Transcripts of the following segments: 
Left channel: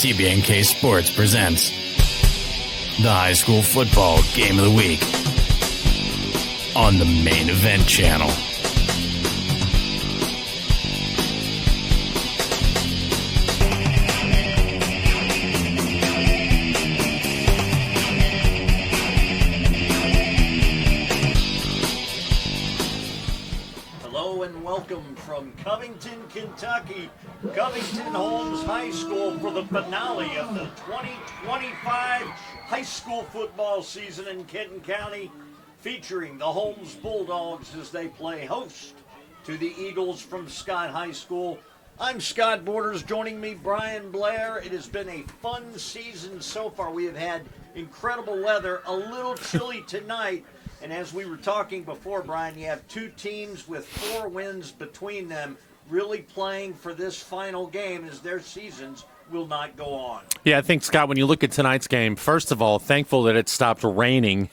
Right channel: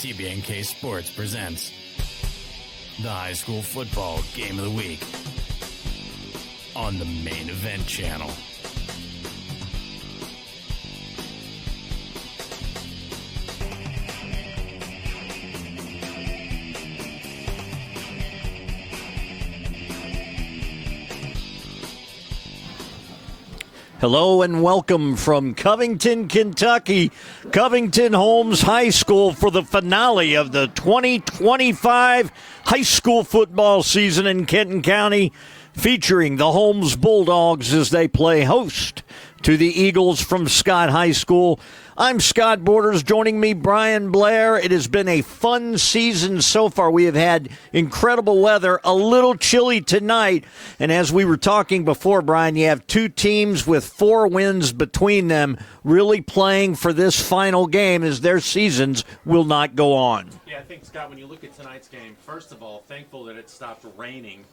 TBNK Sports presents the High School Football Game of the Week on the Main Event Channel. Hello and welcome from Covington, Kentucky, Covington Holmes High School for the finale of the 2025 high school football season in Kenton County, featuring the Holmes Bulldogs as they play host to the Eagles from Scott High School. I'm Scott Borders. Joining me, Brian Blair. It has been a fun season so far. We have had incredible weather, a little chilly tonight. And as we were talking before, Brian, you have two teams with 4 wins between them really playing for this final game as their seasons will not go on. Yeah, I think, Scott, when you look at tonight's game, first of all, thankful that it stopped raining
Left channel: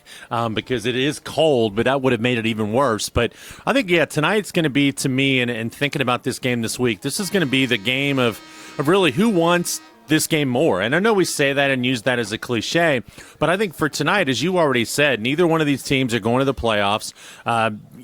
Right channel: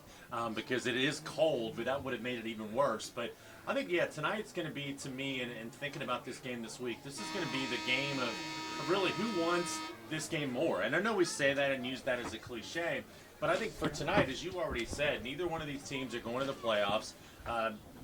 because it is cold, but that would have made it even worse. But I think, yeah, tonight's going to be, to me, and thinking about this game this week, this is going to be the game of really who wants this game more. And I know we say that and use that as a cliche, but I think for tonight, as you already said, neither one of these teams are going to the playoffs.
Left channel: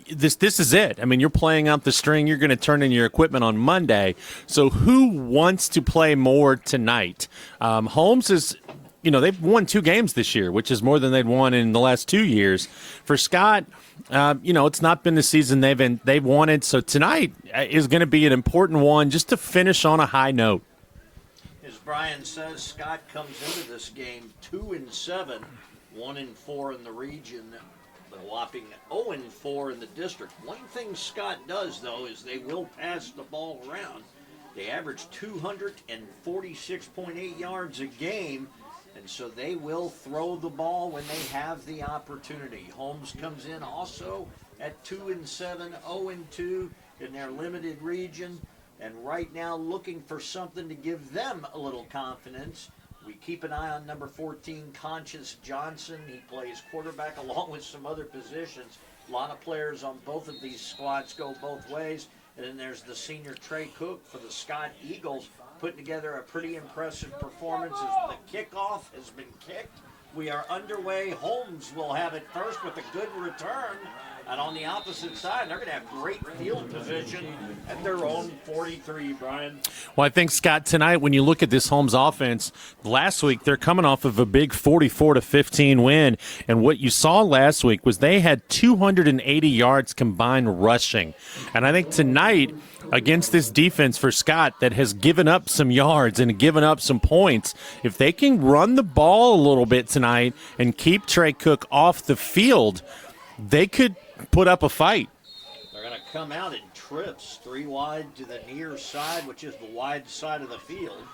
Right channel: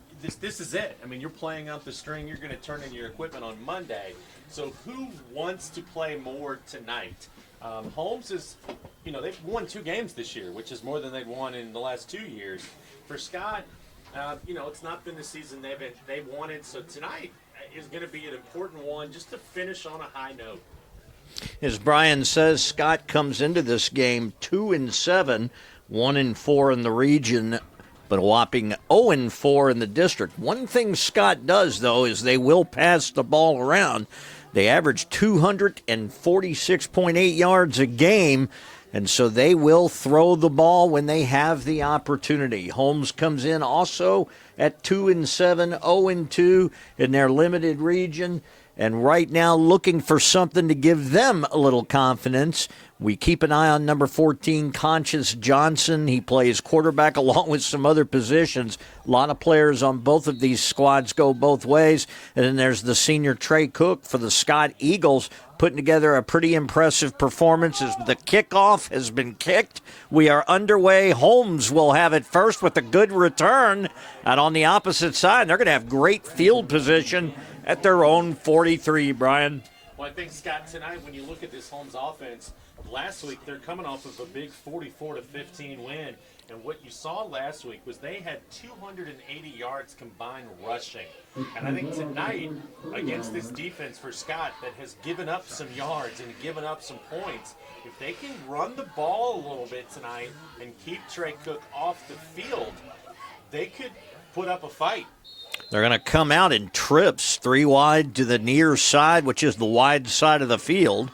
This is it. I mean, you're playing out the string. You're going to turn in your equipment on Monday. So who wants to play more tonight? Holmes is, they've won 2 games this year, which is more than they'd won in the last 2 years. For Scott, it's not been the season they've wanted. So tonight is going to be an important one just to finish on a high note. As Brian says, Scott comes into this game 2-7, 1-4 in the region, but a whopping 0-4 in the district. One thing Scott does, though, is they will pass the ball around. They average 246.8 yards a game, and so they will throw the ball when they have the opportunity. Holmes comes in also at 2-7, 0-2 in their limited region, and right now looking for something to give them a little confidence. We keep an eye on number 14, Conscious Johnson. He plays quarterback along with some other positions. A lot of players on both of these squads go both ways. And then there's the senior Trey Cook for the Scott Eagles, putting together a pretty impressive performance as the kickoff has been kicked. We are underway. Holmes will have it first with a good return. And on the opposite side, they're going to have great field position at their own 43, Brian. Well, I think, Scott, tonight when you look at this Holmes offense, last week they're coming off of a big 44-15 win, and what you saw last week was they had 280 yards combined rushing. And I think tonight against this defense for Scott that has given up some yards and given up some points, if they can run the ball a little bit tonight and keep Trey Cook off the field, they could put up a fight. They're going to come out in trips, 3 wide to the near side, which is the wide side of the field.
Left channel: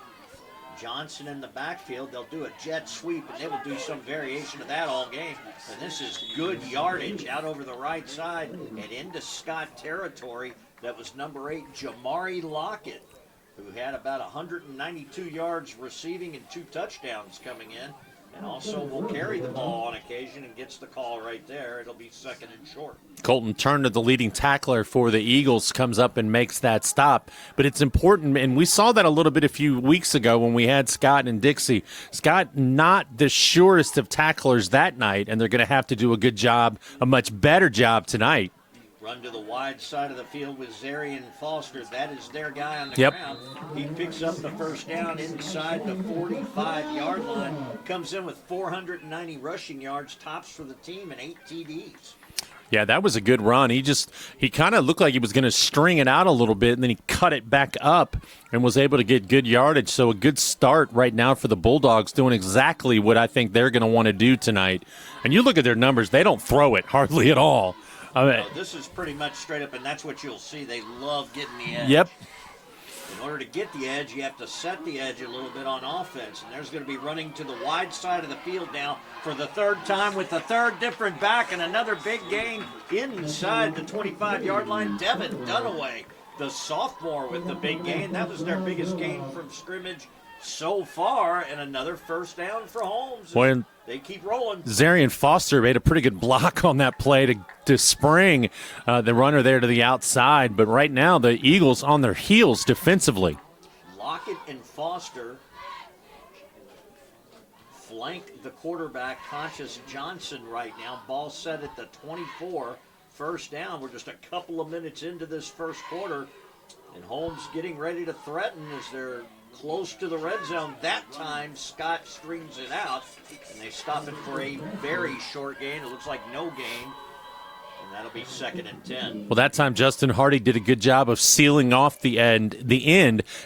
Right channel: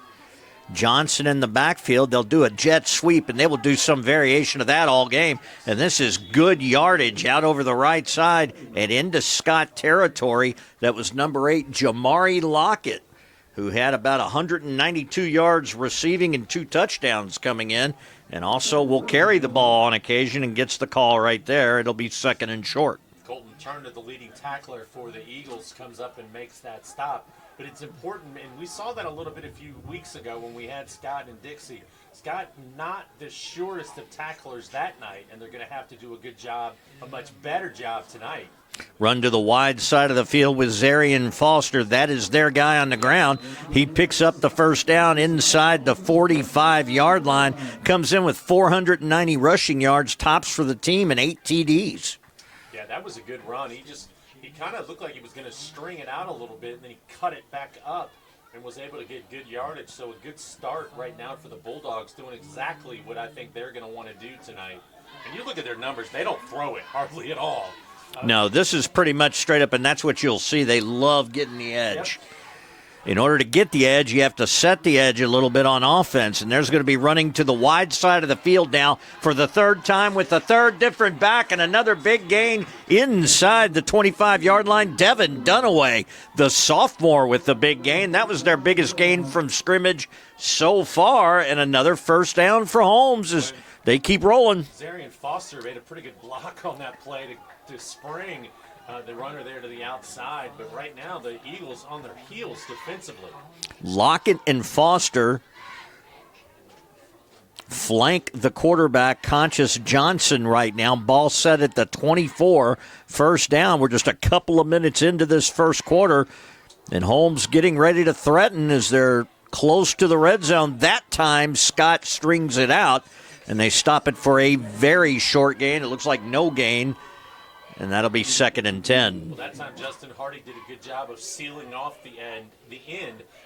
Johnson in the backfield. They'll do a jet sweep, and they will do some variation of that all game. And this is good yardage out over the right side and into Scott territory. That was number 8, Jamari Lockett, who had about 192 yards receiving and 2 touchdowns coming in, and also will carry the ball on occasion and gets the call right there. It'll be 2nd and short. Colton Turner, the leading tackler for the Eagles, comes up and makes that stop. But it's important, and we saw that a little bit a few weeks ago when we had Scott and Dixie. Scott, not the surest of tacklers that night, and they're going to have to do a good job, a much better job tonight. Run to the wide side of the field with Zarian Foster. That is their guy on the ground. He picks up the first down inside the 45-yard line, comes in with 490 rushing yards, tops for the team, and 8 TDs. Yeah, that was a good run. He kind of looked like he was going to string it out a little bit, and then he cut it back up and was able to get good yardage. So a good start right now for the Bulldogs, doing exactly what I think they're going to want to do tonight. And you look at their numbers, they don't throw it hardly at all. No, this is pretty much straight up, and that's what you'll see. They love getting the edge. Yep. In order to get the edge, you have to set the edge a little bit on offense, and there's going to be running to the wide side of the field now for the 3rd time with the 3rd different back and another big gain inside the 25-yard line. Devin Dunaway, the sophomore, with the big gain. That was their biggest gain from scrimmage so far, and another first down for Holmes as they keep rolling. Zarian Foster made a pretty good block on that play to spring the runner there to the outside, but right now the Eagles on their heels defensively. Lockett and Foster flank the quarterback, Conscious Johnson, right now. Ball set at the 24, first down. We're just a couple of minutes into this first quarter, and Holmes getting ready to threaten as they're close to the red zone. That time, Scott strings it out, and they stop it for a very short gain. It looks like no gain, and that'll be 2nd and 10. Well, that time Justin Hardy did a good job of sealing off the end,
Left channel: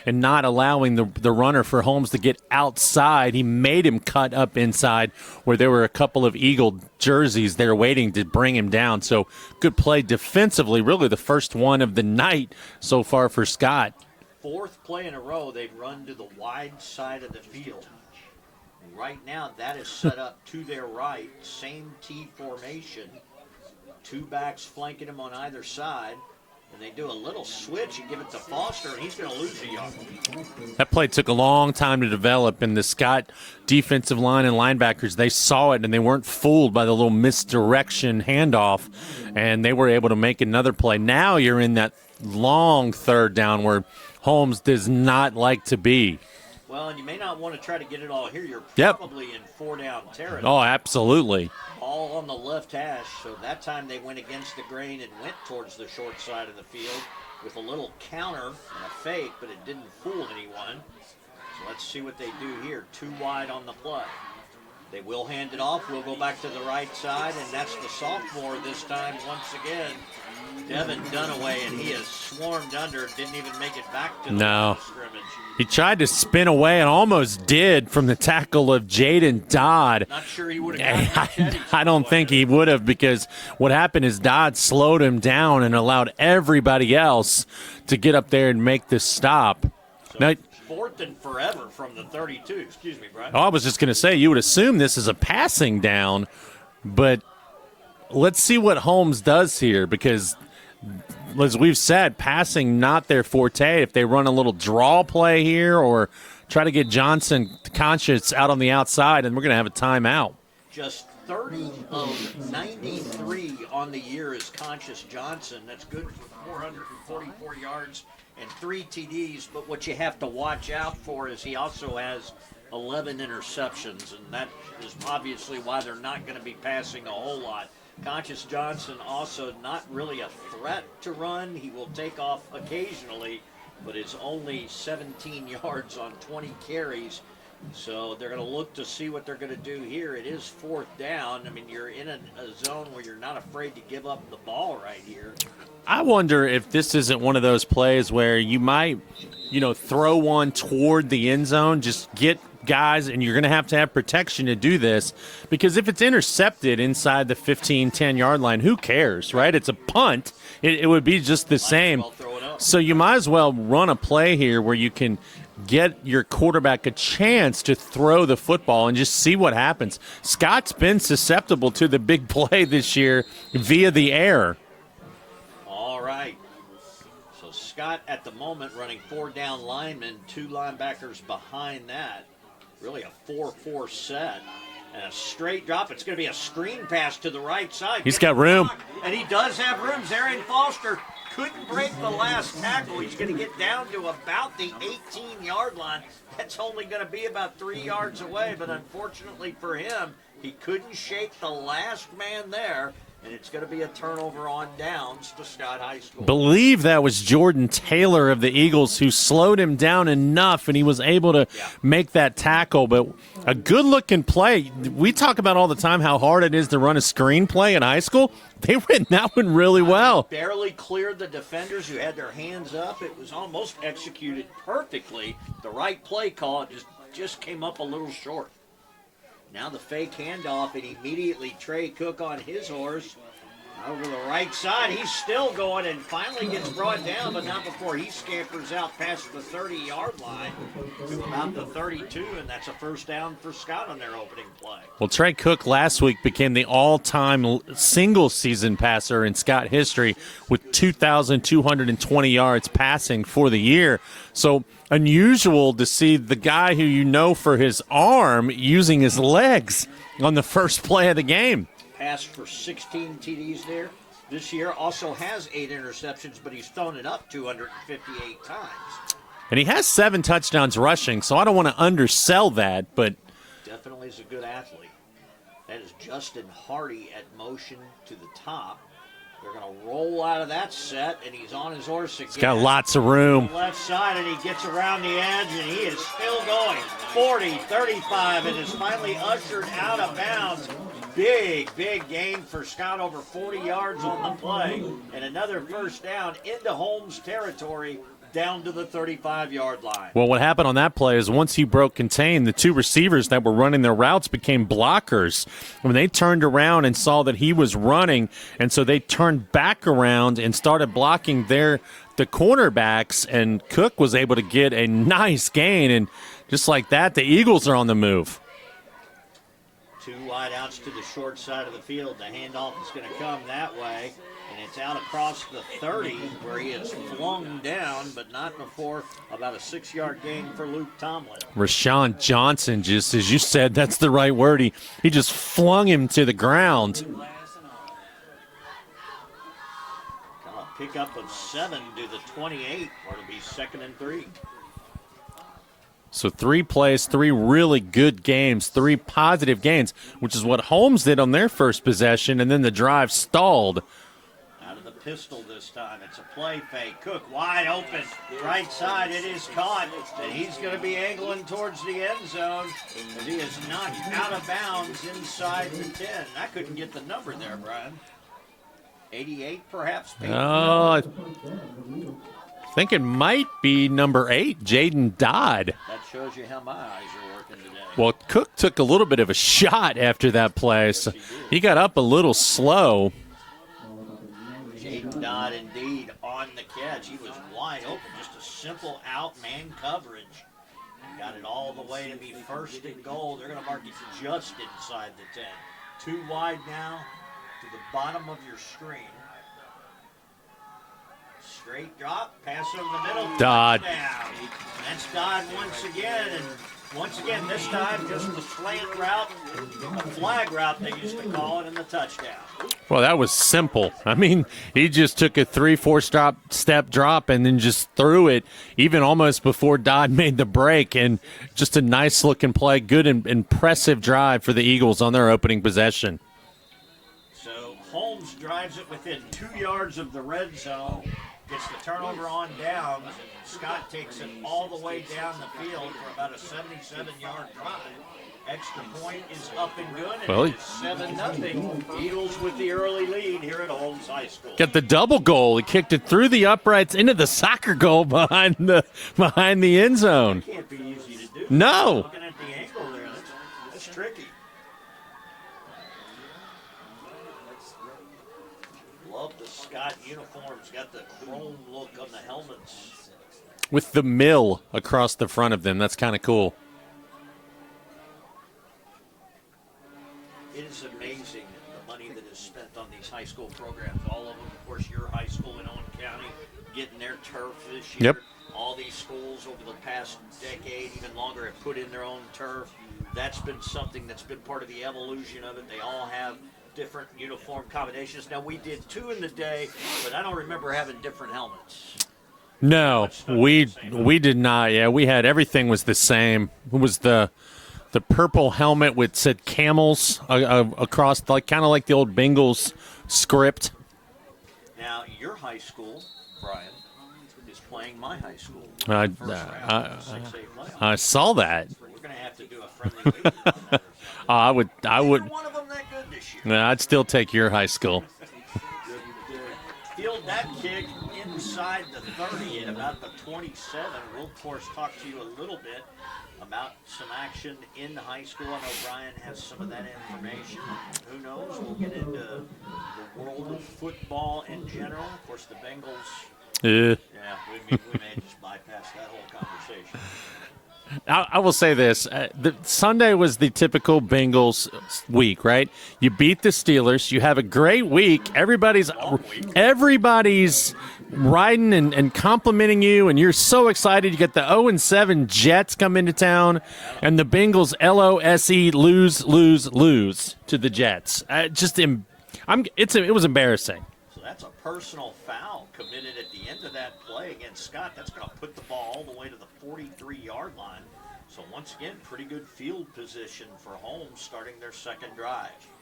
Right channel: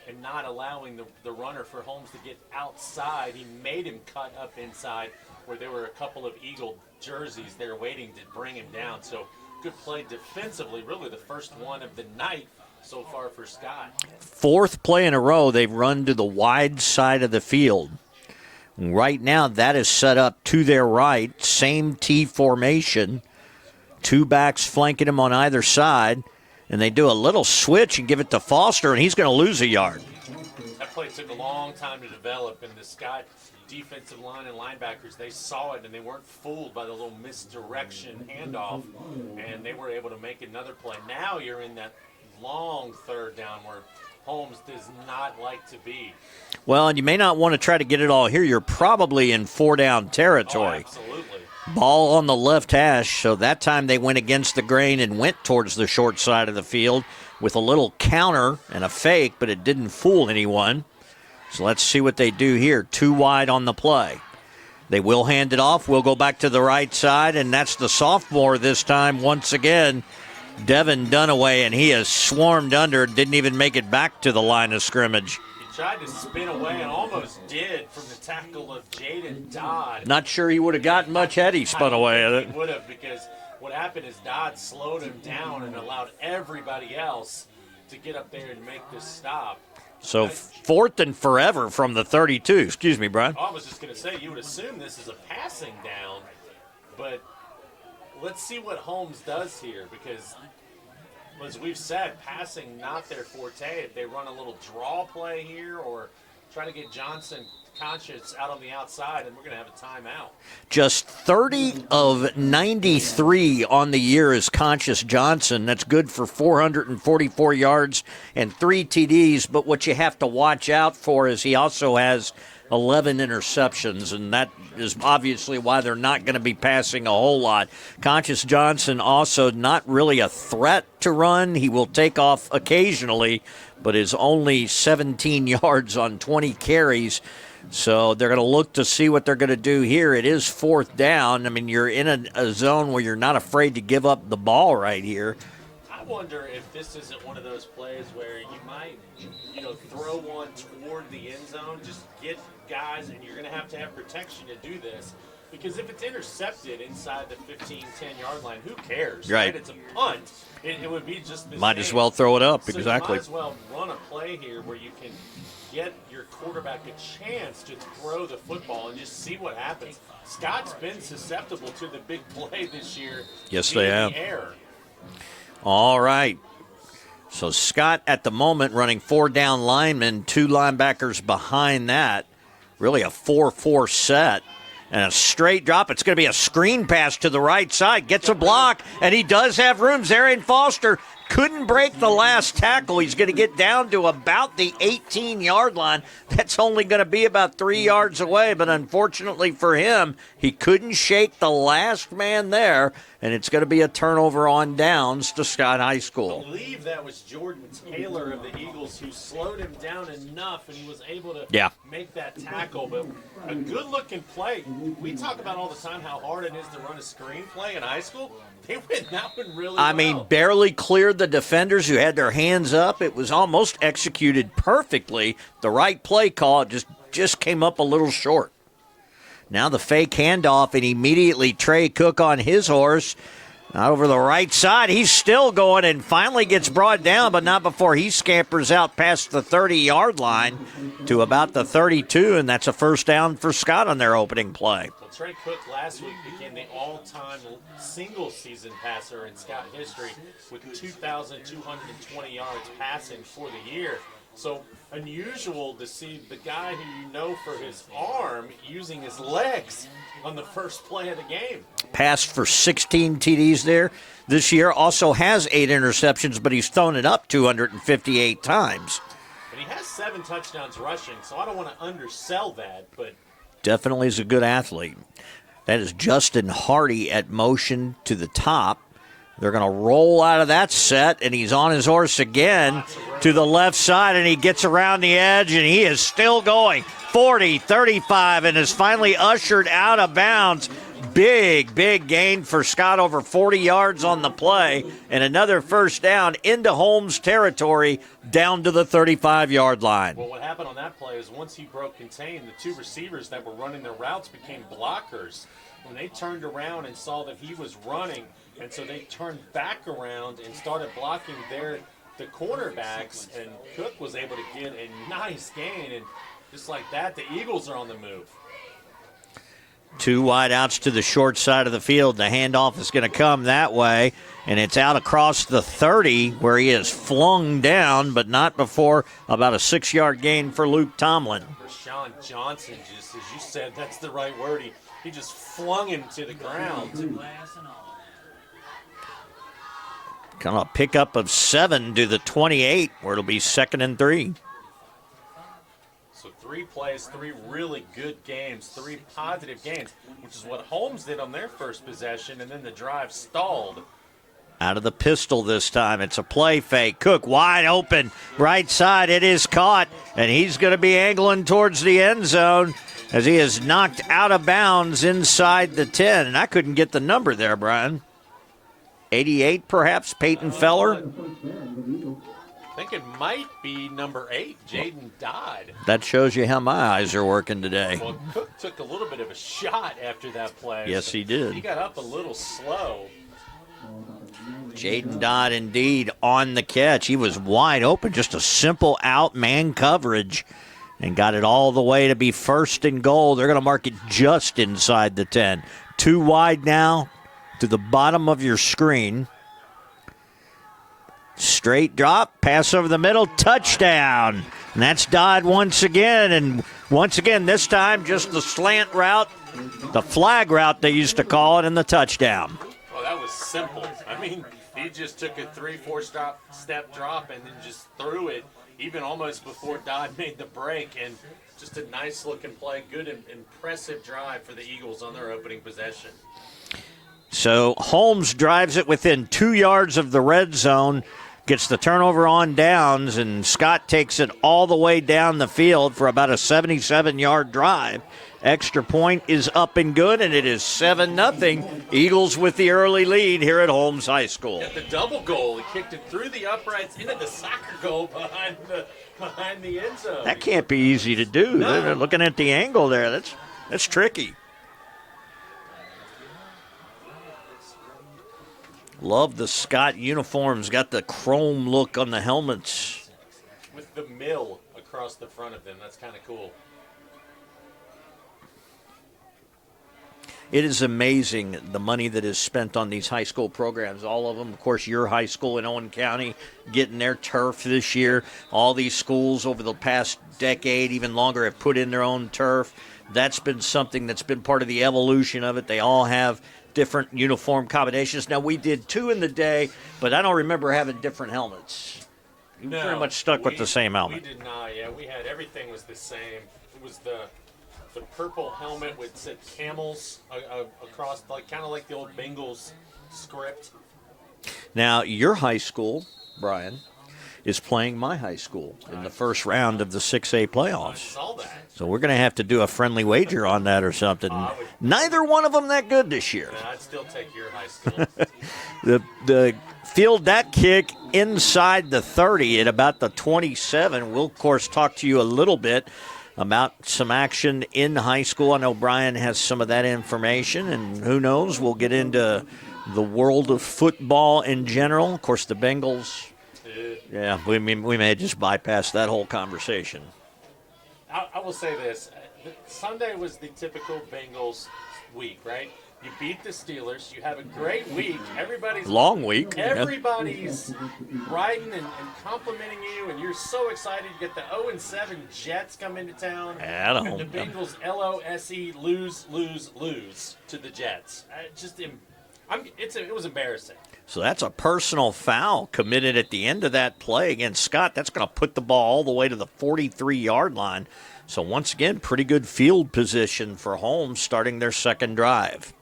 and not allowing the runner for Holmes to get outside. He made him cut up inside where there were a couple of Eagle jerseys there waiting to bring him down. So good play defensively, really the first one of the night so far for Scott. 4th play in a row, they've run to the wide side of the field. Right now, that is set up to their right, same T formation. 2 backs flanking him on either side, and they do a little switch and give it to Foster, and he's going to lose a yard. That play took a long time to develop, and the Scott defensive line and linebackers, they saw it, and they weren't fooled by the little misdirection handoff, and they were able to make another play. Now you're in that long 3rd down where Holmes does not like to be. Well, and you may not want to try to get it all here. You're probably in 4-down territory. Oh, absolutely. Ball on the left hash, so that time they went against the grain and went towards the short side of the field with a little counter and a fake, but it didn't fool anyone. So let's see what they do here. 2 wide on the play. They will hand it off. We'll go back to the right side, and that's the sophomore this time once again, Devin Dunaway, and he has swarmed under, didn't even make it back to the line of scrimmage. He tried to spin away and almost did from the tackle of Jaden Dodd. Not sure he would have gotten much had he spun away. I don't away think he would have, because what happened is Dodd slowed him down and allowed everybody else to get up there and make this stop. So now, 4th and forever from the 32. Excuse me, Brian. Oh, I was just going to say, you would assume this is a passing down, but let's see what Holmes does here, because as we've said, passing not their forte. If they run a little draw play here or try to get Johnson Conscious out on the outside, and we're going to have a timeout. Just 30 of 93 on the year is Conscious Johnson. That's good for 444 yards and 3 TDs. But what you have to watch out for is he also has 11 interceptions, and that is obviously why they're not going to be passing a whole lot. Conscious Johnson also not really a threat to run. He will take off occasionally, but is only 17 yards on 20 carries. So they're going to look to see what they're going to do here. It is 4th down. I mean, you're in a zone where you're not afraid to give up the ball right here. I wonder if this isn't one of those plays where you might, throw one toward the end zone, just get guys, and you're going to have protection to do this, because if it's intercepted inside the 15, 10-yard line, who cares, right? It's a punt. It would be just the same. Might as well throw it up. So you might as well run a play here where you can get your quarterback a chance to throw the football and just see what happens. Scott's been susceptible to the big play this year via the air. All right. So Scott at the moment running 4 down linemen, 2 linebackers behind that. Really a 4-4 set. And a straight drop. It's going to be a screen pass to the right side. Gets a block, and he does have room. Arian Foster couldn't break the last tackle. He's going to get down to about the 18-yard line. That's only going to be about 3 yards away, but unfortunately for him, he couldn't shake the last man there, and it's going to be a turnover on downs to Scott High School. Believe that was Jordan Taylor of the Eagles who slowed him down enough, and he was able to make that tackle, but a good-looking play. We talk about all the time how hard it is to run a screen play in high school. They ran that one really well. I mean, barely cleared the defenders who had their hands up. It was almost executed perfectly. The right play call, it just came up a little short. Now the fake handoff, and immediately Trey Cook on his horse. Over the right side, he's still going and finally gets brought down, but not before he scampers out past the 30-yard line to about the 32, and that's a first down for Scott on their opening play. Well, Trey Cook last week became the all-time single-season passer in Scott history with 2,220 yards passing for the year. So unusual to see the guy who you know for his arm using his legs on the first play of the game. Passed for 16 TDs there this year. Also has 8 interceptions, but he's thrown it up 258 times. And he has 7 touchdowns rushing, so I don't want to undersell that, but Definitely is a good athlete. That is Justin Hardy at motion to the top. They're going to roll out of that set, and he's on his horse again. Got lots of room. To the left side, and he gets around the edge, and he is still going. 40, 35, and is finally ushered out of bounds. Big gain for Scott, over 40 yards on the play, and another first down into Holmes territory, down to the 35-yard line. Well, what happened on that play is once he broke contain, the two receivers that were running their routes became blockers. When they turned around and saw that he was running, and so they turned back around and started blocking the cornerbacks, and Cook was able to get a nice gain, and just like that, the Eagles are on the move. Two wide outs to the short side of the field. The handoff is going to come that way, and it's out across the 30 where he is flung down, but not before about a 6-yard gain for Luke Tomlin. Rashawn Johnson, just as you said, that's the right word. He just flung him to the ground. Kind of a pickup of 7 to the 28 where it'll be 2nd and 3. So 3 plays, 3 really good games, 3 positive gains, which is what Holmes did on their first possession, and then the drive stalled. Out of the pistol this time. It's a play fake. Cook wide open. Right side. It is caught, and he's going to be angling towards the end zone as he is knocked out of bounds inside the 10. And I couldn't get the number there, Brian. 88 perhaps, Peyton Feller? I think it might be number 8, Jaden Dodd. That shows you how my eyes are working today. Well, Cook took a little bit of a shot after that play. Yes, he did. He got up a little slow. Jaden Dodd indeed on the catch. He was wide open, just a simple out man coverage, and got it all the way to be 1st and goal. They're going to mark it just inside the 10. 2 wide now to the bottom of your screen. Straight drop, pass over the middle, touchdown. And that's Dodd once again. And once again, this time just the slant route, the flag route they used to call it, and the touchdown. Well, that was simple. I mean, he just took a 3-4 step drop and then just threw it, even almost before Dodd made the break. And just a nice looking play, good and impressive drive for the Eagles on their opening possession. So Holmes drives it within 2 yards of the red zone, gets the turnover on downs, and Scott takes it all the way down the field for about a 77-yard drive. Extra point is up and good, and it is 7-0. Eagles with the early lead here at Holmes High School. Got the double goal. He kicked it through the uprights into the soccer goal behind the end zone. That can't be easy to do. No. Looking at the angle there, that's tricky. Love the Scott uniforms. Got the chrome look on the helmets. With the mill across the front of them. That's kind of cool. It is amazing the money that is spent on these high school programs. All of them, of course, your high school in Owen County getting their turf this year. Yep. All these schools over the past decade, even longer, have put in their own turf. That's been something that's been part of the evolution of it. They all have different uniform combinations. Now, we did 2 in the day, but I don't remember having different helmets. No, much stuck with the same helmet. We did not. Yeah, we had everything was the same. It was the purple helmet with said camels across, like kind of like the old Bengals script. Now, your high school, Brian, is playing my high school in the first round of the 6A playoffs. I saw that. So we're going to have to do a friendly wager on that or something. Neither one of them that good this year. No, I'd still take your high school. The field that kick inside the 30 at about the 27. We'll, of course, talk to you a little bit about some action in high school. I know Brian has some of that information, and who knows, we'll get into the world of football in general. Of course, the Bengals. Yeah, we may just bypass that whole conversation. I will say this. Sunday was the typical Bengals week, right? You beat the Steelers. You have a great week. Everybody's long week. Everybody's riding and complimenting you, and you're so excited. You get the 0-7 Jets come into town, and the Bengals LOSE lose to the Jets. It was embarrassing. So that's a personal foul committed at the end of that play against Scott. That's going to put the ball all the way to the 43-yard line. So once again, pretty good field position for Holmes starting their second drive.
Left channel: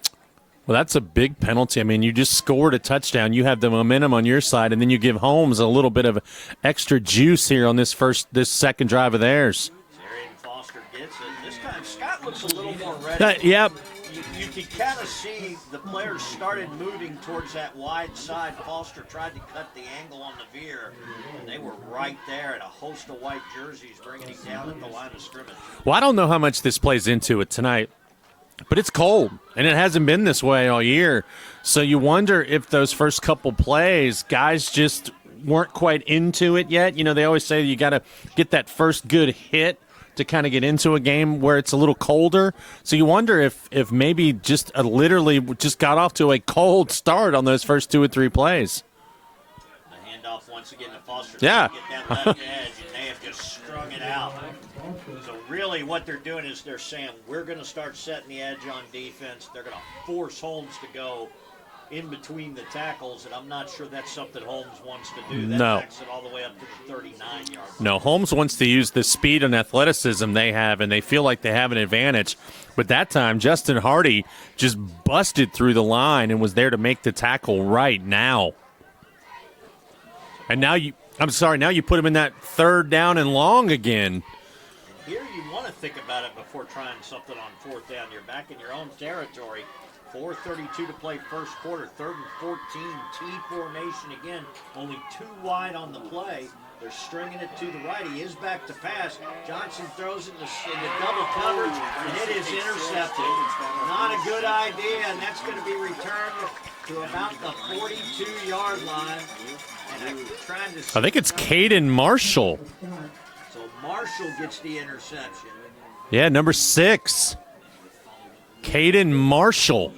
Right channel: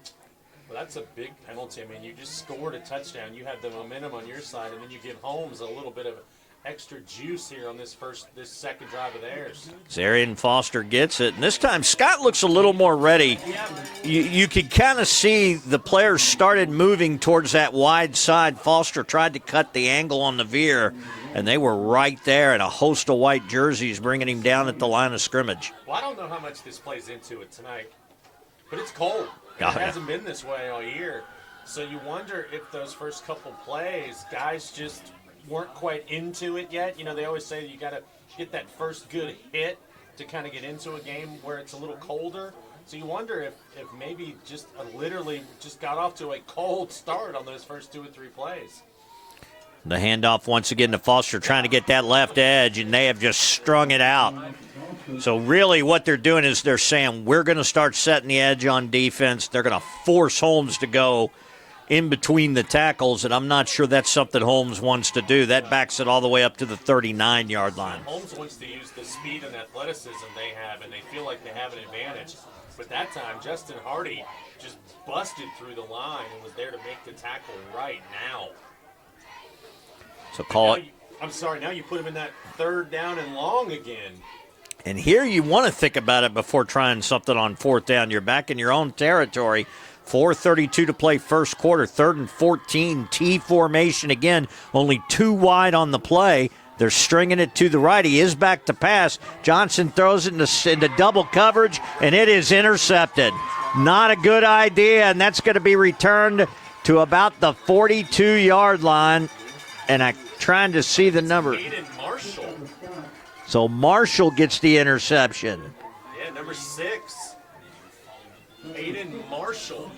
Well, that's a big penalty. I mean, you just scored a touchdown. You have the momentum on your side, and then you give Holmes a little bit of extra juice here on this second drive of theirs. Zarian Foster gets it, and this time Scott looks a little more ready. Yep. You could kind of see the players started moving towards that wide side. Foster tried to cut the angle on the veer, and they were right there, and a host of white jerseys bringing him down at the line of scrimmage. Well, I don't know how much this plays into it tonight, but it's cold, and it hasn't been this way all year. So you wonder if those first couple plays, guys just weren't quite into it yet. You know, they always say you got to get that first good hit to kind of get into a game where it's a little colder. So you wonder if maybe just literally just got off to a cold start on those first 2 or 3 plays. The handoff once again to Foster, trying to get that left edge, and they have just strung it out. So really what they're doing is they're saying, we're going to start setting the edge on defense. They're going to force Holmes to go in between the tackles, and I'm not sure that's something Holmes wants to do. That backs it all the way up to the 39-yard line. No, Holmes wants to use the speed and athleticism they have, and they feel like they have an advantage. But that time, Justin Hardy just busted through the line and was there to make the tackle right now. So and now you put him in that 3rd down and long again. And here you want to think about it before trying something on 4th down. You're back in your own territory. 4:32 to play first quarter, 3rd and 14, T formation again, only 2 wide on the play. They're stringing it to the right. He is back to pass. Johnson throws it into double coverage, and it is intercepted. Not a good idea, and that's going to be returned to about the 42-yard line. And I'm trying to see the number. Caden Marshall. So Marshall gets the interception. Yeah, number 6. Caden Marshall.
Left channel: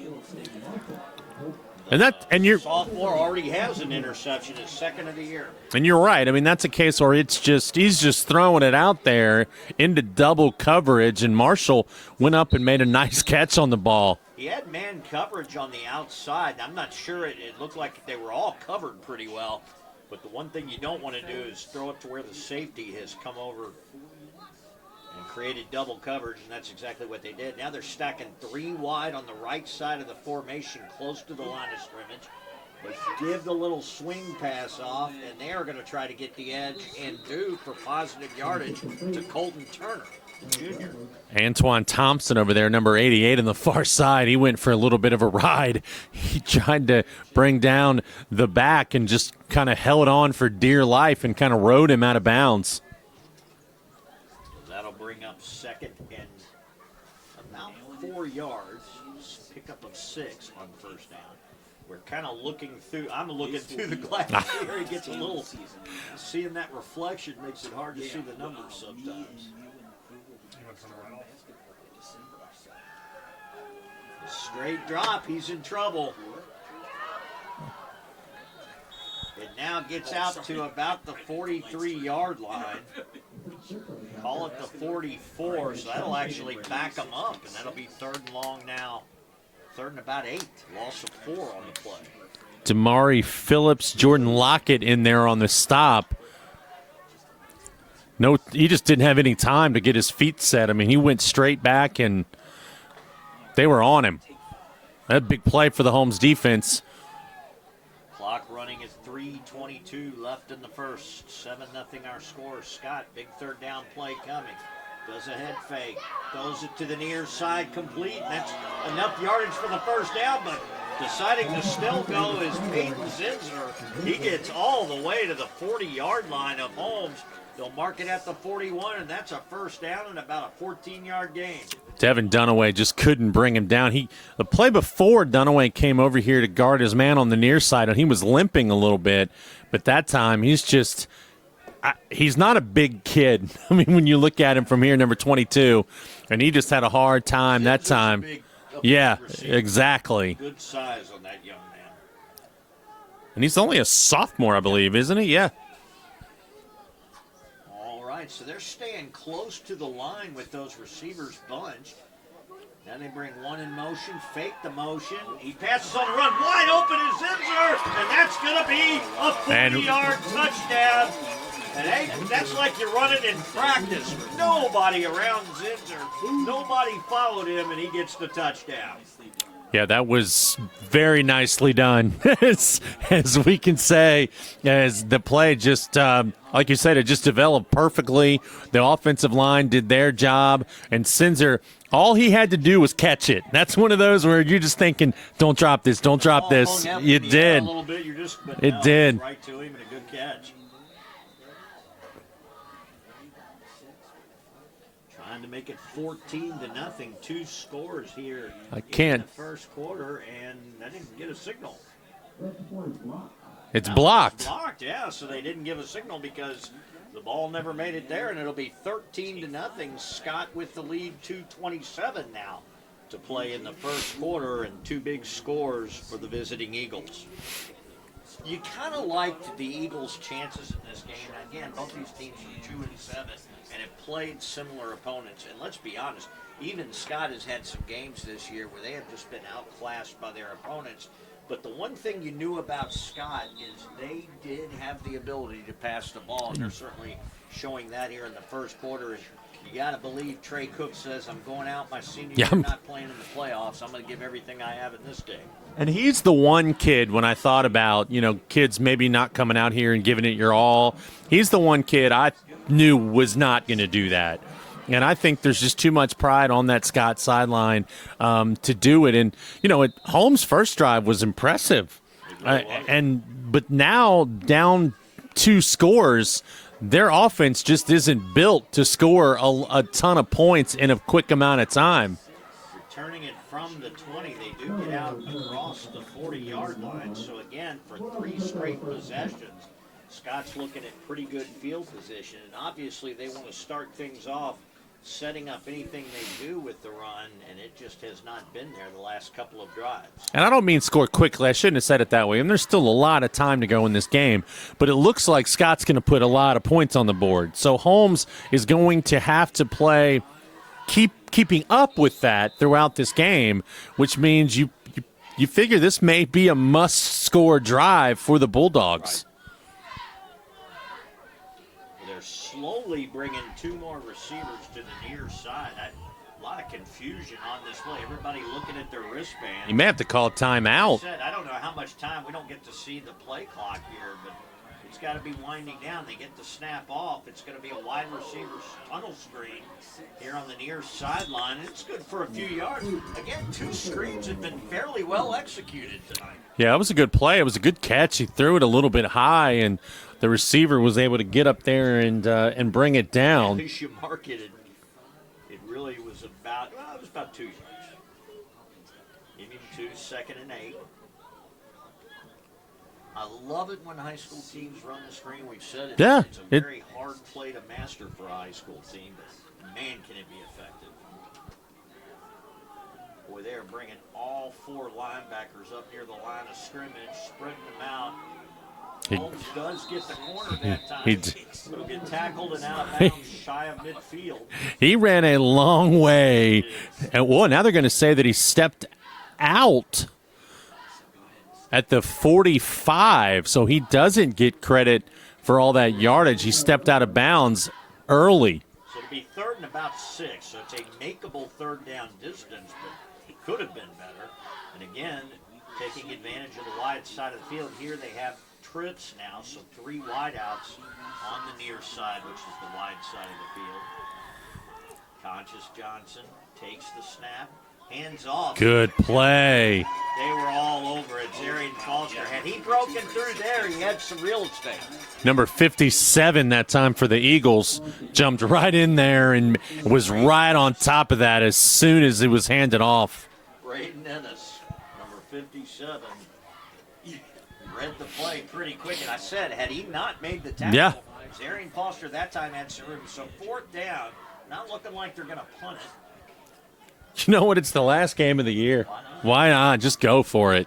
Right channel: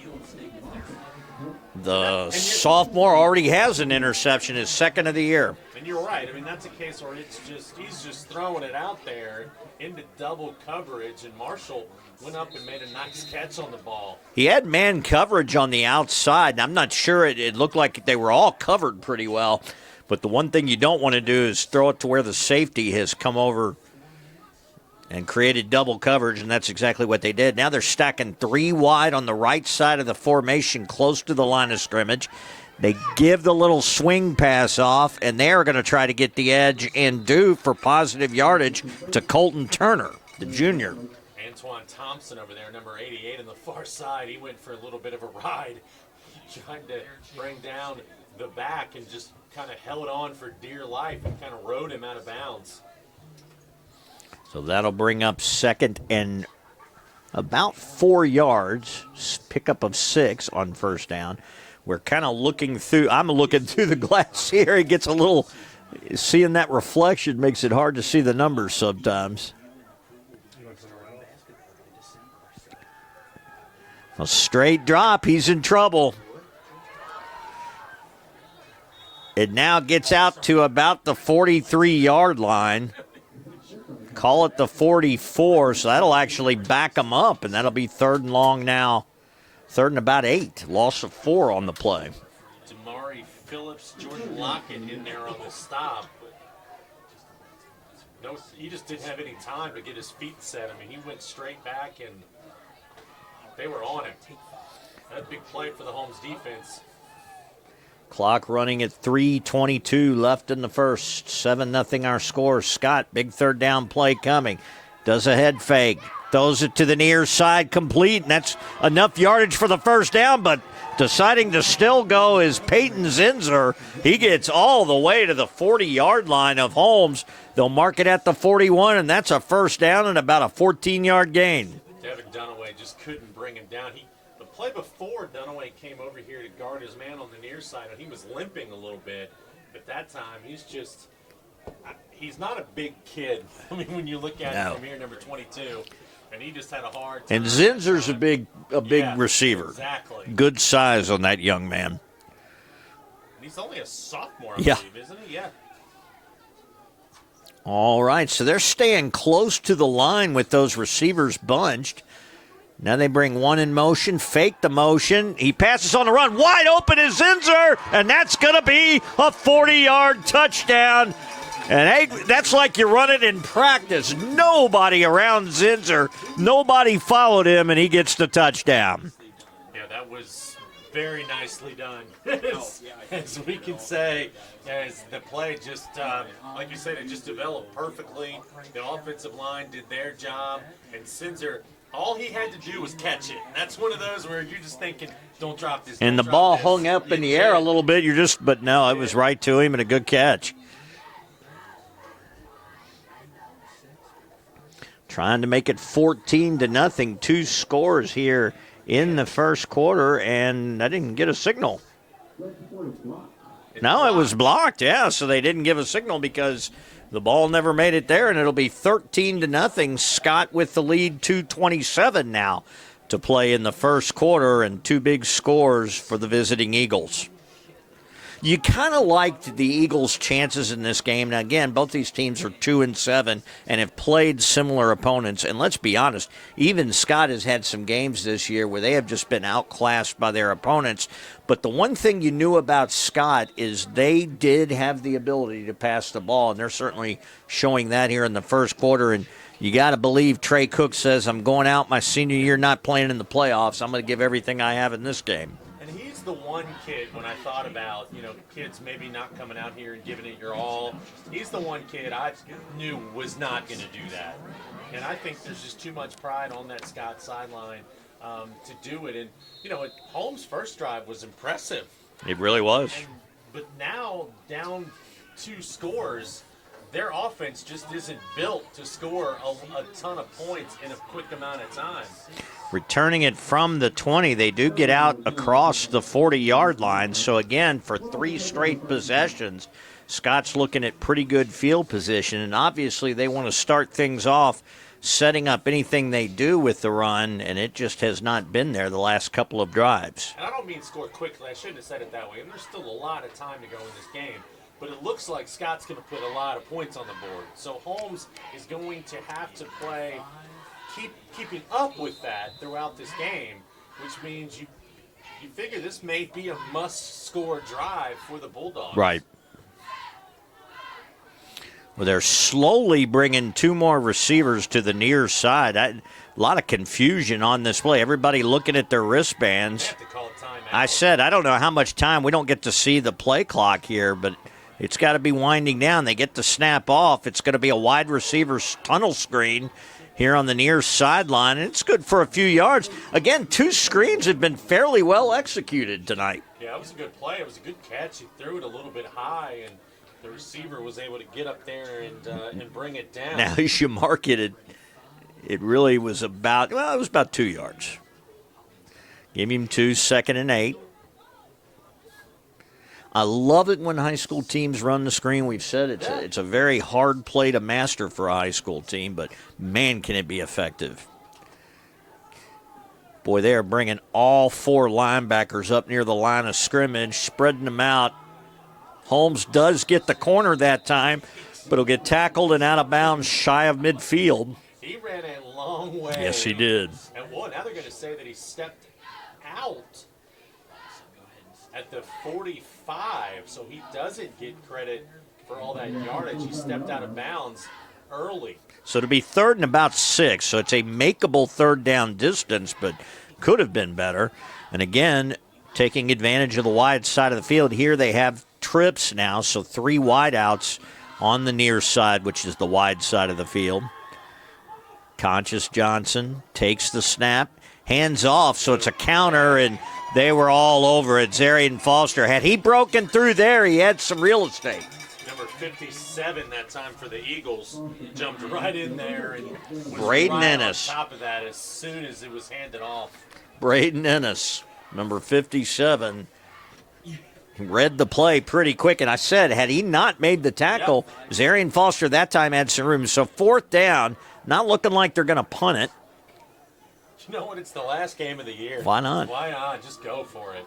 The sophomore already has an interception, his 2nd of the year. And you're right. I mean, that's a case where he's just throwing it out there into double coverage, and Marshall went up and made a nice catch on the ball. He had man coverage on the outside, and I'm not sure it looked like they were all covered pretty well. But the one thing you don't want to do is throw it to where the safety has come over and created double coverage, and that's exactly what they did. Now they're stacking 3 wide on the right side of the formation close to the line of scrimmage. They give the little swing pass off, and they're going to try to get the edge and do for positive yardage to Colton Turner, the junior. Antoine Thompson over there, number 88 on the far side. He went for a little bit of a ride. He tried to bring down the back and just kind of held on for dear life and kind of rode him out of bounds. So that'll bring up 2nd and about 4 yards, pickup of 6 on 1st down. We're kind of looking through, I'm looking through the glass here. It gets a little, seeing that reflection makes it hard to see the numbers sometimes. A straight drop, he's in trouble. It now gets out to about the 43-yard line. Call it the 44, so that'll actually back them up, and that'll be 3rd and long now. 3rd and about 8. Loss of 4 on the play. Damari Phillips, Jordan Lockett in there on the stop. No, he just didn't have any time to get his feet set. I mean, he went straight back, and they were on him. That big play for the Holmes defense. Clock running at 3:22 left in the first. 7-0 our score. Scott, big 3rd down play coming. Does a head fake. Throws it to the near side, complete. And that's enough yardage for the 1st down, but deciding to still go is Peyton Zinser. He gets all the way to the 40-yard line of Holmes. They'll mark it at the 41, and that's a 1st down and about a 14-yard gain. Devin Dunaway just couldn't bring him down. The play before, Dunaway came over here to guard his man on the near side, and he was limping a little bit. But that time, he's not a big kid. I mean, when you look at him from here, number 22, and he just had a hard time that time. A big receiver. Exactly. Good size on that young man. And he's only a sophomore, I believe, isn't he? Yeah. All right, so they're staying close to the line with those receivers bunched. Now they bring one in motion, fake the motion. He passes on the run. Wide open is Zinser, and that's going to be a 40-yard touchdown And hey, that's like you run it in practice. Nobody around Zinser. Nobody followed him, and he gets the touchdown. Yeah, that was very nicely done, as we can say, as the play just, like you said, it just developed perfectly. The offensive line did their job, and Zinser, all he had to do was catch it. That's one of those where you're just thinking, don't drop this, don't drop this. And the ball hung up in the air a little bit. But no, it was right to him and a good catch. Trying to make it 14-0. 2 scores here in the first quarter, and I didn't get a signal. It was blocked, yeah, so they didn't give a signal because the ball never made it there, and it'll be 13-0. Scott with the lead, 2:27 now to play in the first quarter, and 2 big scores for the visiting Eagles. You kind of liked the Eagles' chances in this game. Now, again, both these teams are 2-7 and have played similar opponents. And let's be honest, even Scott has had some games this year where they have just been outclassed by their opponents. But the one thing you knew about Scott is they did have the ability to pass the ball, and they're certainly showing that here in the first quarter. And you got to believe Trey Cook says, I'm going out my senior year, not playing in the playoffs. I'm going to give everything I have in this game. And he's the one kid, when I thought about, kids maybe not coming out here and giving it your all, he's the one kid I knew was not going to do that. And I think there's just too much pride on that Scott sideline to do it. And, Holmes' first drive was impressive. It really was. But now, down 2 scores, their offense just isn't built to score a ton of points in a quick amount of time. Returning it from the 20, they do get out across the 40-yard line. So, again, for 3 straight possessions, Scott's looking at pretty good field position. And obviously they want to start things off setting up anything they do with the run, and it just has not been there the last couple of drives. And I don't mean score quickly. I shouldn't have said it that way. And there's still a lot of time to go in this game. But it looks like Scott's going to put a lot of points on the board. So Holmes is going to have to play keeping up with that throughout this game, which means you figure this may be a must-score drive for the Bulldogs. Right. Well, they're slowly bringing 2 more receivers to the near side. A lot of confusion on this play. Everybody looking at their wristbands. You may have to call timeout. I said, I don't know how much time. We don't get to see the play clock here, but it's got to be winding down. They get the snap off. It's going to be a wide receiver tunnel screen here on the near sideline, and it's good for a few yards. Again, 2 screens have been fairly well executed tonight. Yeah, it was a good play. It was a good catch. He threw it a little bit high, and the receiver was able to get up there and bring it down. Now, as you mark it really was about 2 yards. Give him 2, 2nd and 8. I love it when high school teams run the screen. We've said it's a very hard play to master for a high school team, but man, can it be effective. Boy, they are bringing all 4 linebackers up near the line of scrimmage, spreading them out. Holmes does get the corner that time, but he'll get tackled and out of bounds shy of midfield. He ran a long way. Yes, he did. And now they're going to say that he stepped out at the 45, so he doesn't get credit for all that yardage. He stepped out of bounds early. So it'll be 3rd and about 6, so it's a makeable 3rd down distance, but could have been better. And again, taking advantage of the wide side of the field. Here they have trips now, so 3 wideouts on the near side, which is the wide side of the field. Conscious Johnson takes the snap. Hands off, so it's a counter, and they were all over it. Zarian Foster, had he broken through there, he had some real estate. Number 57 that time for the Eagles jumped right in there and was right on top of that as soon as it was handed off. Braden Ennis, number 57, read the play pretty quick. And I said, had he not made the tackle, Zarian Foster that time had some room. So 4th down, not looking like they're going to punt it. You know what? It's the last game of the year. Why not? Why not? Just go for it.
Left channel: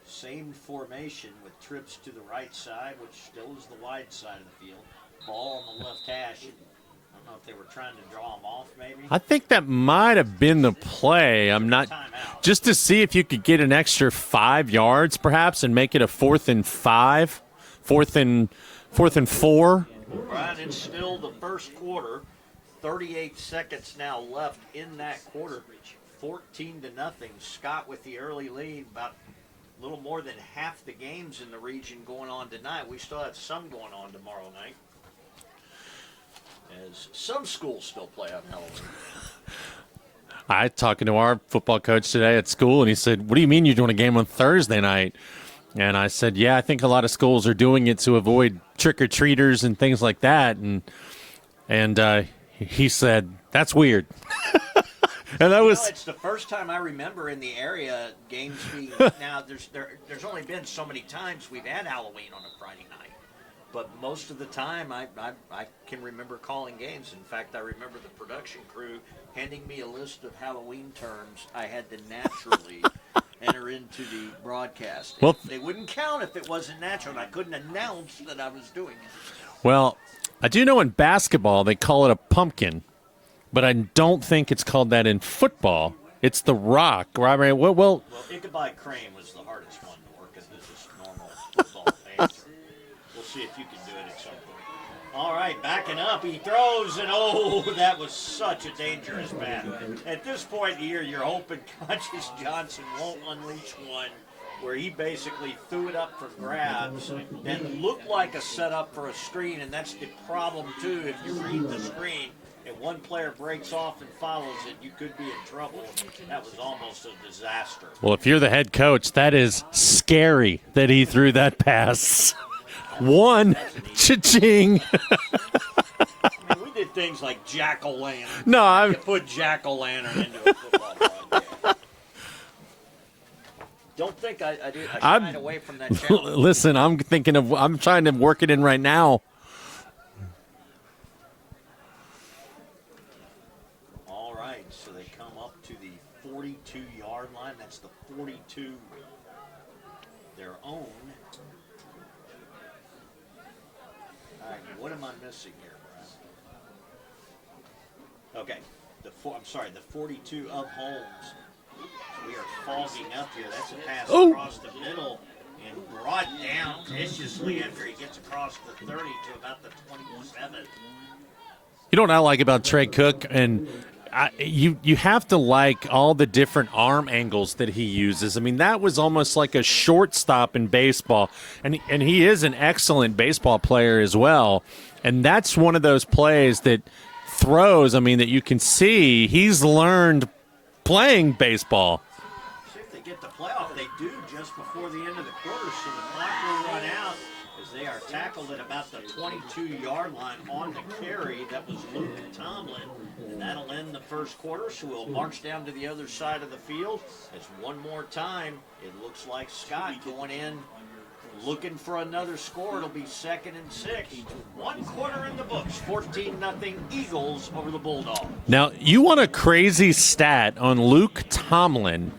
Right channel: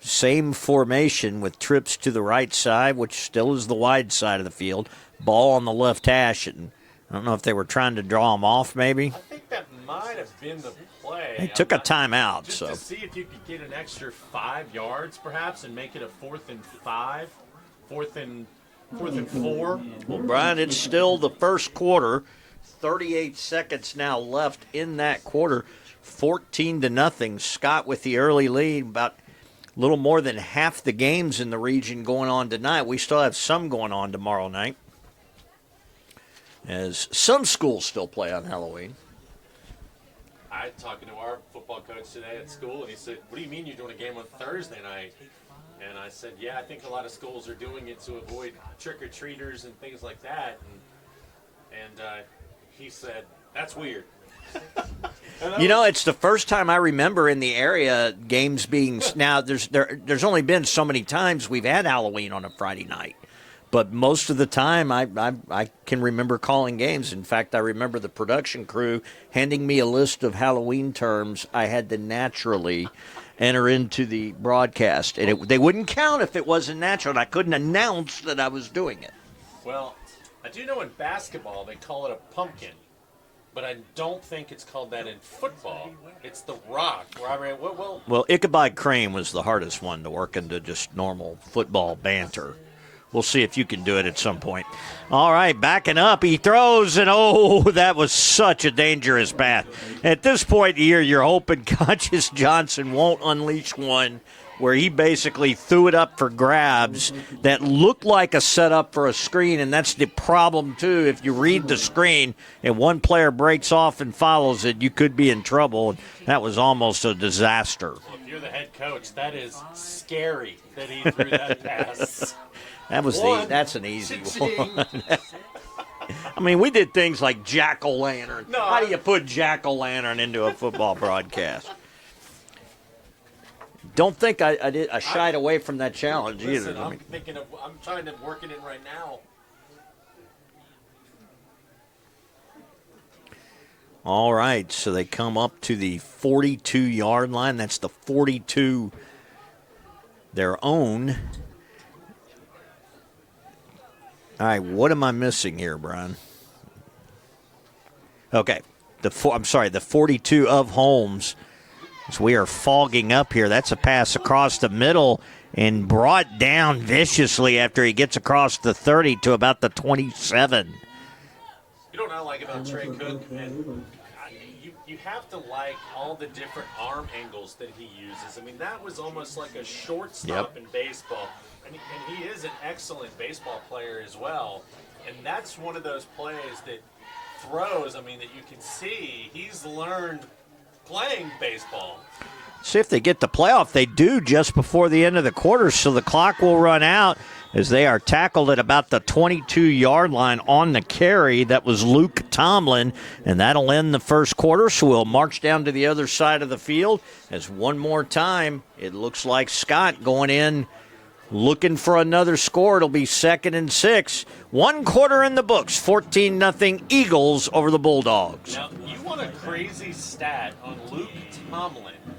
Same formation with trips to the right side, which still is the wide side of the field. Ball on the left hash. And I don't know if they were trying to draw him off, maybe. I think that might have been the play. Took a timeout. Just to see if you could get an extra 5 yards, perhaps, and make it a 4th and 5. 4th and 4th and 4. Well, Brian, it's still the first quarter. 38 seconds now left in that quarter. 14-0. Scott with the early lead. About a little more than half the games in the region going on tonight. We still have some going on tomorrow night, as some schools still play on Halloween. I talking to our football coach today at school, and he said, "What do you mean you're doing a game on Thursday night?" And I said, "Yeah, I think a lot of schools are doing it to avoid trick-or-treaters and things like that." And he said, "That's weird." It's the first time I remember in the area games being now. There's only been so many times we've had Halloween on a Friday night. But most of the time, I can remember calling games. In fact, I remember the production crew handing me a list of Halloween terms I had to naturally enter into the broadcast. And they wouldn't count if it wasn't natural. And I couldn't announce that I was doing it. Well, I do know in basketball they call it a pumpkin, but I don't think it's called that in football. It's the rock, right? Well, Ichabod Crane was the hardest one to work into just normal football banter. We'll see if you can do it at some point. All right, backing up. He throws, and that was such a dangerous pass. At this point in the year, you're hoping Conscious Johnson won't unleash one where he basically threw it up for grabs that looked like a setup for a screen, and that's the problem, too. If you read the screen and one player breaks off and follows it, you could be in trouble. That was almost a disaster. Well, if you're the head coach, that is scary that he threw that pass. That's an easy cha-ching. I mean, we did things like jack-o'-lantern. No, I could put jack-o'-lantern into a football broadcast. Don't think I did. I shied away from that challenge. Listen, either. I'm trying to work it in right now. All right, so they come up to the 42-yard line. That's the 42 their own. All right, what am I missing here, Brian? Okay, the 42 of Holmes. So we are fogging up here. That's a pass across the middle and brought down viciously after he gets across the 30 to about the 27. You know what I like about Trey Cook? And you have to like all the different arm angles that he uses. I mean, that was almost like a shortstop in baseball. And he is an excellent baseball player as well. And that's one of those plays that throws, that you can see he's learned playing baseball. See if they get the playoff. They do just before the end of the quarter, so the clock will run out as they are tackled at about the 22-yard line on the carry. That was Luke Tomlin, and that'll end the first quarter. So we'll march down to the other side of the field as one more time it looks like Scott going in looking for another score. It'll be 2nd and 6. 1 quarter in the books. 14-0 Eagles over the Bulldogs. Now, you want a crazy stat on Luke Tomlin.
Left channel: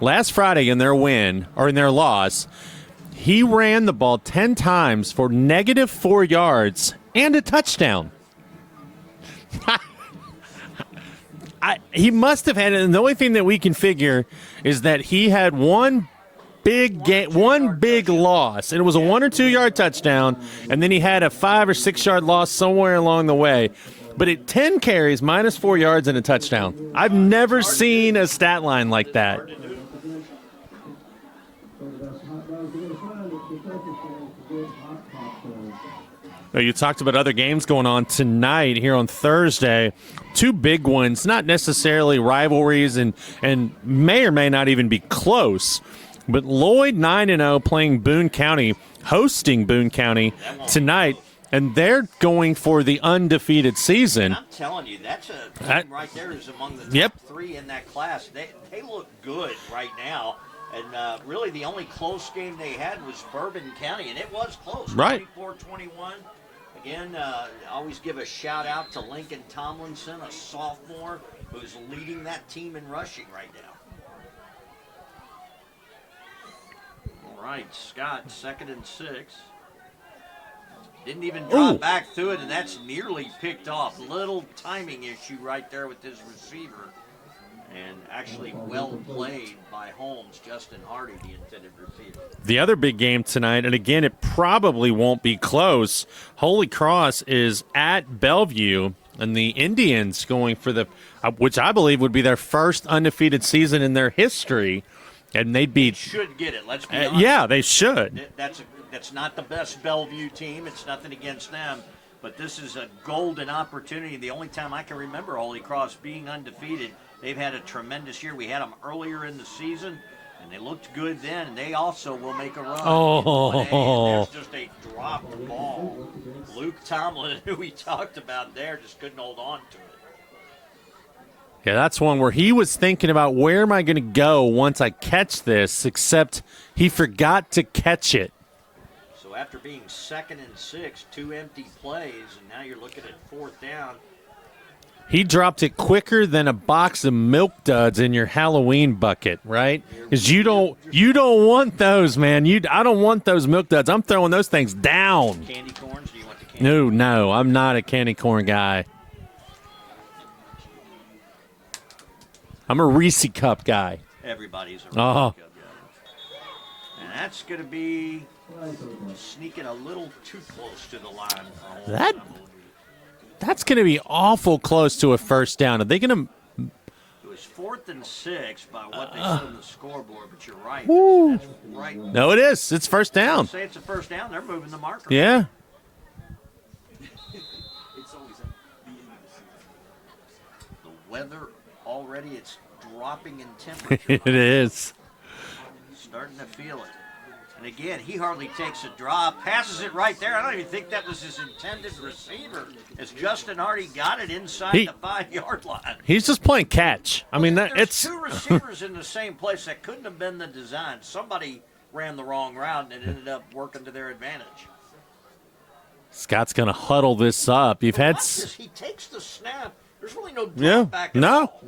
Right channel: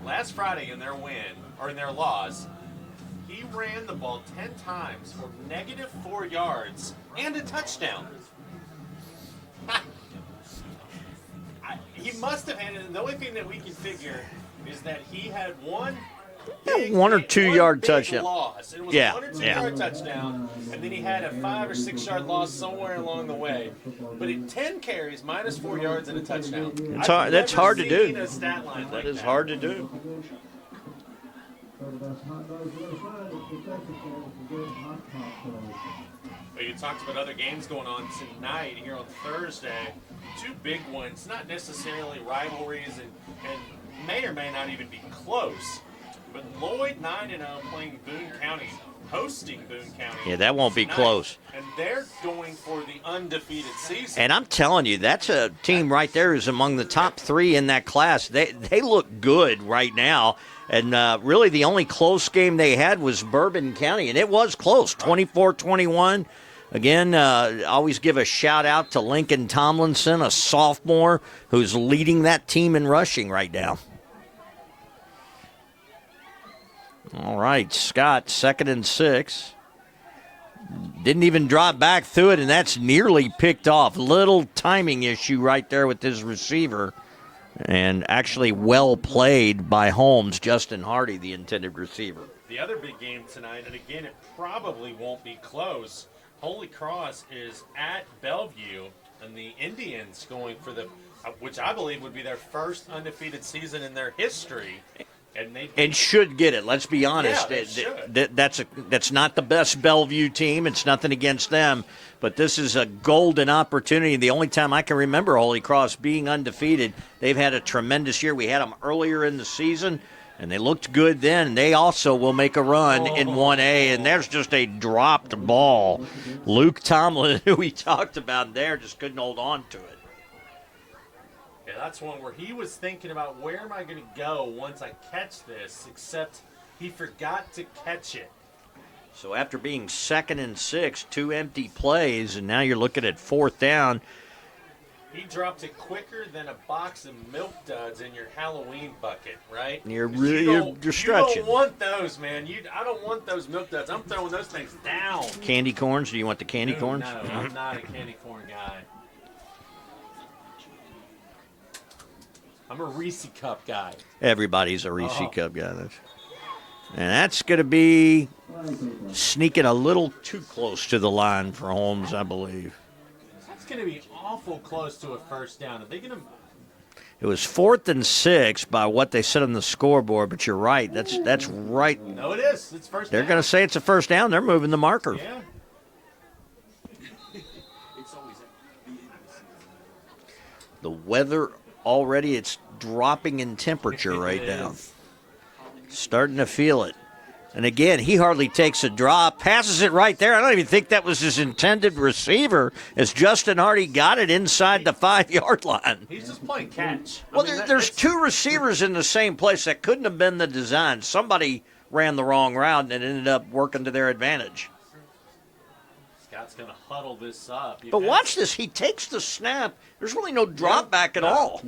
Last Friday in their win, or in their loss, he ran the ball 10 times for -4 yards and a touchdown. He must have had it, and the only thing that we can figure is that he had one big loss, and it was a 1 or 2 yard touchdown, and then he had a 5 or 6 yard loss somewhere along the way. But at 10 carries, -4 yards and a touchdown. I've never seen a stat line like that. It's hard to do. You talked about other games going on tonight here on Thursday. 2 big ones, not necessarily rivalries, and may or may not even be close. But Lloyd 9-0 playing Boone County, hosting Boone County that won't tonight. be close. And they're going for the undefeated season. And I'm telling you, that's a team right there who's among the top 3 in that class. They look good right now. And really the only close game they had was Bourbon County, and it was close, 24-21. Again, always give a shout-out to Lincoln Tomlinson, a sophomore who's leading that team in rushing right now. All right, Scott, 2nd and 6. Didn't even drop back through it, and that's nearly picked off. Little timing issue right there with his receiver. And actually well played by Holmes, Justin Hardy, the intended receiver. The other big game tonight, and again, it probably won't be close. Holy Cross is at Bellevue, and the Indians going for which I believe would be their first undefeated season in their history. And they should get it. Let's be honest. Yeah, they should. That's not the best Bellevue team. It's nothing against them. But this is a golden opportunity. The only time I can remember Holy Cross being undefeated, they've had a tremendous year. We had them earlier in the season, and they looked good then. They also will make a run in 1A, and there's just a dropped ball. Luke Tomlin, who we talked about there, just couldn't hold on to it. Yeah, that's one where he was thinking about where am I going to go once I catch this, except he forgot to catch it. So after being 2nd and 6, 2 empty plays, and now you're looking at 4th down. He dropped it quicker than a box of Milk Duds in your Halloween bucket, right? Because you don't want those, man. I don't want those Milk Duds. I'm throwing those things down. Candy corns? Do you want the candy corns? No, I'm not a candy corn guy. I'm a Reese Cup guy. Everybody's a Reese Cup guy. And that's going to be sneaking a little too close to the line for Holmes, I believe. That's going to be awful close to a first down. Are they going to? It was 4th and 6 by what they said on the scoreboard, but you're right. That's right. No, it is. It's first down. They're going to say it's a first down. They're moving the marker. Yeah. The weather already, it's dropping in temperature right now. It is. Starting to feel it. And again, he hardly takes a drop, passes it right there. I don't even think that was his intended receiver, as Justin Hardy got it inside the 5-yard line. He's just playing catch. There's two receivers in the same place. That couldn't have been the design. Somebody ran the wrong route and it ended up working to their advantage. Scott's going to huddle this up. Watch this. He takes the snap. There's really no drop back at all.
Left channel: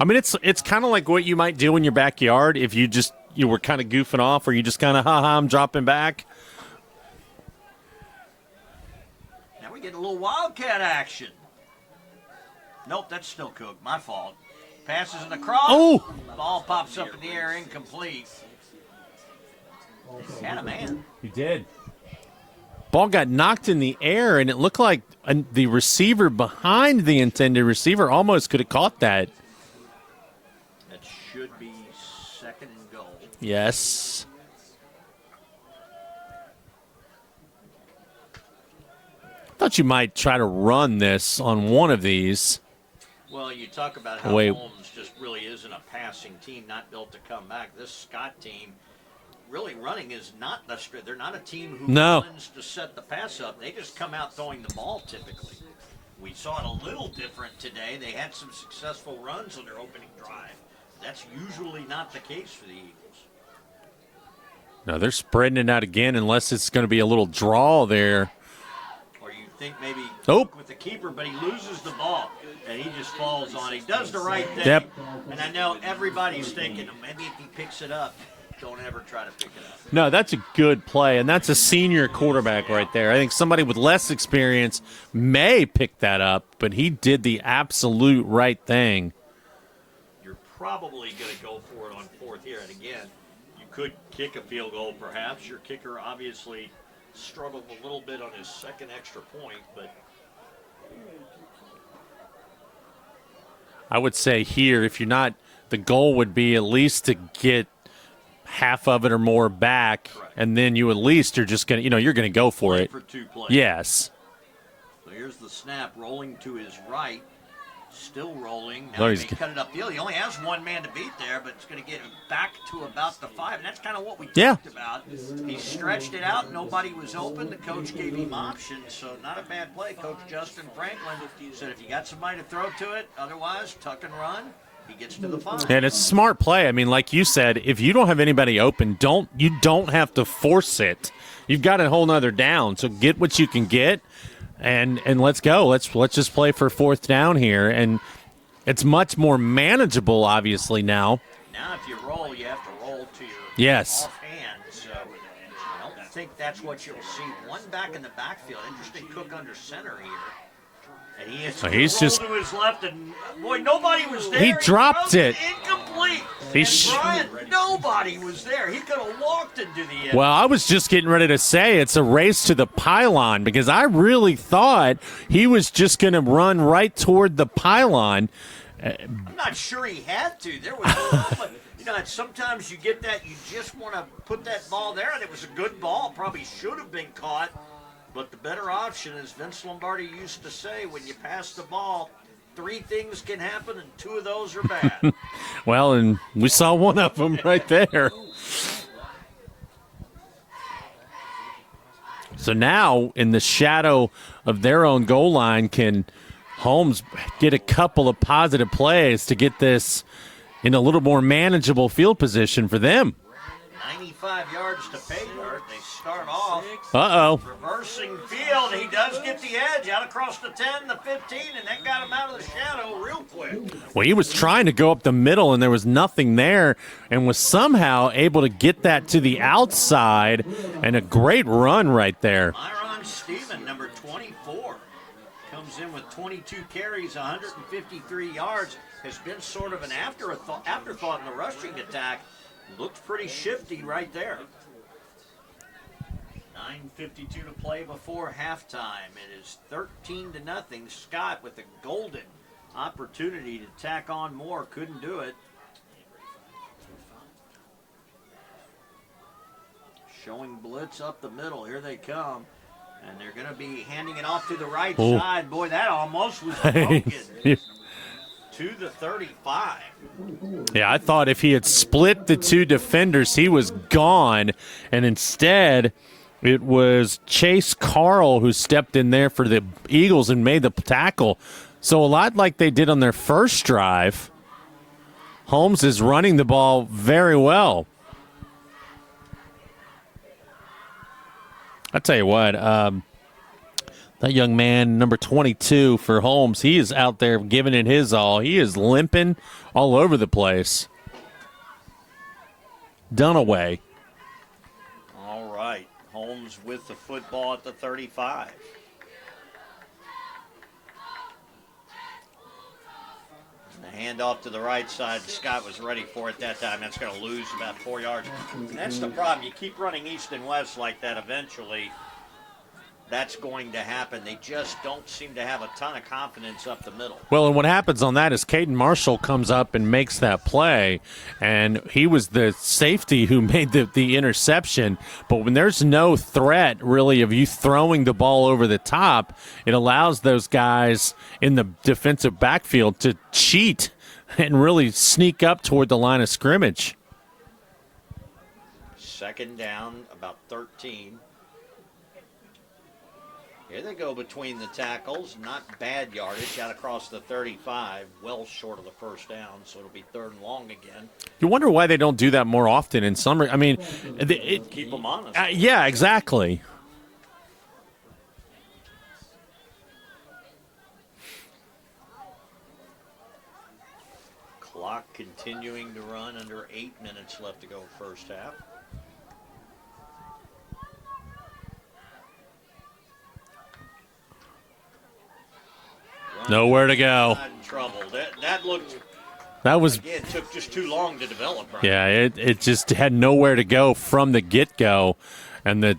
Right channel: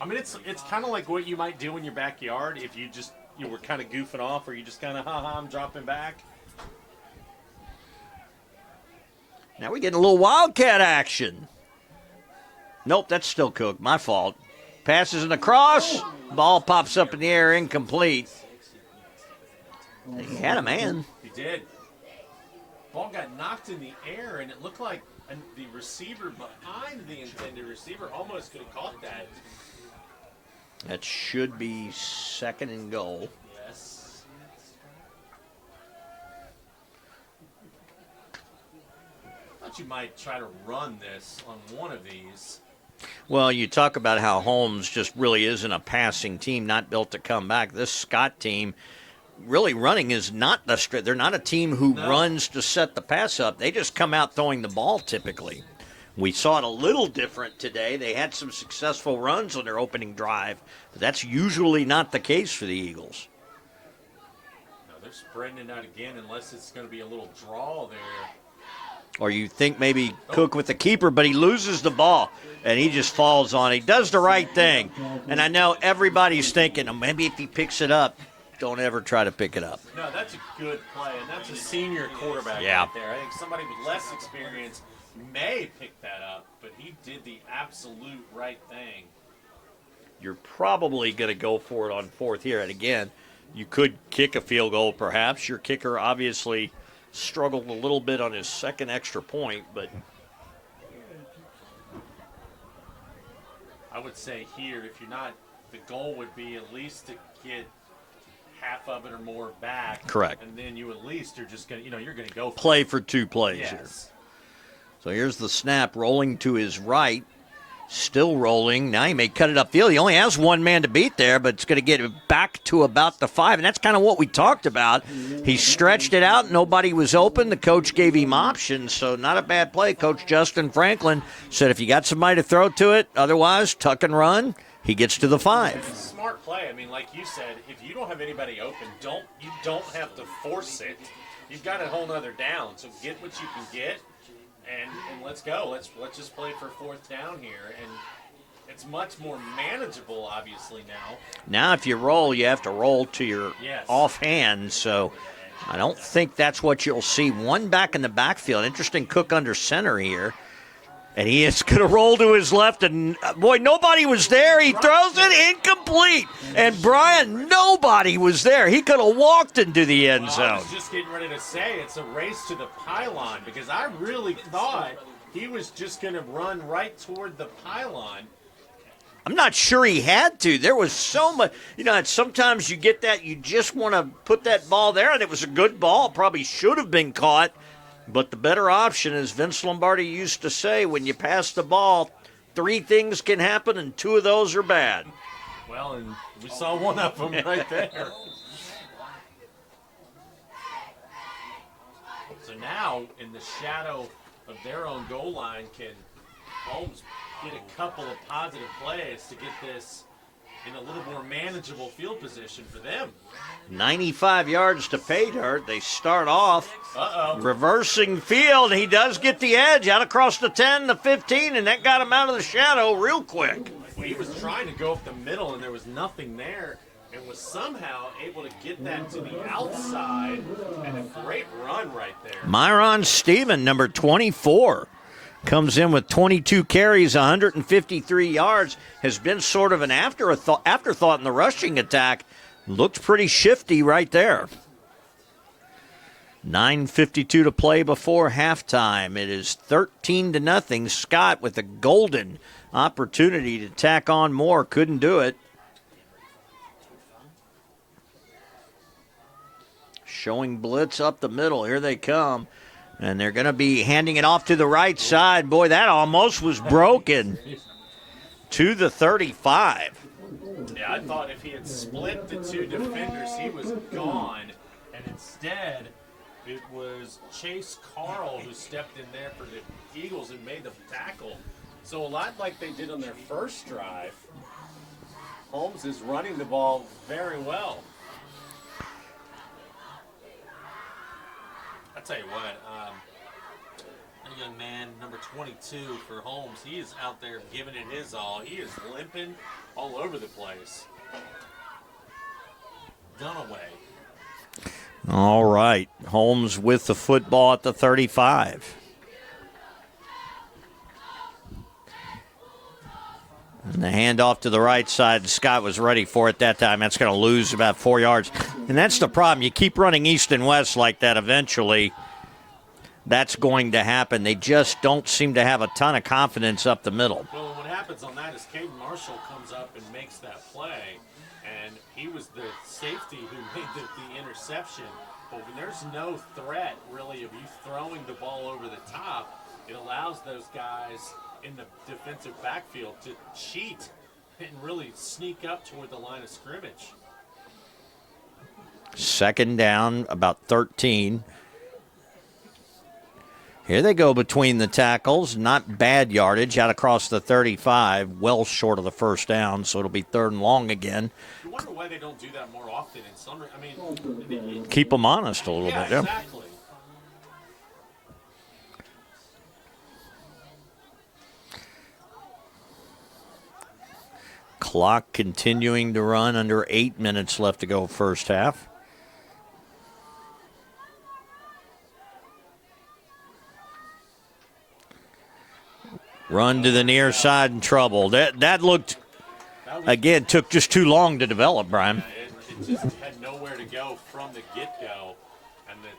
I mean, it's kind of like what you might do in your backyard if you were kind of goofing off, or you just kind of, I'm dropping back. Now we get a little Wildcat action. Nope, that's still Cook. My fault. Passes it across. Oh. Ball pops up in the air, incomplete. He had a man. He did. Ball got knocked in the air, and it looked like the receiver behind the intended receiver almost could have caught that. That should be 2nd and goal. Yes. Thought you might try to run this on one of these. Well, you talk about how Holmes just really isn't a passing team, not built to come back. This Scott team, really running is not they're not a team who runs to set the pass up. They just come out throwing the ball typically. We saw it a little different today. They had some successful runs on their opening drive, but that's usually not the case for the Eagles. No, they're spreading it out again unless it's going to be a little draw there. Or you think maybe Cook with the keeper, but he loses the ball, and he just falls on it. He does the right thing. Yep. And I know everybody's thinking, maybe if he picks it up, don't ever try to pick it up. No, that's a good play, and that's a senior quarterback right there. I think somebody with less experience may pick that up, but he did the absolute right thing. You're probably going to go for it on 4th here. And again, you could kick a field goal perhaps. Your kicker obviously struggled a little bit on his 2nd extra point, but I would say here, if you're not, the goal would be at least to get half of it or more back. Correct. And then you at least are just going to, you're going to go for it. Play for 2 plays. Yes. So here's the snap rolling to his right. Still rolling. Now he may cut it upfield. He only has one man to beat there, but it's going to get it back to about the 5. And that's kind of what we talked about. He stretched it out. Nobody was open. The coach gave him options, so not a bad play. Coach Justin Franklin said if you got somebody to throw to it, otherwise tuck and run. He gets to the 5. And it's a smart play. I mean, like you said, if you don't have anybody open, you don't have to force it. You've got a whole nother down, so get what you can get, and let's go. Let's just play for 4th down here, and it's much more manageable, obviously, now. Now, if you roll, you have to roll to your offhand, so I don't think that's what you'll see. One back in the backfield. Interesting Cook under center here. And he is going to roll to his left, and boy, nobody was there. He throws it incomplete. And Brian, nobody was there. He could have walked into the end zone. Well, I was just getting ready to say it's a race to the pylon because I really thought he was just going to run right toward the pylon. I'm not sure he had to. There was so much. Sometimes you get that, you just want to put that ball there, and it was a good ball. Probably should have been caught. But the better option, as Vince Lombardi used to say, when you pass the ball, 3 things can happen, and 2 of those are bad. Well, and we saw one of them right there. So now, in the shadow of their own goal line, can Holmes get a couple of positive plays to get this in a little more manageable field position for them? 95 yards to pay dirt. They start off reversing field. He does get the edge out across the 10, the 15, and that got him out of the shadow real quick. Well, he was trying to go up the middle, and there was nothing there, and was somehow able to get that to the outside, and a great run right there. Myron Steven, number 24, comes in with 22 carries, 153 yards, has been sort of an afterthought in the rushing attack. Looked pretty shifty right there. 9:52 to play before halftime. It is 13-0. Scott with a golden opportunity to tack on more. Couldn't do it. Showing blitz up the middle. Here they come. And they're going to be handing it off to the right side. Boy, that almost was broken. To the 35. Yeah, I thought if he had split the 2 defenders, he was gone. And instead, it was Chase Carl who stepped in there for the Eagles and made the tackle. So a lot like they did on their first drive, Holmes is running the ball very well. I tell you what, that young man, number 22 for Holmes, he is out there giving it his all. He is limping all over the place. Dunaway. All right. Holmes with the football at the 35. And the handoff to the right side, Scott was ready for it that time. That's going to lose about 4 yards. And that's the problem. You keep running east and west like that, eventually that's going to happen. They just don't seem to have a ton of confidence up the middle. Well, and what happens on that is Caden Marshall comes up and makes that play, and he was the safety who made the interception. But when there's no threat, really, of you throwing the ball over the top, it allows those guys in the defensive backfield to cheat and really sneak up toward the line of scrimmage. 2nd down, about 13. Here they go between the tackles. Not bad yardage out across the 35. Well short of the first down, so it'll be 3rd and long again. You wonder why they don't do that more often in summer. I mean, keep them honest a little yeah, bit. Exactly. Clock continuing to run, under 8 minutes left to go first half. Run Nowhere to the near go. side in trouble. That looked, that was again, took just too long to develop, Brian. Yeah, it just had nowhere to go from the get-go, and the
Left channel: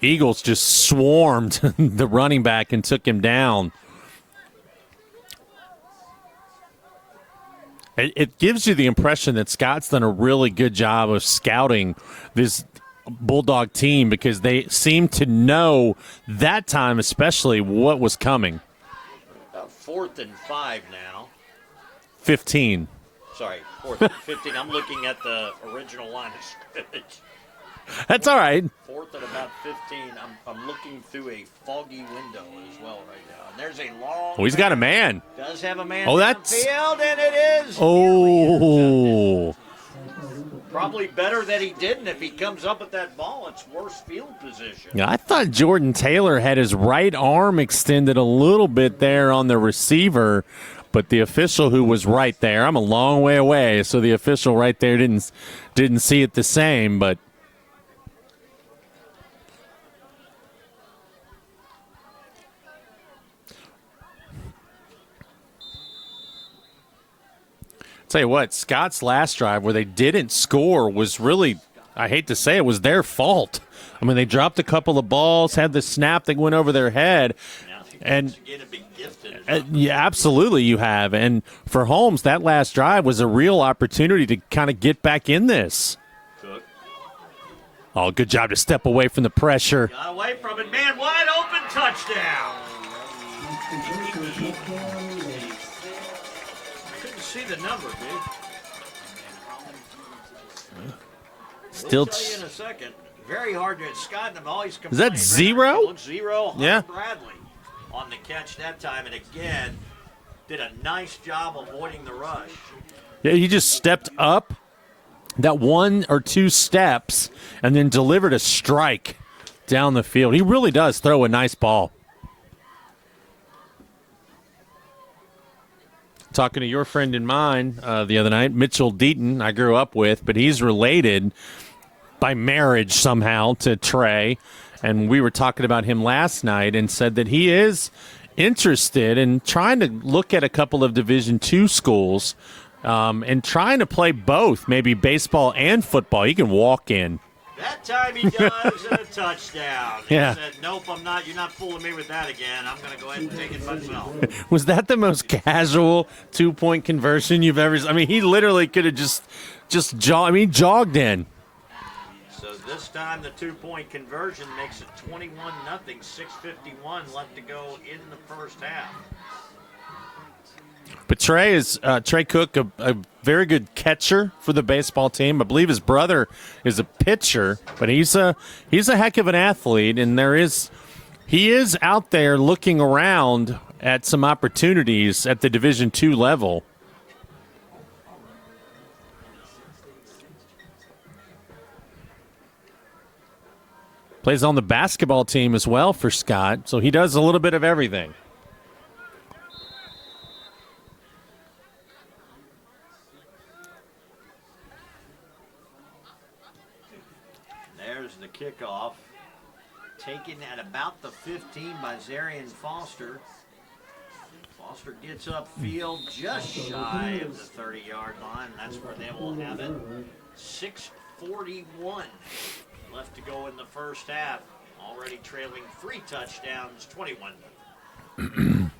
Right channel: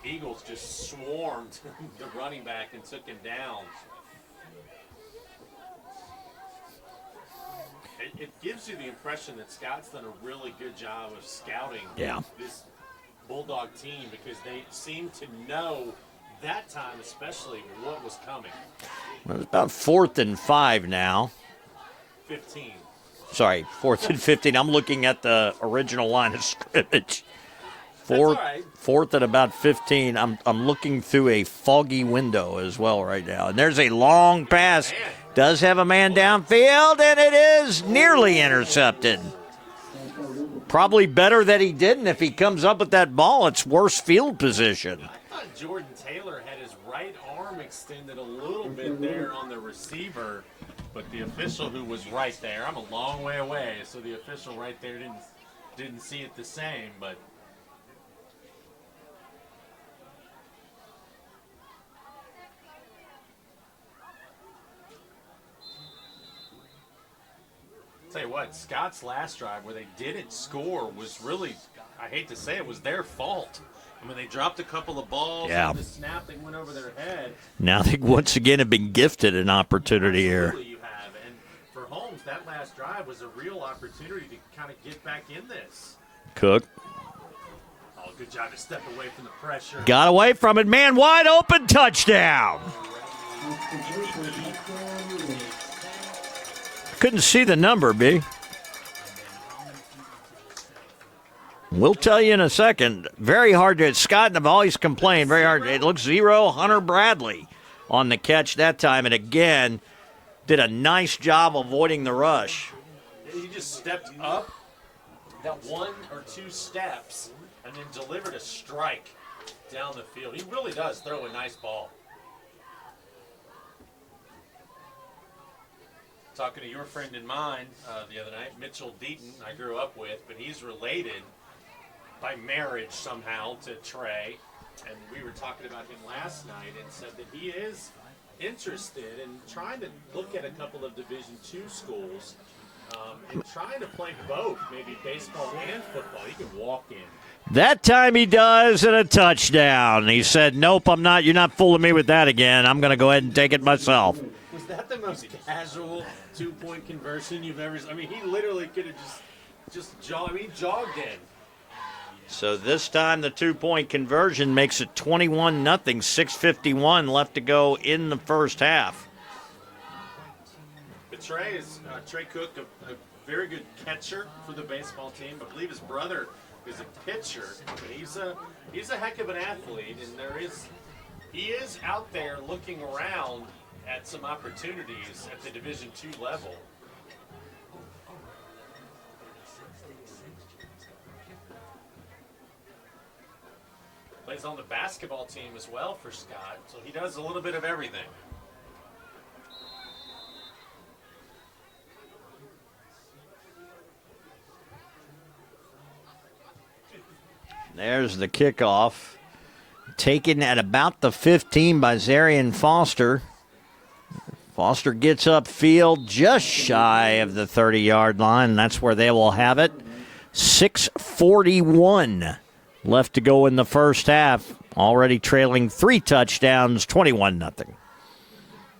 Eagles just swarmed the running back and took him down. It gives you the impression that Scott's done a really good job of scouting this Bulldog team, because they seem to know that time especially what was coming. Well, it's about 4th and 5 now. 15. Sorry, 4th and 15. I'm looking at the original line of scrimmage. That's all right. 4th and about 15. I'm looking through a foggy window as well right now. And there's a long He's pass. got a man. Does have a man that's- downfield, and it is nearly intercepted. Probably better that he didn't. If he comes up with that ball, it's worse field position. Yeah, I thought Jordan Taylor had his right arm extended a little bit there on the receiver, but the official who was right there, I'm a long way away, so the official right there didn't see it the same, but Tell you what, Scott's last drive where they didn't score was really, I hate to say it, was their fault. I mean, they dropped a couple of balls, had the snap that went over their head. Now they once again have been gifted an opportunity. Yeah, absolutely here. you have. And for Holmes, that last drive was a real opportunity to kind of get back in this. Cook. Oh, good job to step away from the pressure. Got away from it. Man, wide open, touchdown. Couldn't see the number, B. We'll tell you in a second. Very hard to. Scott and I've always complained. Is that very zero? hard. It looks 0. Hunter Yeah. Bradley on the catch that time, and again did a nice job avoiding the rush. Yeah, he just stepped up that 1 or 2 steps and then delivered a strike down the field. He really does throw a nice ball. Talking to your friend and mine the other night, Mitchell Deaton, I grew up with, but he's related by marriage somehow to Trey. And we were talking about him last night and said that he is interested in trying to look at a couple of Division II schools and trying to play both, maybe baseball and football. He can walk in. That time he does, and a touchdown. He Yeah. said, nope, I'm not. You're not fooling me with that again. I'm going to go ahead and take it myself. Was that the most casual 2-point conversion you've ever seen? I mean, he literally could have just jogged in. So this time the 2-point conversion makes it 21-0, 6:51 left to go in the first half. But Trey Cook, a very good catcher for the baseball team. I believe his brother is a pitcher, but he's a heck of an athlete, and he is out there looking around at some opportunities at the Division II level. Plays on the basketball team as well for Scott, so he does a little bit of everything. There's the kickoff. Taken at about the 15 by Zarian Foster. Foster gets upfield just shy of the 30-yard line, and that's where they will have it. 6:41 left to go in the first half. Already trailing 3 touchdowns, 21-0.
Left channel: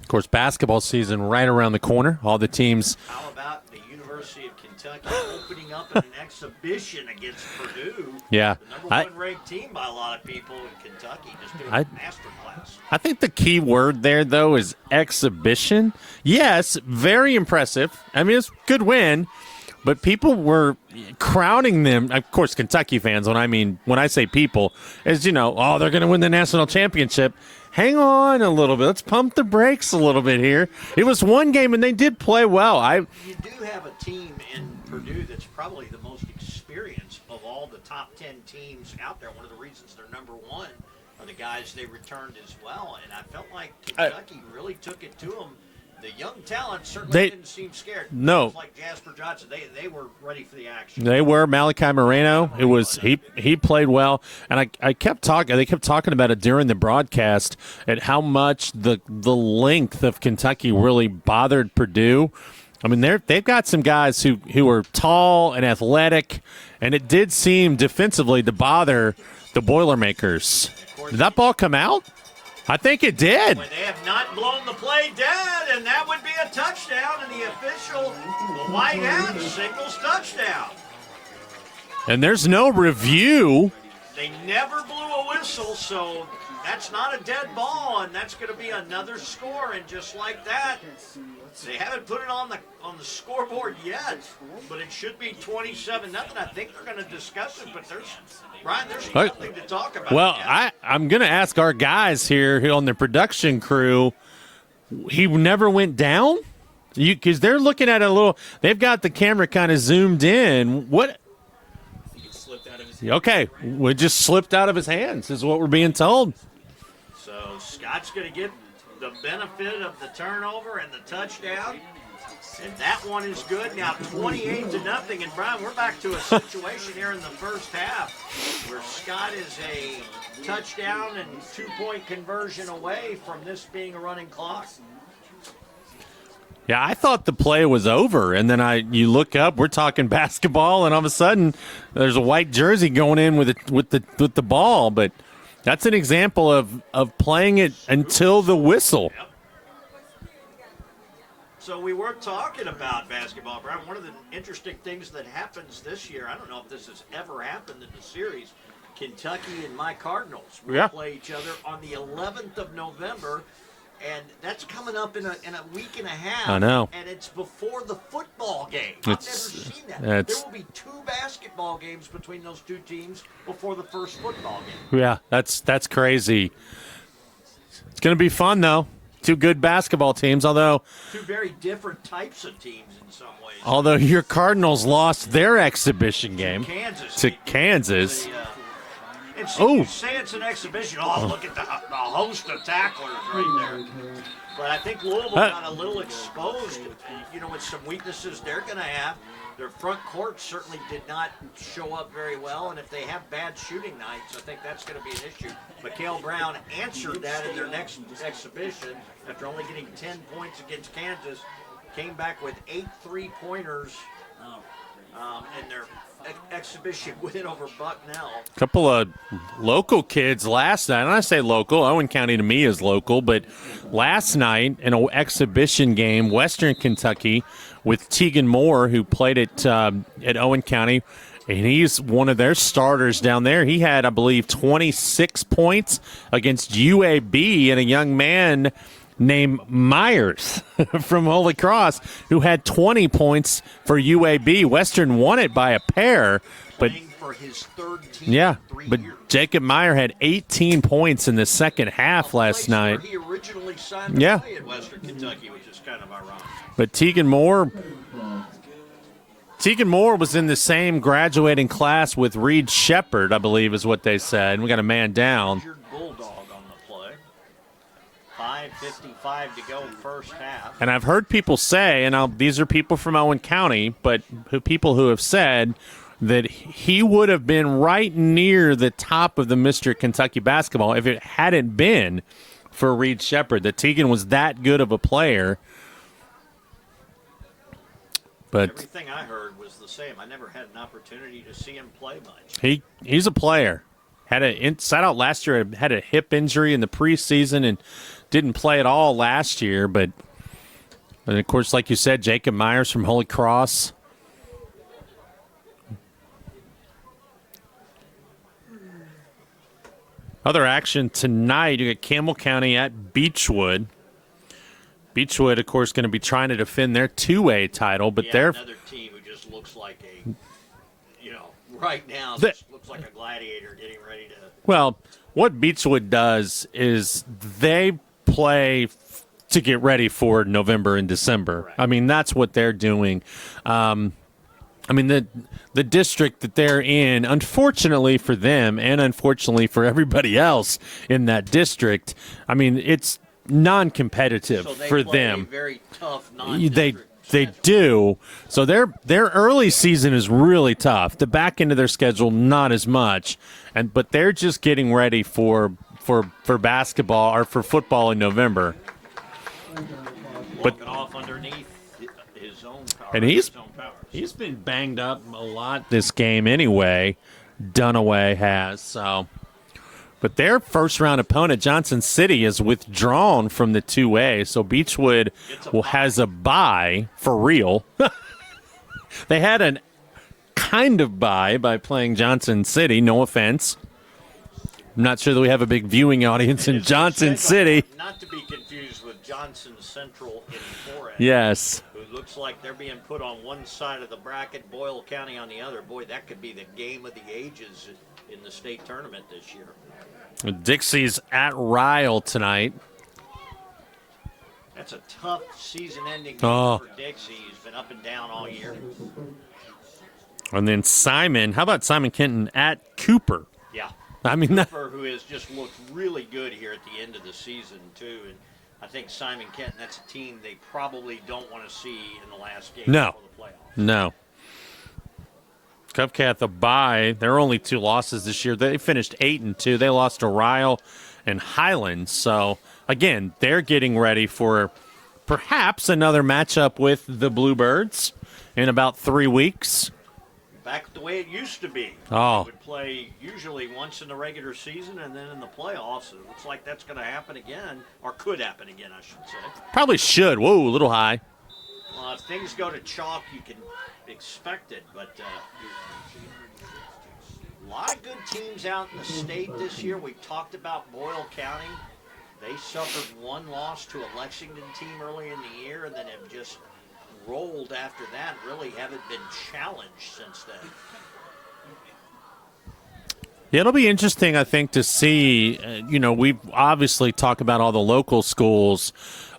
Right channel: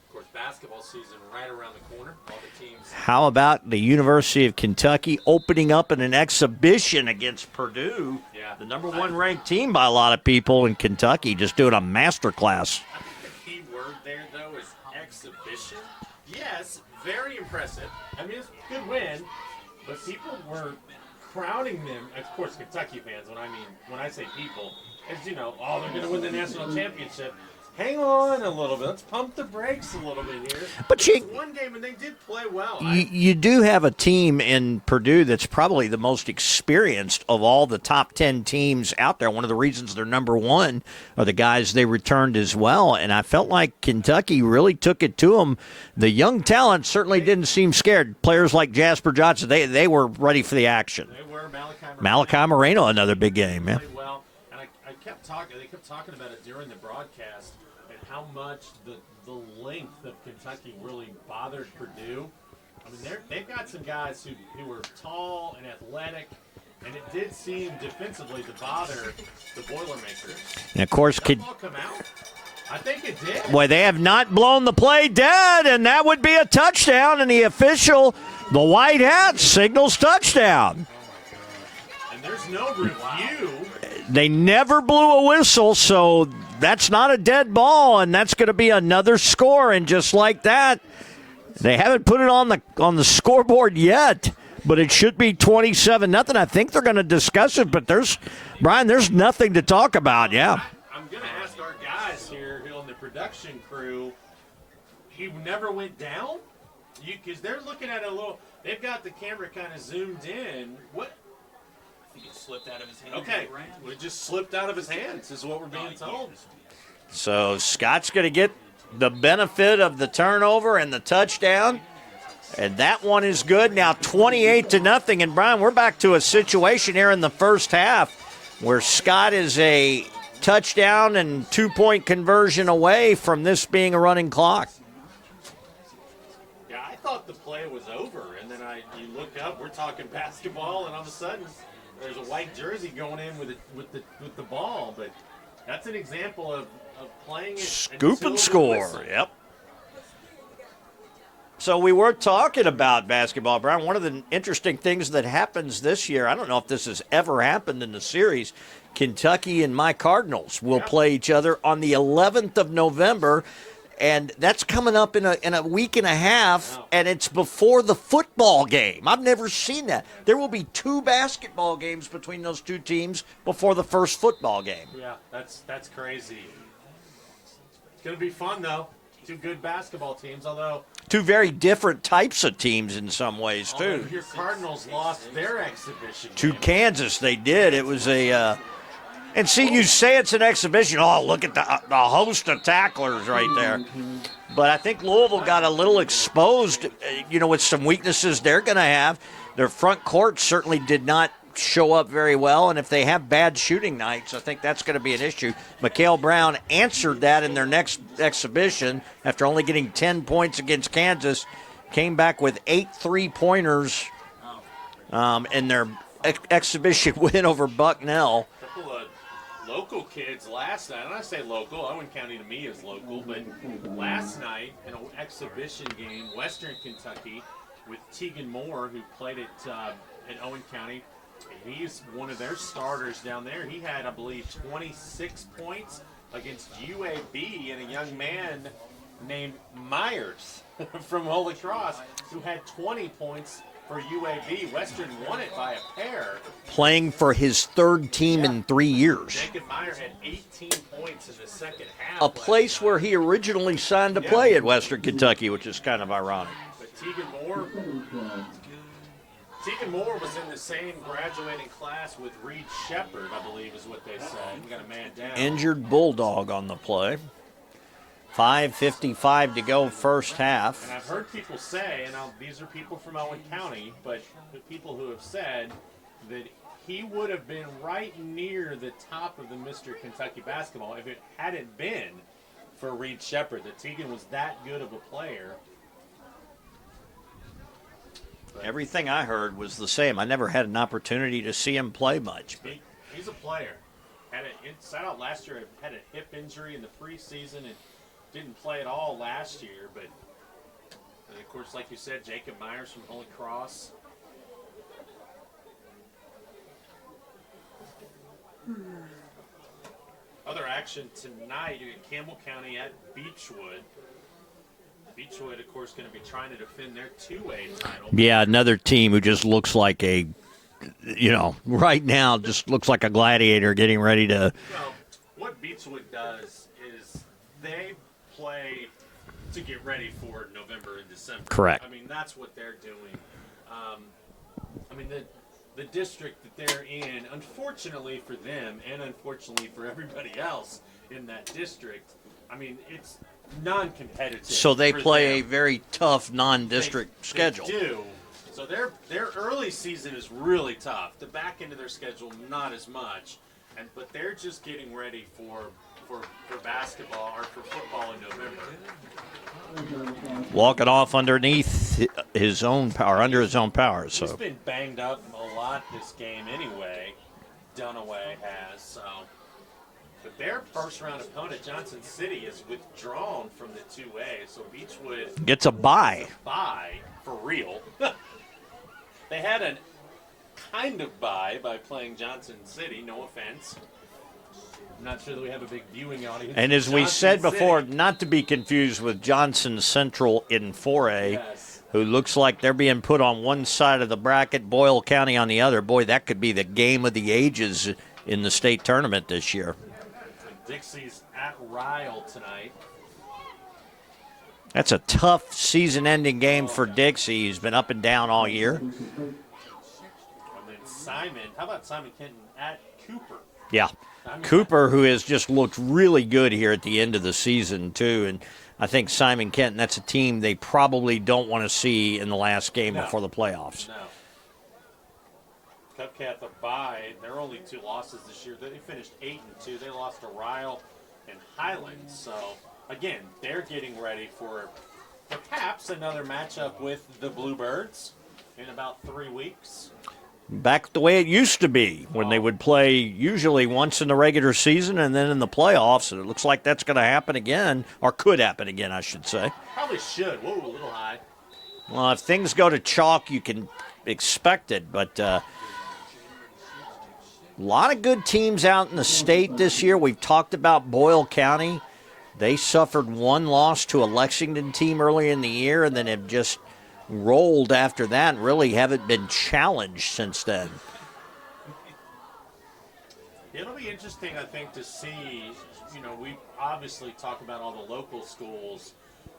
Of course, basketball season right around the corner. All the teams. How about the University of Kentucky opening up in an exhibition against Purdue? Yeah. The number 1 ranked team by a lot of people in Kentucky, just doing a master class. I think the key word there, though, is exhibition. Yes, very impressive. I mean, it's a good win, but people were crowning them. Of course, Kentucky fans, when I say people, is, they're going to win the national championship. Hang on a little bit. Let's pump the brakes a little bit here. It was one game, and they did play well. You do have a team in Purdue that's probably the most experienced of all the top 10 teams out there. One of the reasons they're number 1 are the guys they returned as well. And I felt like Kentucky really took it to them. The young talent certainly didn't seem scared. Players like Jasper Johnson, they were ready for the action. They were. Malachi Moreno, another big game. He played well, and I kept talking. They kept talking about it during the broadcast at how much the length of Kentucky really bothered Purdue. I mean, they've got some guys who are tall and athletic, and it did seem defensively to bother the Boilermakers. And of course, did that ball come out? I think it did. Boy, they have not blown the play dead, and that would be a touchdown, and the official, the white hat, signals touchdown. And there's no review. They never blew a whistle, so that's not a dead ball, and that's going to be another score. And just like that, they haven't put it on the scoreboard yet, but it should be 27-0. I think they're going to discuss it, but there's nothing to talk about. Well, I'm going to ask our guys here on the production crew. He never went down? Because they're looking at it a little. They've got the camera kind of zoomed in. What? Okay, it just slipped out of his hands is what we're being told. So Scott's going to get the benefit of the turnover and the touchdown. And that one is good. Now 28-0. And, Brian, we're back to a situation here in the first half where Scott is a touchdown and 2-point conversion away from this being a running clock. Yeah, I thought the play was over, and then you look up, we're talking basketball, and all of a sudden there's a white jersey going in with the ball. But that's an example of playing it Scoop until and the score. whistle. Yep. So we were talking about basketball, Brian. One of the interesting things that happens this year, I don't know if this has ever happened in the series, Kentucky and my Cardinals will play each other on the 11th of November, and that's coming up in a week and a half. I know. And it's before the football game. I've never seen that. There will be 2 basketball games between those 2 teams before the first football game. Yeah, that's crazy. It's going to be fun, though. 2 good basketball teams, although 2 very different types of teams in some ways. Although too. your Cardinals lost their exhibition game. To Kansas, to they did. Kansas. It was a and see, you say it's an exhibition. Oh, look at the host of tacklers right there. But I think Louisville got a little exposed, with some weaknesses they're going to have. Their front court certainly did not show up very well, and if they have bad shooting nights, I think that's going to be an issue. Mikal Brown answered that in their next exhibition after only getting 10 points against Kansas, came back with 8 3-pointers in their exhibition win over Bucknell. A couple of local kids last night, and I say local, Owen County to me is local, but last night in an exhibition game, Western Kentucky, with Tegan Moore, who played at Owen County, and he's one of their starters down there. He had, I believe, 26 points against UAB, and a young man named Myers from Holy Cross who had 20 points for UAB. Western won it by a pair. Playing for his 3rd team in 3 years. Jacob Meyer had 18 points in the second half last night. A place where he originally signed to play at Western Kentucky, which is kind of ironic. But Tegan Moore was in the same graduating class with Reed Shepard, I believe is what they said. And we got a man down. Injured Bulldog on the play. 5:55 to go first half. And I've heard people say, and these are people from Owen County, but people who have said that he would have been right near the top of the Mr. Kentucky basketball if it hadn't been for Reed Shepard. That Tegan was that good of a player. But everything I heard was the same. I never had an opportunity to see him play much. He's a player. Sat out last year, had a hip injury in the preseason and didn't play at all last year. But of course, like you said, Jacob Myers from Holy Cross. Other action tonight, you got Campbell County at Beechwood. Beechwood, of course, going to be trying to defend their 2A title. But another team who just looks like right now just looks like a gladiator getting ready to. Well, what Beechwood does is they play to get ready for November and December. Correct. I mean, that's what they're doing. The district that they're in, unfortunately for them and unfortunately for everybody else in that district, I mean, it's non-competitive. So they for play them. a very tough non-district schedule. They do. So their early season is really tough. The back end of their schedule, not as much. But they're just getting ready for basketball or for football in November. Walking off underneath his own power, his own power. So. He's been banged up a lot this game anyway. Dunaway has. So, but their first-round opponent, Johnson City, is withdrawn from the 2A. So Beechwood has a bye for real. They had a kind of bye by playing Johnson City. No offense. I'm not sure that we have a big viewing audience in Johnson City. Before, not to be confused with Johnson Central in 4A. Yes. Who looks like they're being put on one side of the bracket, Boyle County on the other. Boy, that could be the game of the ages in the state tournament this year. Dixie's at Ryle tonight. That's a tough season-ending game for Dixie. He's been up and down all year. And then Simon. How about Simon Kenton at Cooper? Yeah. I mean, Cooper, who has just looked really good here at the end of the season, too. And I think Simon Kenton, that's a team they probably don't want to see in the last game before the playoffs. No. Cupcat, the bye. Their only 2 losses this year. They finished 8-2. They lost to Ryle and Highlands. So, again, they're getting ready for perhaps another matchup with the Bluebirds in about 3 weeks. Back the way it used to be, when they would play usually once in the regular season and then in the playoffs. And it looks like that's going to happen again, or could happen again, I should say. Probably should. Whoa, a little high. Well, if things go to chalk, you can expect it. But a lot of good teams out in the state this year. We've talked about Boyle County. They suffered one loss to a Lexington team early in the year and then have just rolled after that and really haven't been challenged since then. Yeah, it'll be interesting, I think, to see. We obviously talk about all the local schools.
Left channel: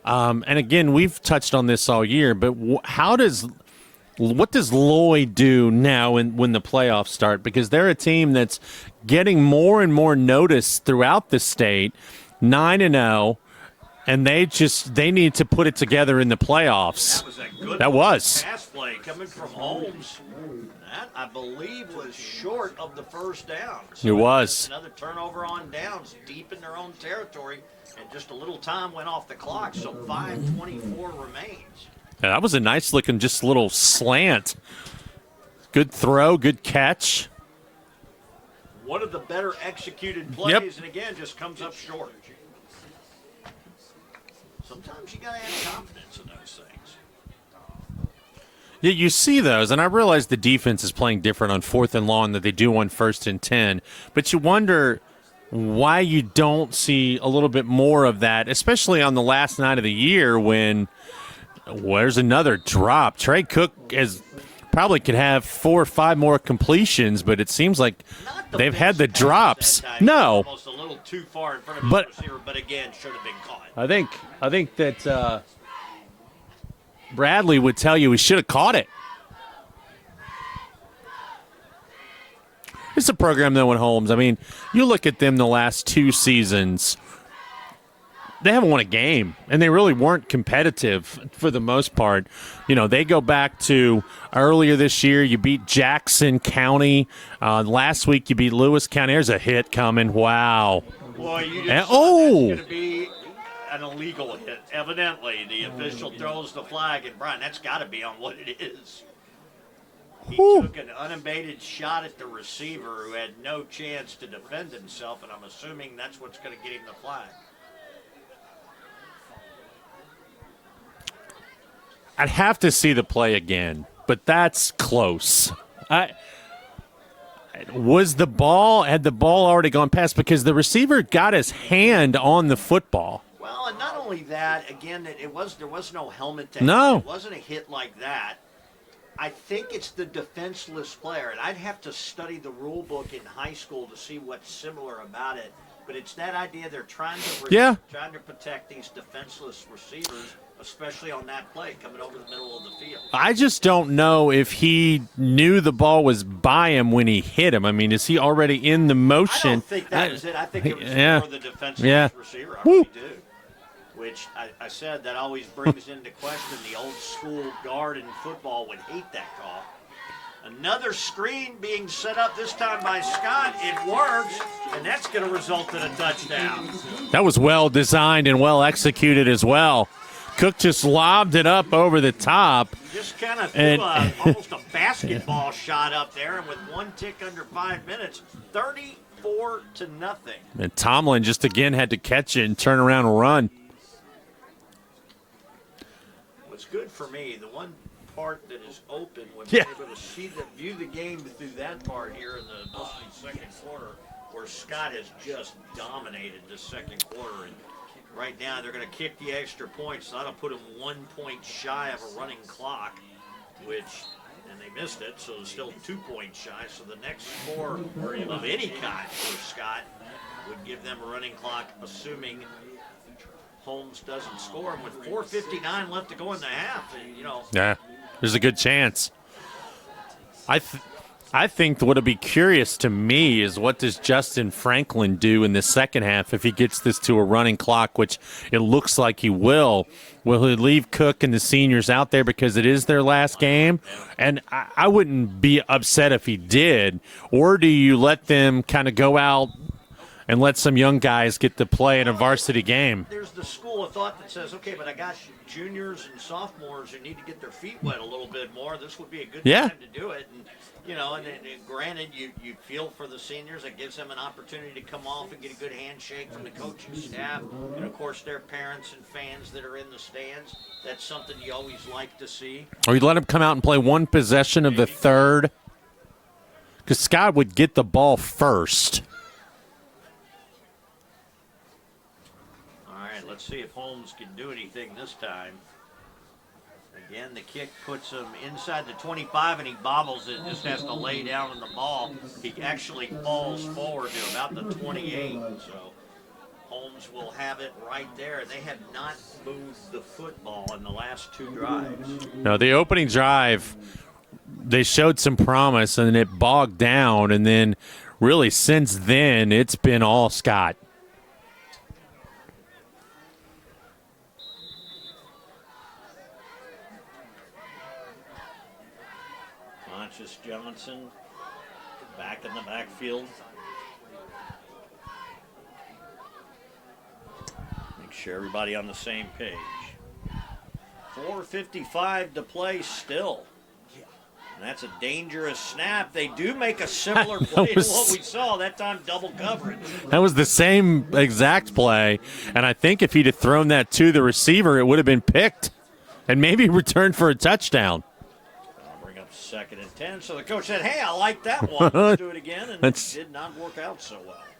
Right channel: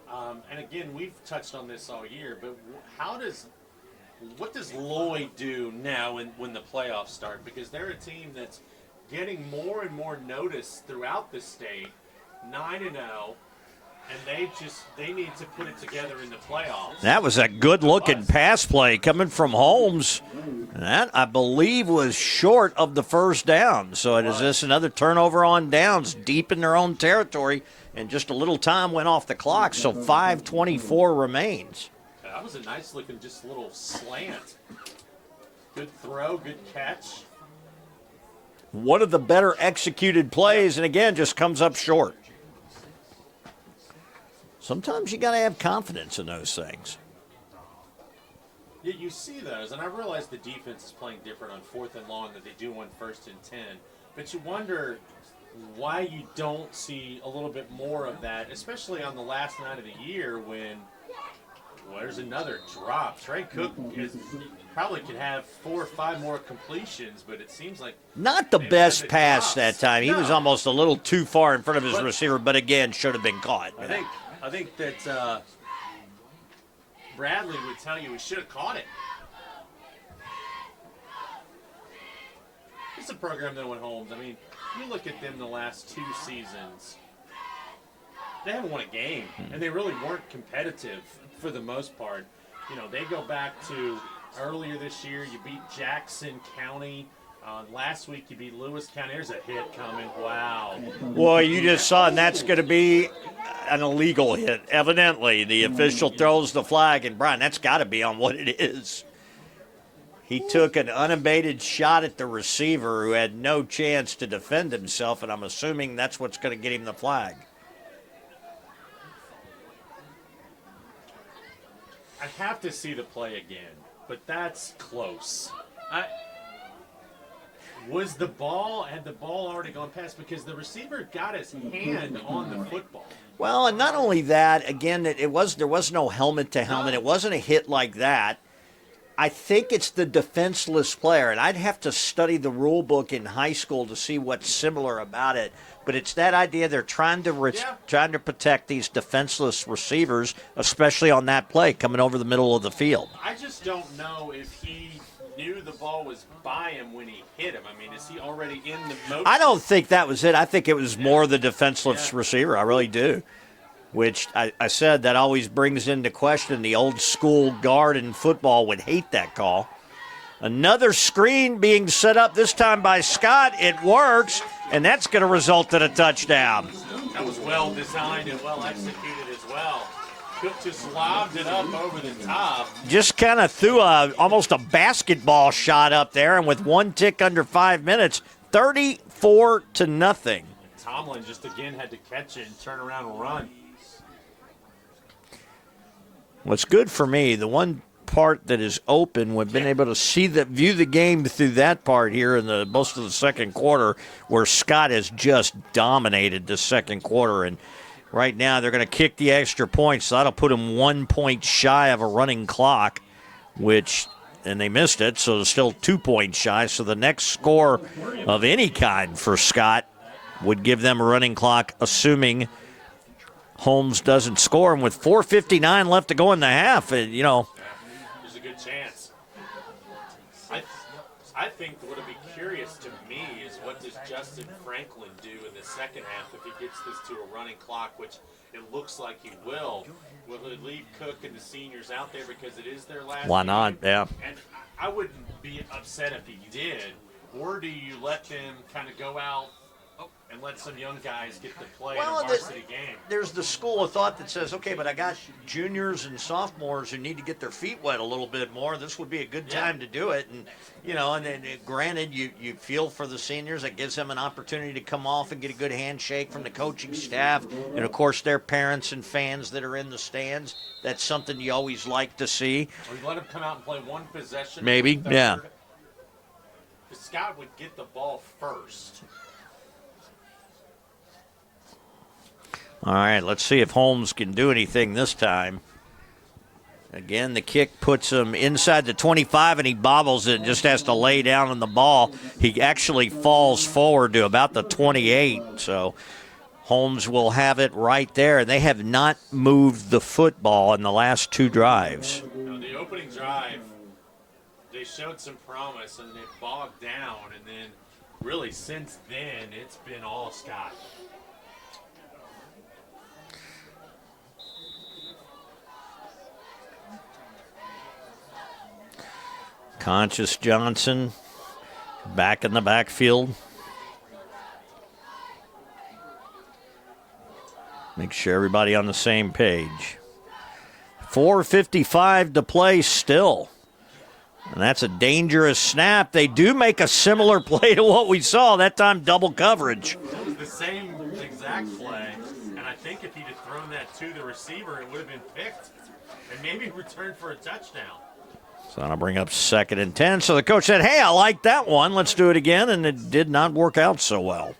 And again, we've touched on this all year, but what does Lloyd do now when the playoffs start? Because they're a team that's getting more and more notice throughout the state, 9-0. And they need to put it together in the playoffs. That was a good-looking pass play coming from Holmes. That, I believe, was short of the first down. So is this another turnover on downs deep in their own territory? And just a little time went off the clock, so 5:24 remains. Yeah, that was a nice-looking just little slant. Good throw, good catch. One of the better executed plays, and again, just comes up short. Sometimes you got to have confidence in those things. Yeah, you see those, and I realize the defense is playing different on 4th and long than they do on 1st and 10, but you wonder why you don't see a little bit more of that, especially on the last night of the year when there's another drop. Trey Cook probably could have 4 or 5 more completions, but it seems like they've had the pass drops that time. No. He was almost a little too far in front of his receiver, but again, should have been caught. I think that Bradley would tell you he should have caught it. It's a program, though, at Holmes. I mean, you look at them the last 2 seasons, they haven't won a game, and they really weren't competitive for the most part. They go back to earlier this year, you beat Jackson County. Last week, you beat Lewis County. There's a hit coming. Wow. Well, you just saw that's going to be an illegal hit. Evidently, the official throws the flag, and Brian, that's got to be on what it is. He took an unabated shot at the receiver who had no chance to defend himself, and I'm assuming that's what's going to get him the flag. I'd have to see the play again, but that's close. Had the ball already gone past? Because the receiver got his hand on the football. Well, and not only that, again, there was no helmet to helmet. It wasn't a hit like that. I think it's the defenseless player, and I'd have to study the rule book in high school to see what's similar about it. But it's that idea they're trying to protect these defenseless receivers, especially on that play coming over the middle of the field. I just don't know if he knew the ball was by him when he hit him. I mean, is he already in the motion? I don't think that was it. I think it was more the defenseless receiver. I really do. Which I said that always brings into question the old school guard in football would hate that call. Another screen being set up, this time by Scott. It works, and that's going to result in a touchdown. That was well designed and well executed as well. Cook just lobbed it up over the top. Just kind of threw almost a basketball shot up there, and with one tick under 5 minutes, 34-0. And Tomlin just again had to catch it and turn around and run. What's good for me, the one part that is open, we've been able to view the game through that part here in the most of the second quarter, where Scott has just dominated the second quarter. And right now they're going to kick the extra point, so that'll put him 1 point shy of a running clock, and they missed it, so they're still 2 points shy. So the next score of any kind for Scott would give them a running clock, assuming Holmes doesn't score. And with 4:59 left to go in the half, Yeah, there's a good chance. I think what would be curious to me is what does Justin Franklin do in the second half if he gets this to a running clock, which it looks like he will. Will he leave Cook and the seniors out there because it is their last game? Yeah. And I wouldn't be upset if he did. Or do you let them kind of go out and let some young guys get to play in a varsity game. There's the school of thought that says, okay, but I got juniors and sophomores who need to get their feet wet a little bit more. This would be a good time to do it. And, and granted, you feel for the seniors. It gives them an opportunity to come off and get a good handshake from the coaching staff. And, of course, their parents and fans that are in the stands. That's something you always like to see. Or you let them come out and play one possession of the third. Because Scott would get the ball first. All right, let's see if Holmes can do anything this time. Again, the kick puts him inside the 25, and he bobbles it and just has to lay down on the ball. He actually falls forward to about the 28, so Holmes will have it right there. They have not moved the football in the last 2 drives. No, the opening drive, they showed some promise, and it bogged down, and then really since then it's been all Scott. Conscious Johnson back in the backfield. Make sure everybody on the same page. 4:55 to play still. And that's a dangerous snap. They do make a similar play to what we saw. That time, double coverage. That was the same exact play. And I think if he'd have thrown that to the receiver, it would have been picked and maybe returned for a touchdown. So that'll bring up 2nd and 10. So the coach said, hey, I like that one. Let's do it again. And it did not work out so well.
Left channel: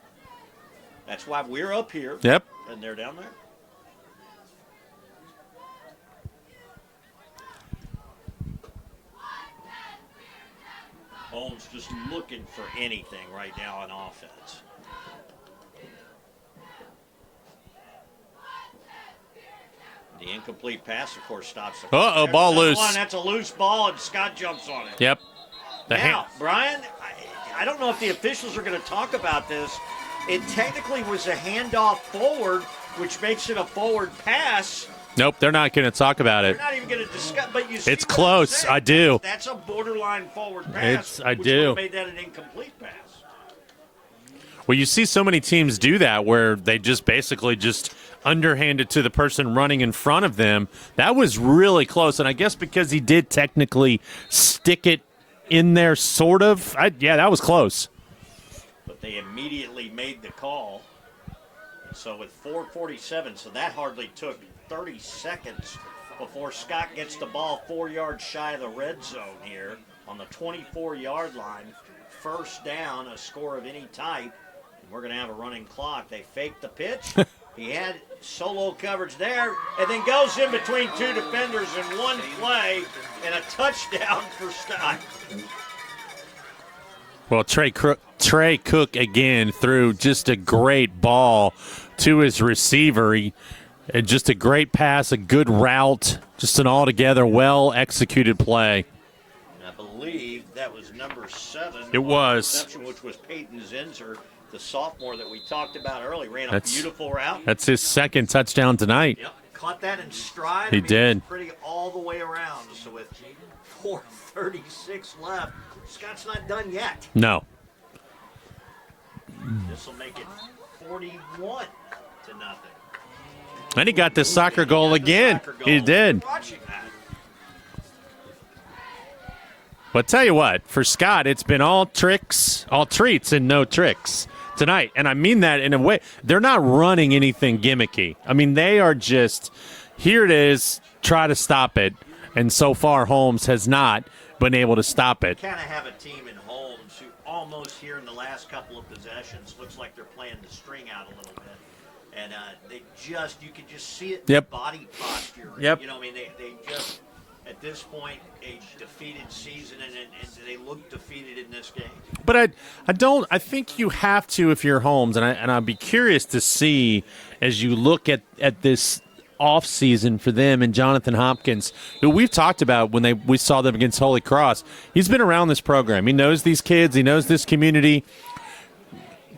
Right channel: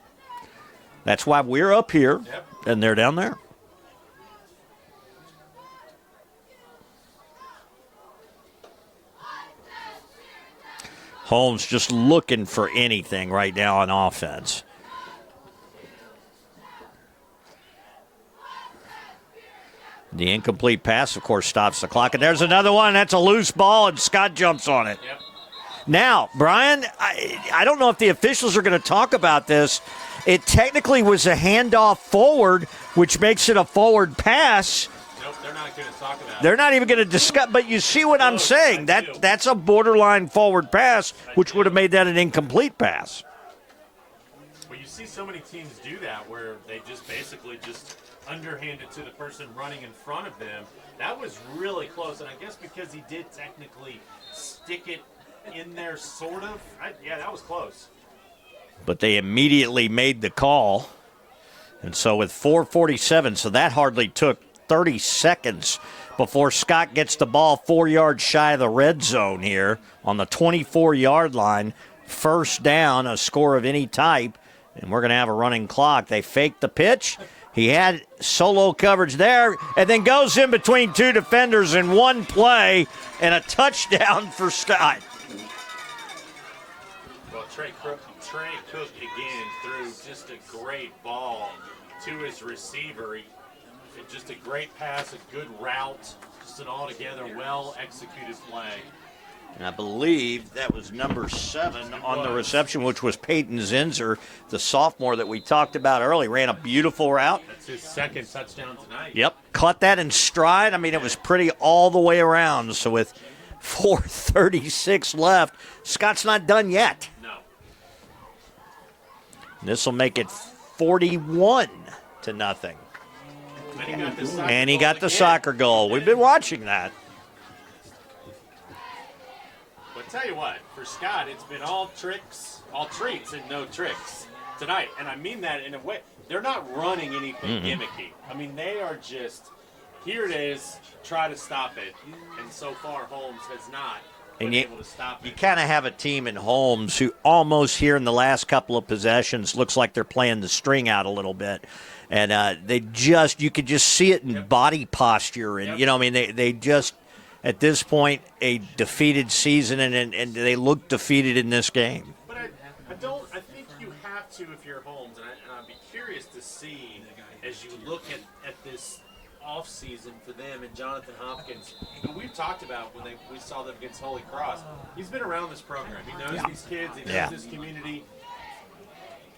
That's why we're up here. Yep. And they're down there. Holmes just looking for anything right now on offense. The incomplete pass, of course, stops the clock. And there's another one. That's a loose ball, and Scott jumps on it. Yep. Now, Brian, I don't know if the officials are going to talk about this. It technically was a handoff forward, which makes it a forward pass. Nope, they're not going to talk about it. They're not even going to discuss. But you see it's what close. I'm saying? I do. That's a borderline forward pass, which would have made that an incomplete pass. Well, you see so many teams do that where they just basically just underhanded to the person running in front of them. That was really close, and I guess because he did technically stick it in there, sort of. Yeah, that was close. But they immediately made the call, and so with 4:47, so that hardly took 30 seconds before Scott gets the ball 4 yards shy of the red zone here on the 24-yard line. First down, a score of any type, and we're going to have a running clock. They faked the pitch. He had solo coverage there and then goes in between 2 defenders in one play and a touchdown for Scott. Well, Trey Cook again threw just a great ball to his receiver. Just a great pass, a good route, just an altogether well-executed play. I believe that was number 7 it on was. The reception, which was Peyton Zinser, the sophomore that we talked about earlier. Ran a beautiful route. That's his 2nd touchdown tonight. Yep, caught that in stride. It was pretty all the way around. So with 4:36 left, Scott's not done yet. No. This will make it 41-0. And he got the soccer goal again. The soccer goal. He did. We've been watching that. But tell you what, for Scott, it's been all treats and no tricks tonight. And I mean that in a way. They're not running anything gimmicky. I mean, they are just, here it is, try to stop it. And so far, Holmes has not been able to stop it. Kind of have a team in Holmes who almost here in the last couple of possessions looks like they're playing the string out a little bit. And you could just see it in the body posture. And, they just, at this point, a defeated season, and they look defeated in this game. But I think you have to if you're Holmes, and I'd be curious to see as you look at this offseason for them and Jonathan Hopkins, who we've talked about when we saw them against Holy Cross. He's been around this program. He knows these kids. He knows this community.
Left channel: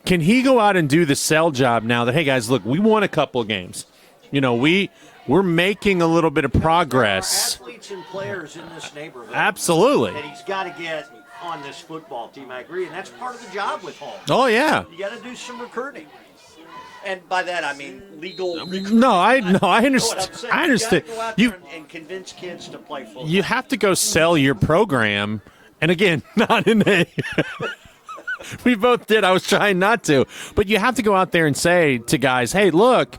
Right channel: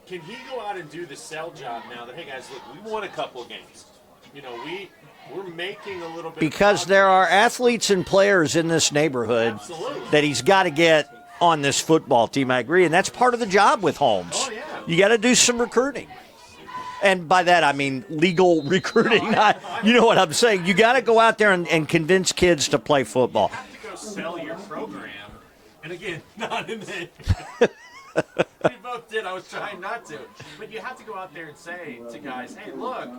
Can he go out and do the sell job now that, hey, guys, look, we won a couple of games. We're making a little bit of progress. Because there are athletes and players in this neighborhood absolutely that he's got to get on this football team. I agree, and that's part of the job with Holmes. Oh, yeah. You got to do some recruiting. And by that, I mean legal recruiting. No, I you know what I'm saying. You got to go out there You- and convince kids to play football. You have to go sell your program. And again, not in a we both did. I was trying not to. But you have to go out there and say to guys, hey, look,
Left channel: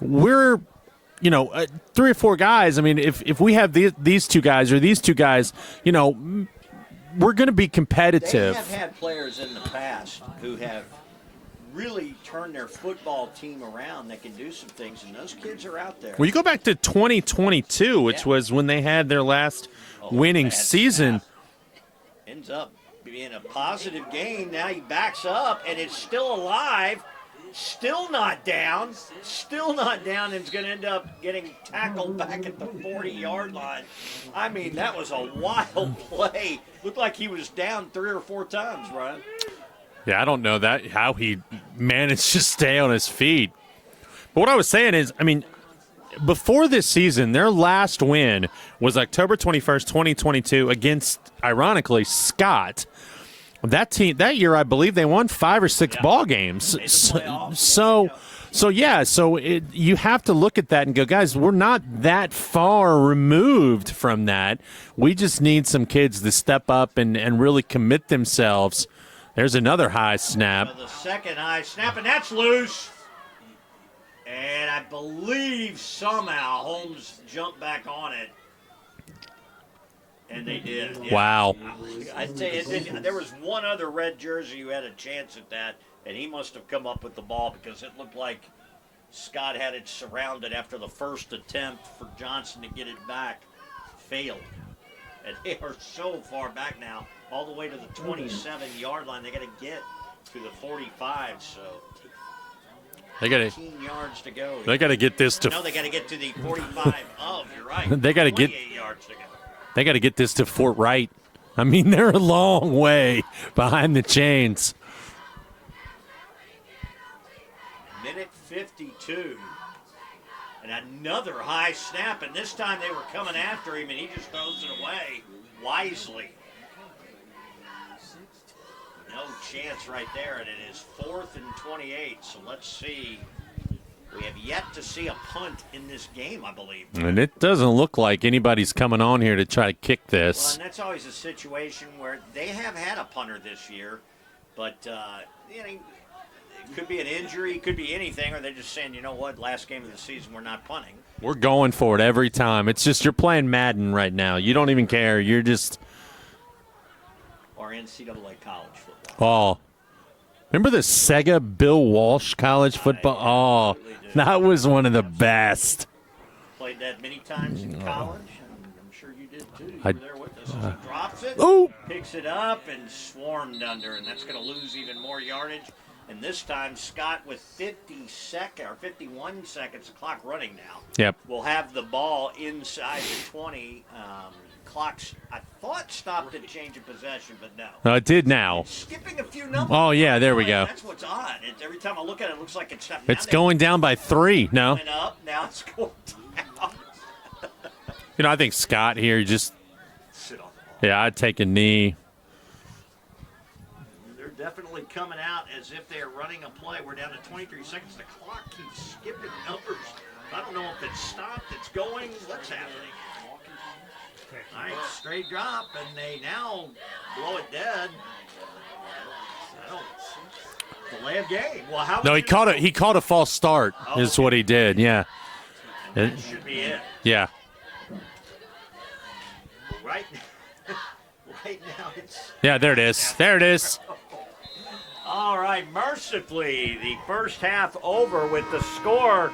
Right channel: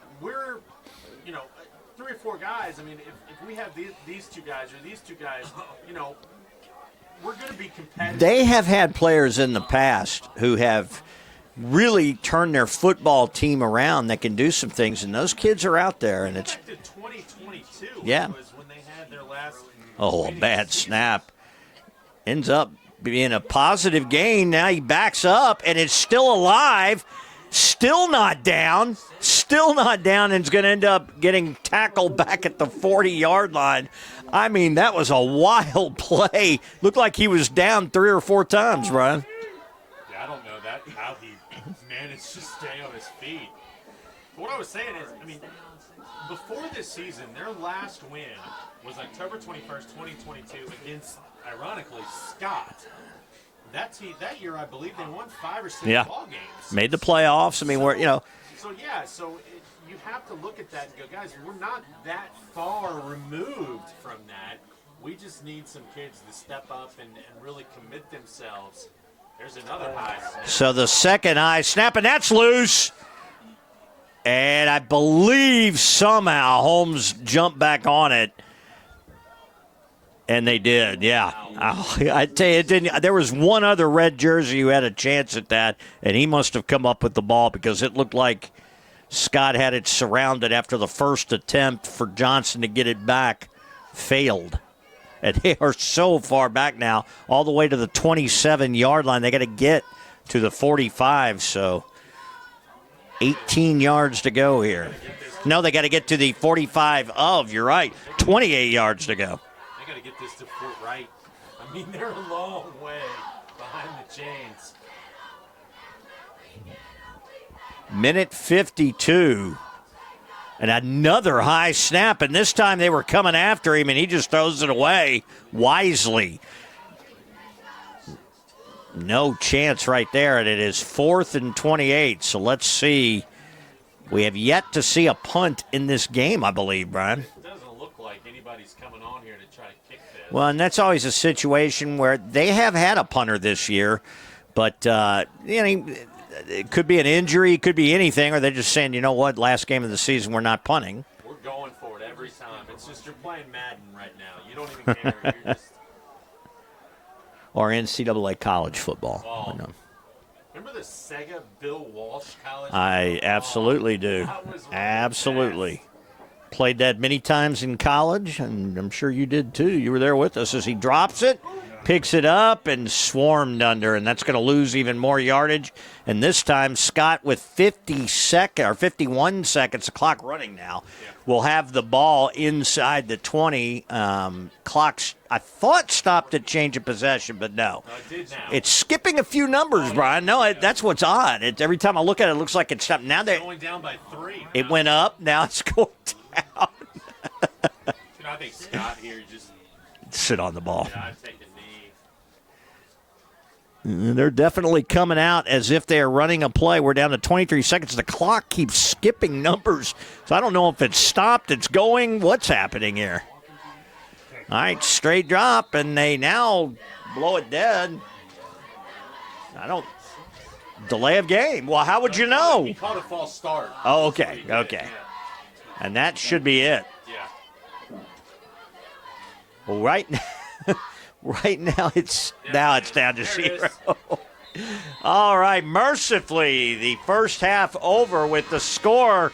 we're, 3 or 4 guys. I mean, if we have these 2 guys or these 2 guys, we're going to be competitive. They have had players in the past who have really turned their football team around that can do some things, and those kids are out there. Well, you go back to 2022, which was when they had their last winning bad season. Snap. Ends up being a positive gain. Now he backs up and is still alive, still not down, and is going to end up getting tackled back at the 40-yard line. I mean, that was a wild play. Looked like he was down 3 or 4 times, Brian. Yeah, I don't know how he managed to stay on his feet. But what I was saying is, I mean, before this season, their last win was October 21st, 2022 against, ironically, Scott. That year, I believe they won 5 or 6 ball games. Made the playoffs. You have to look at that and go, guys, we're not that far removed from that. We just need some kids to step up and really commit themselves. There's another high snap. So the second high snap, and that's loose. And I believe somehow Holmes jumped back on it. And they did, yeah. Wow. I tell you, there was one other red jersey who had a chance at that, and he must have come up with the ball because it looked like Scott had it surrounded after the first attempt for Johnson to get it back. Failed. And they are so far back now, all the way to the 27-yard line. They got to get to the 45, so 18 yards to go here. They got to get this to... No, they got to get to the 45 of, you're right, 28 yards to go. They got to get this to Fort Wright. I mean, they're a long way behind the chains. Minute 52. And another high snap, and this time they were coming after him, and he just throws it away wisely. No chance right there, and it is 4th and 28. So let's see. We have yet to see a punt in this game, I believe, Brian. And it doesn't look like anybody's coming on here to try to kick this. Well, and that's always a situation where they have had a punter this year, but it could be an injury, it could be anything, or they're just saying, you know what, last game of the season, we're not punting. We're going for it every time. It's just you're playing Madden right now. You don't even care. You're just... Or NCAA college football. Oh. Remember the Sega Bill Walsh college football? I absolutely do. That was one of the best. Played that many times in college, and I'm sure you did too. You were there with us as he drops it, picks it up, and swarmed under, and that's going to lose even more yardage. And this time, Scott with 51 seconds, the clock running now, will have the ball inside the 20. Clock's, I thought, stopped at change of possession, but no. No, it did now. It's skipping a few numbers, Oh, yeah, Brian. there we go. That's what's odd. Every time I look at it, it looks like it's stopped. Now it's going down by 3. It went up. Now it's going down. I think Scott here just... Sit on the ball. Yeah, I'd take a knee. They're definitely coming out as if they're running a play. We're down to 23 seconds. The clock keeps skipping numbers. So I don't know if it's stopped, it's going. What's happening here? All right, straight drop, and they now blow it dead. Delay of game. Well, how would you know? He called a false start is what he did, okay. And that should be it. Yeah. Well, right now it's there it is. Down to there 0. it is. All right, mercifully, the first half over with the score.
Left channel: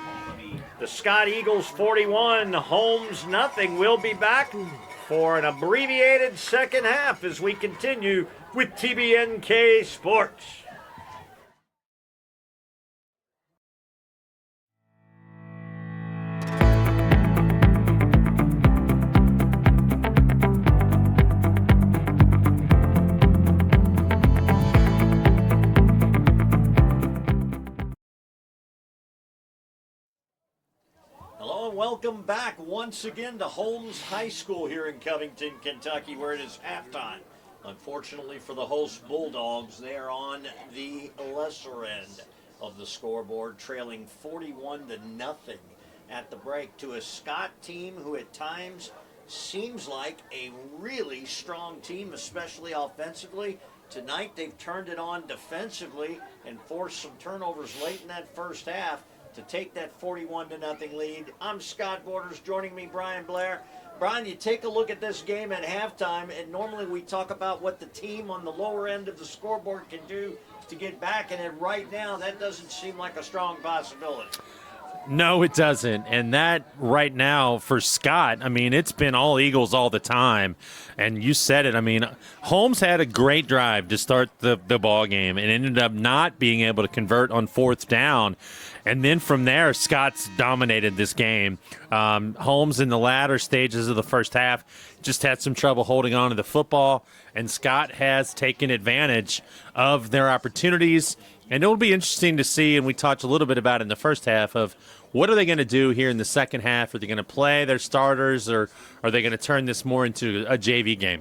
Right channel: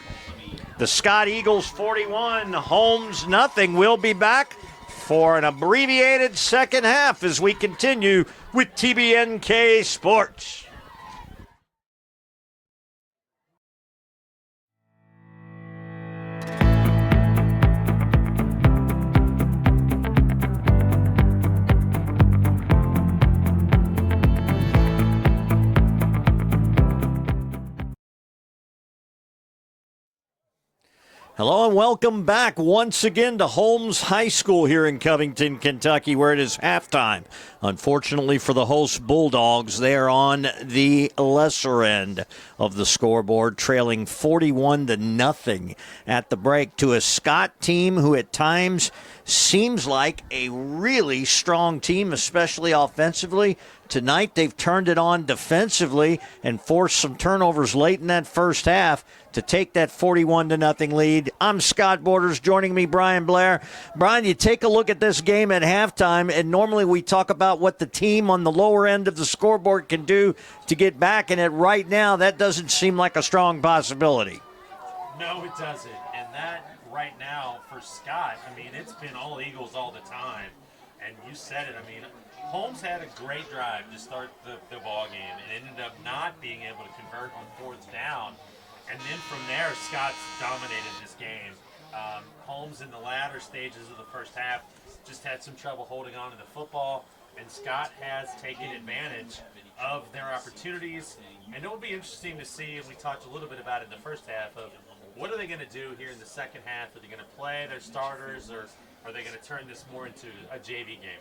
The Scott Eagles 41, Holmes nothing. We'll be back for an abbreviated second half as we continue with TBNK Sports. Hello and welcome back once again to Holmes High School here in Covington, Kentucky, where it is halftime. Unfortunately for the host Bulldogs, they are on the lesser end of the scoreboard, trailing 41-0 at the break to a Scott team who at times seems like a really strong team, especially offensively. Tonight they've turned it on defensively and forced some turnovers late in that first half to take that 41-0 lead. I'm Scott Borders. Joining me, Brian Blair. Brian, you take a look at this game at halftime, and normally we talk about what the team on the lower end of the scoreboard can do to get back in it. Right now, that doesn't seem like a strong possibility. No, it doesn't. And that right now for Scott, I mean, it's been all Eagles all the time. And you said it. I mean, Holmes had a great drive to start the ball game and ended up not being able to convert on fourth down. And then from there, Scott's dominated this game. Holmes in the latter stages of the first half just had some trouble holding on to the football, and Scott has taken advantage of their opportunities. And it'll be interesting to see, and we talked a little bit about it in the first half, of what are they going to do here in the second half? Are they going to play their starters, or are they going to turn this more into a JV game?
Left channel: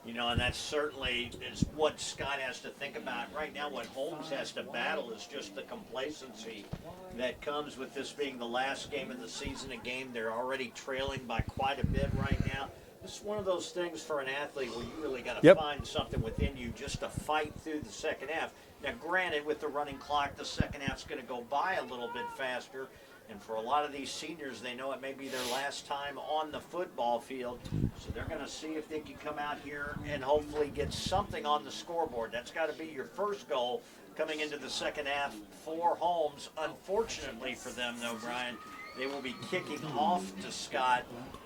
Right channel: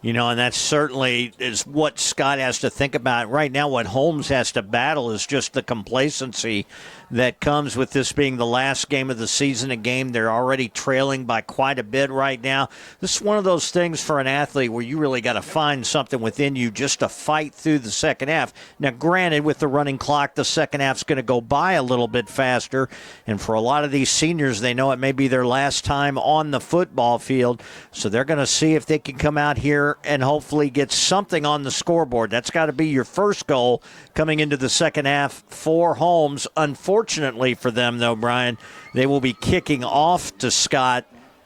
You know, and that certainly is what Scott has to think about. Right now, what Holmes has to battle is just the complacency that comes with this being the last game of the season, a game they're already trailing by quite a bit right now. This is one of those things for an athlete where you really got to find something within you just to fight through the second half. Now, granted, with the running clock, the second half's going to go by a little bit faster, and for a lot of these seniors, they know it may be their last time on the football field, so they're going to see if they can come out here and hopefully get something on the scoreboard. That's got to be your first goal coming into the second half for Holmes. Unfortunately for them, though, Brian, they will be kicking off to Scott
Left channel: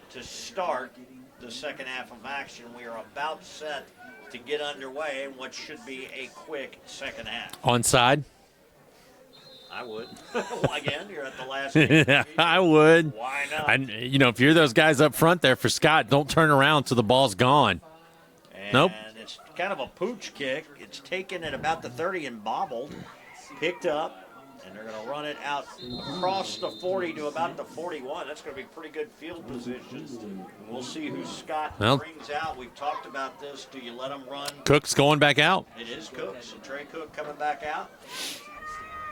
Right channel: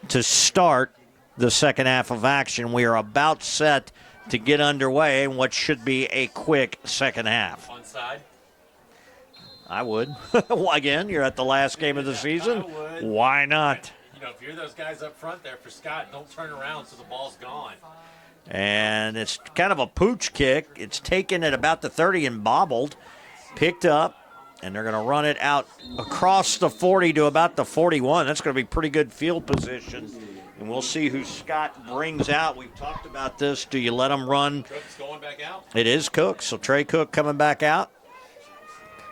to start the second half of action. We are about set to get underway in what should be a quick second half. Onside? I would. Well, again, you're at the last game of the season. I would. Why not? And, you know, if you're those guys up front there for Scott, don't turn around till the ball's gone. And It's kind of a pooch kick. It's taken at about the 30 and bobbled, picked up, and they're going to run it out across the 40 to about the 41. That's going to be pretty good field position. And we'll see who Scott brings out. We've talked about this. Do you let him run? Cook's going back out. It is Cook. So Trey Cook coming back out.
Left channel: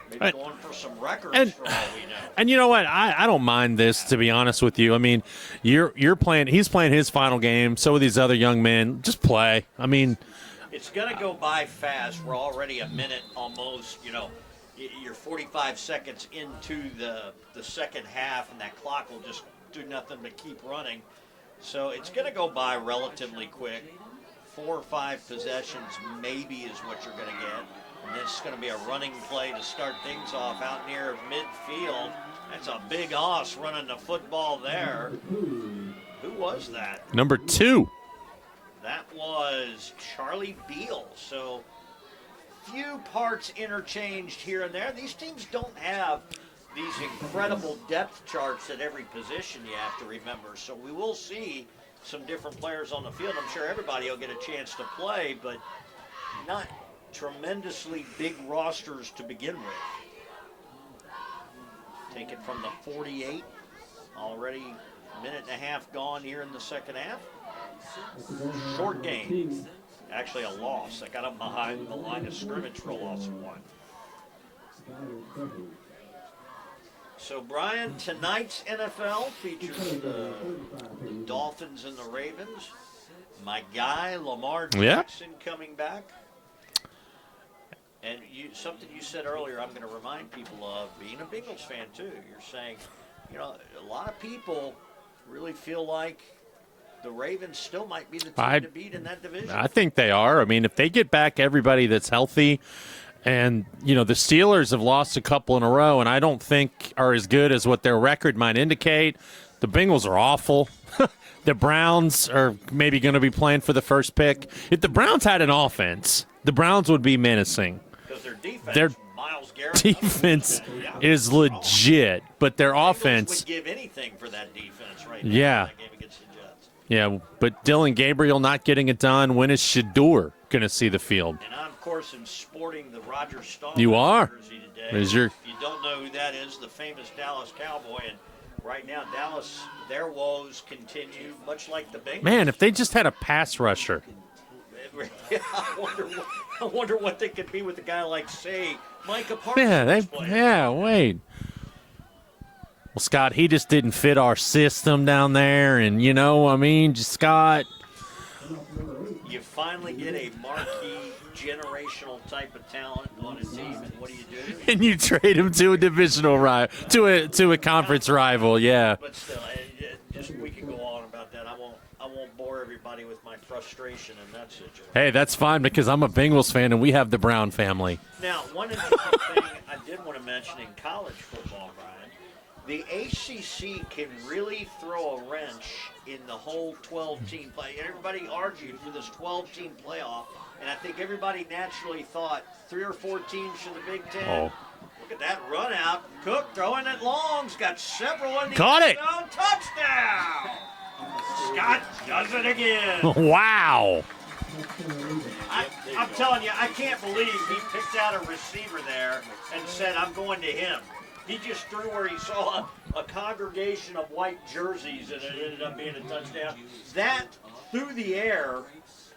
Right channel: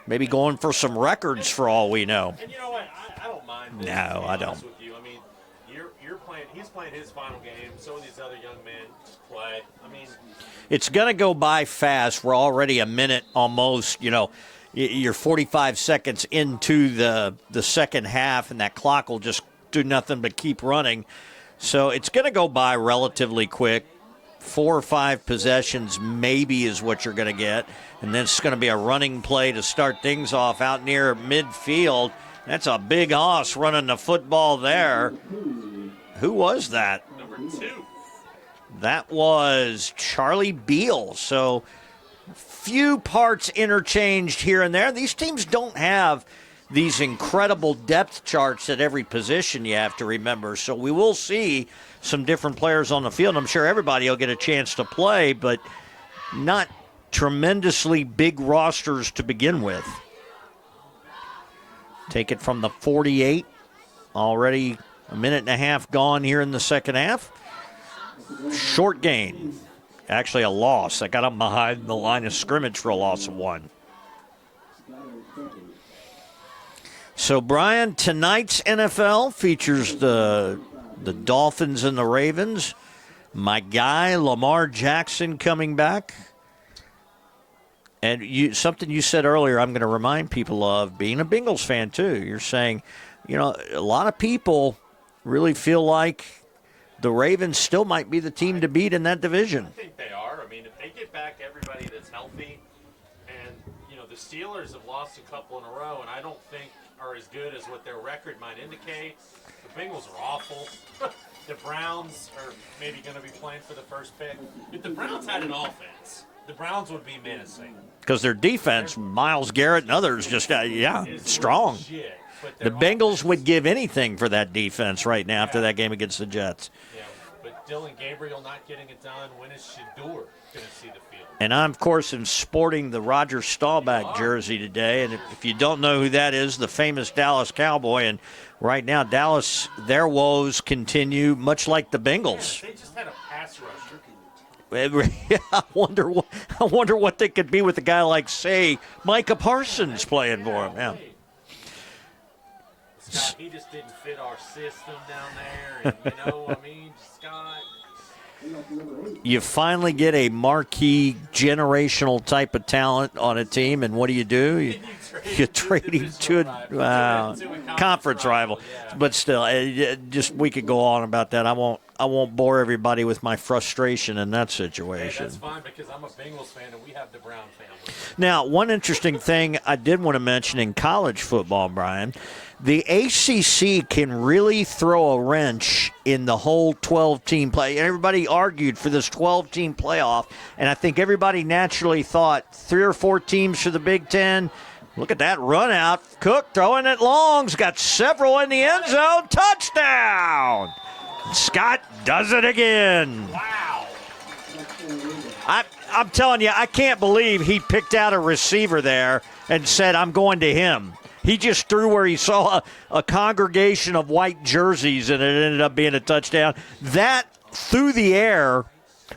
Maybe going for some records for all we know. And you know what? I don't mind this, to be honest with you. I mean, you're playing. He's playing his final game. So are these other young men. Just play. I mean, it's going to go by fast. We're already a minute almost. You know, you're 45 seconds into the second half, and that clock will just do nothing but keep running. So it's going to go by relatively quick. 4 or 5 possessions maybe is what you're going to get. And then it's going to be a running play to start things off out near midfield. That's a big hoss running the football there. Who was that? Number 2. That was Charlie Beal. So few parts interchanged here and there. These teams don't have these incredible depth charts at every position, you have to remember. So we will see some different players on the field. I'm sure everybody will get a chance to play, but not tremendously big rosters to begin with. Take it from the 48. Already a minute and a half gone here in the second half. Short gain. Actually a loss. I got up behind the line of scrimmage for a loss of 1. So, Brian, tonight's NFL features the Dolphins and the Ravens. My guy, Lamar Jackson, coming back. And something you said earlier, I'm going to remind people of, being a Bengals fan too. You're saying, you know, a lot of people really feel like the Ravens still might be the team to beat in that division. I think they are. I mean, if they get back everybody that's healthy, and, you know, the Steelers have lost a couple in a row, and I don't think are as good as what their record might indicate. The Bengals are awful. The Browns are maybe going to be playing for the first pick. If the Browns had an offense, the Browns would be menacing. Because their defense, Myles Garrett and others, just is strong. Legit. But their Bengals offense would give anything for that defense right now after that game against the Jets. Yeah, but Dylan Gabriel not getting it done. When is Shador going to see the field? And I'm, of course, sporting the Roger Staubach jersey today. If you don't know who that is, the famous Dallas Cowboy. And right now, Dallas, their woes continue, much like the Bengals. Man, if they just had a pass rusher. I wonder what they could be with a guy like, say, Micah Parsons playing for them. Wait. Well, Scott, he just didn't fit our system down there, and Scott. You finally get a marquee generational type of talent on a team, and what do? And you trade him to a divisional rival, to a conference rival, yeah. But still, we could go on about that. I won't bore everybody with my frustration in that situation. Hey, that's fine because I'm a Bengals fan and we have the Brown family. Now, one interesting thing I did want to mention in college football, Brian. The ACC can really throw a wrench in the whole 12-team play. Everybody argued for this 12-team playoff, and I think everybody naturally thought 3 or 4 teams for the Big Ten. Look at that run out. Cook throwing it long. He's got several in the end zone. Touchdown! Scott does it again. Wow. I'm telling you, I can't believe he picked out a receiver there and said, I'm going to him. He just threw where he saw a congregation of white jerseys, and it ended up being a touchdown. That, through the air,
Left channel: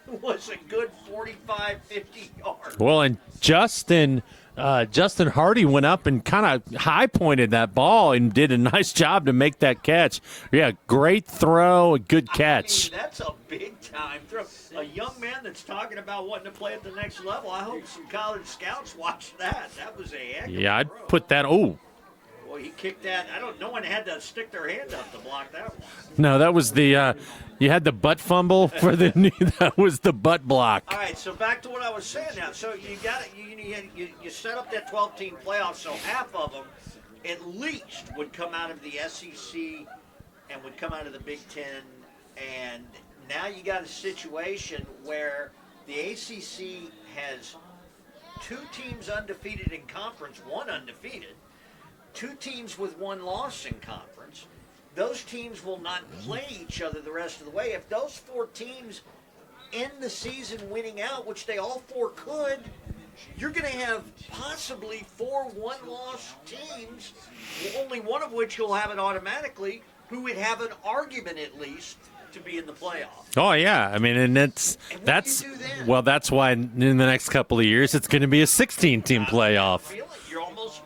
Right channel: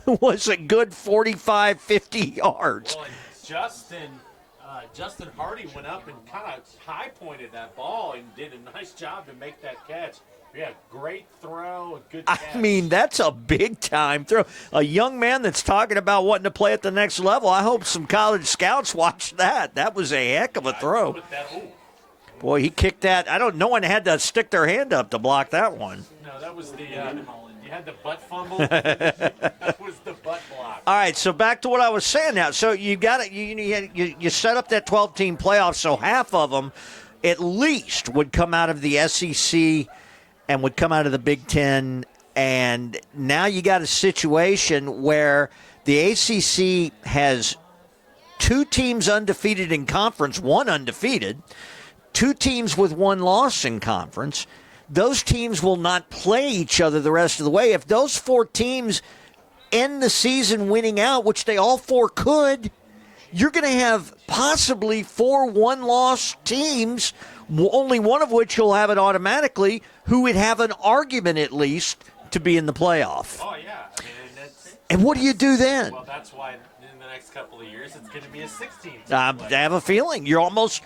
was a good 45, 50 yards. Well, and Justin Hardy went up and kind of high-pointed that ball and did a nice job to make that catch. Yeah, great throw, a good catch. I mean, that's a big-time throw. A young man that's talking about wanting to play at the next level. I hope some college scouts watched that. That was a heck of a throw. I'd put that, Boy, he kicked that. No one had to stick their hand up to block that one. No, that was the you had the butt fumble for that was the butt block. All right, so back to what I was saying now. So you got it. You set up that 12-team playoff, so half of them at least would come out of the SEC and would come out of the Big Ten. And now you got a situation where the ACC has 2 teams undefeated in conference, 1 undefeated. 2 teams with 1 loss in conference. Those teams will not play each other the rest of the way. If those 4 teams end the season winning out, which they all 4 could, you're going to have possibly 4 one-loss teams, only one of which you'll have it automatically, who would have an argument at least to be in the playoff. Oh, yeah. I mean, and what do you do then? Well, that's why in the next couple of years it's going to be a 16-team playoff. I have a feeling you're almost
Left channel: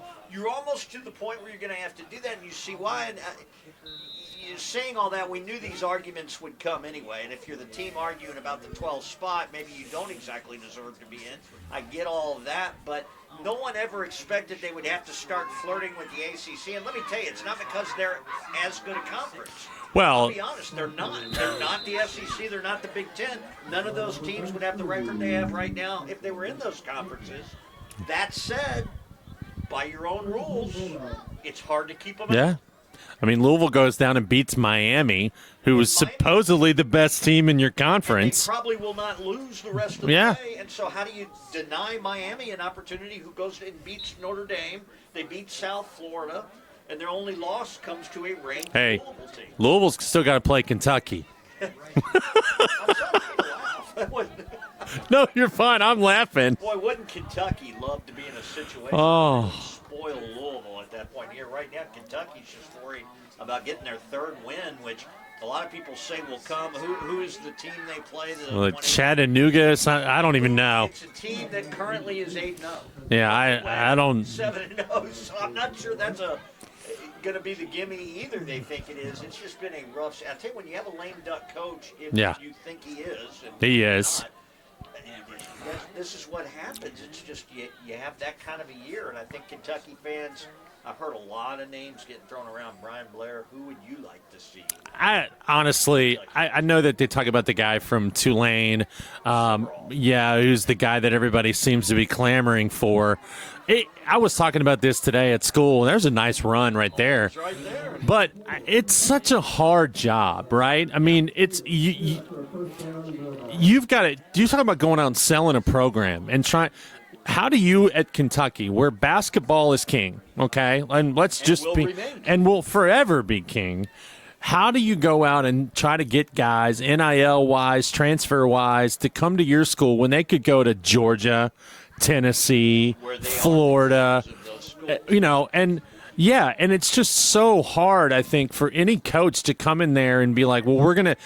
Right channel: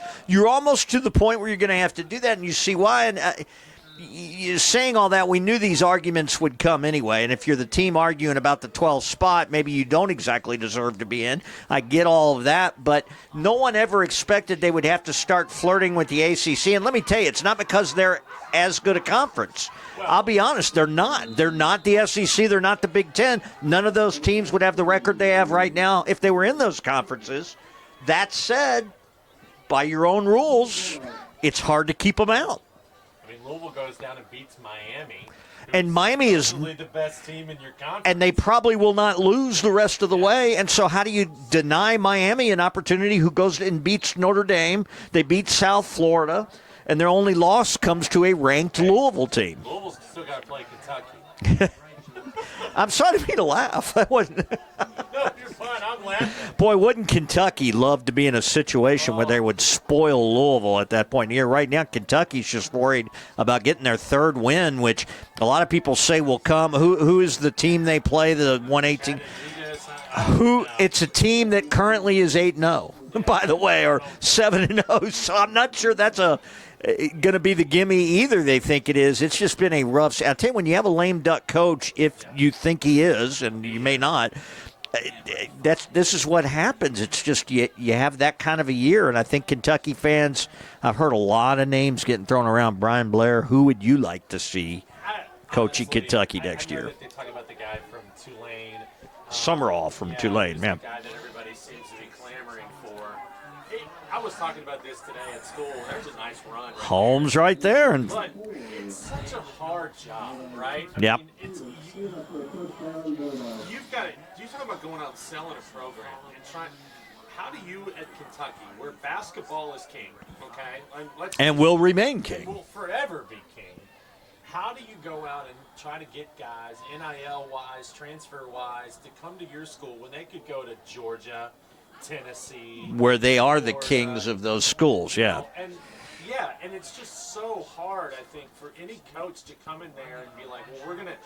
to the point where you're going to have to do that, and you see why. And you're saying all that, we knew these arguments would come anyway. And if you're the team arguing about the 12th spot, maybe you don't exactly deserve to be in. I get all of that, but no one ever expected they would have to start flirting with the ACC. And let me tell you, it's not because they're as good a conference. Well, I'll be honest, they're not. They're not the SEC. They're not the Big Ten. None of those teams would have the record they have right now if they were in those conferences. That said, by your own rules, it's hard to keep them out. I mean, Louisville goes down and beats Miami, who is supposedly the best team in your conference. And they probably will not lose the rest of the way. And so how do you deny Miami an opportunity who goes and beats Notre Dame? They beat South Florida. And their only loss comes to a ranked Louisville team. Louisville's still got to play Kentucky. I'm sorry to laugh. No, you're fine. I'm laughing. Boy, wouldn't Kentucky love to be in a situation where they would spoil Louisville at that point here? Right now, Kentucky's just worried about getting their 3rd win, which a lot of people say will come. Who is the team they play? The 118? Chattanooga? I don't even know. It's a team that currently is 8-0. Yeah, by the way, I or don't 7-0. So I'm not sure that's going to be the gimme either. They think it is. It's just been a rough. I'll tell you, when you have a lame duck coach, if you think he is, and he may not, this is what happens. It's just you have that kind of a year, and I think Kentucky fans. I've heard a lot of names getting thrown around. Brian Blair, who would you like to see? Honestly, Kentucky I know that they talk about the guy from Tulane, Summerall. From Tulane, who's the guy that everybody seems to be clamoring for. I was talking about this today at school, and there's a nice run right there. Holmes right there. But it's such a hard job, right? I mean, it's you've got to – you talk about going out and selling a program and trying – how do you at Kentucky, where basketball is king, okay, and remain king. And will forever be king, how do you go out and try to get guys, NIL-wise, transfer-wise, to come to your school when they could go to Georgia, Tennessee, where they Florida, are the kings of those schools, you know, and Yeah, and it's just so hard, I think, for any coach to come in there and be like, well, we're gonna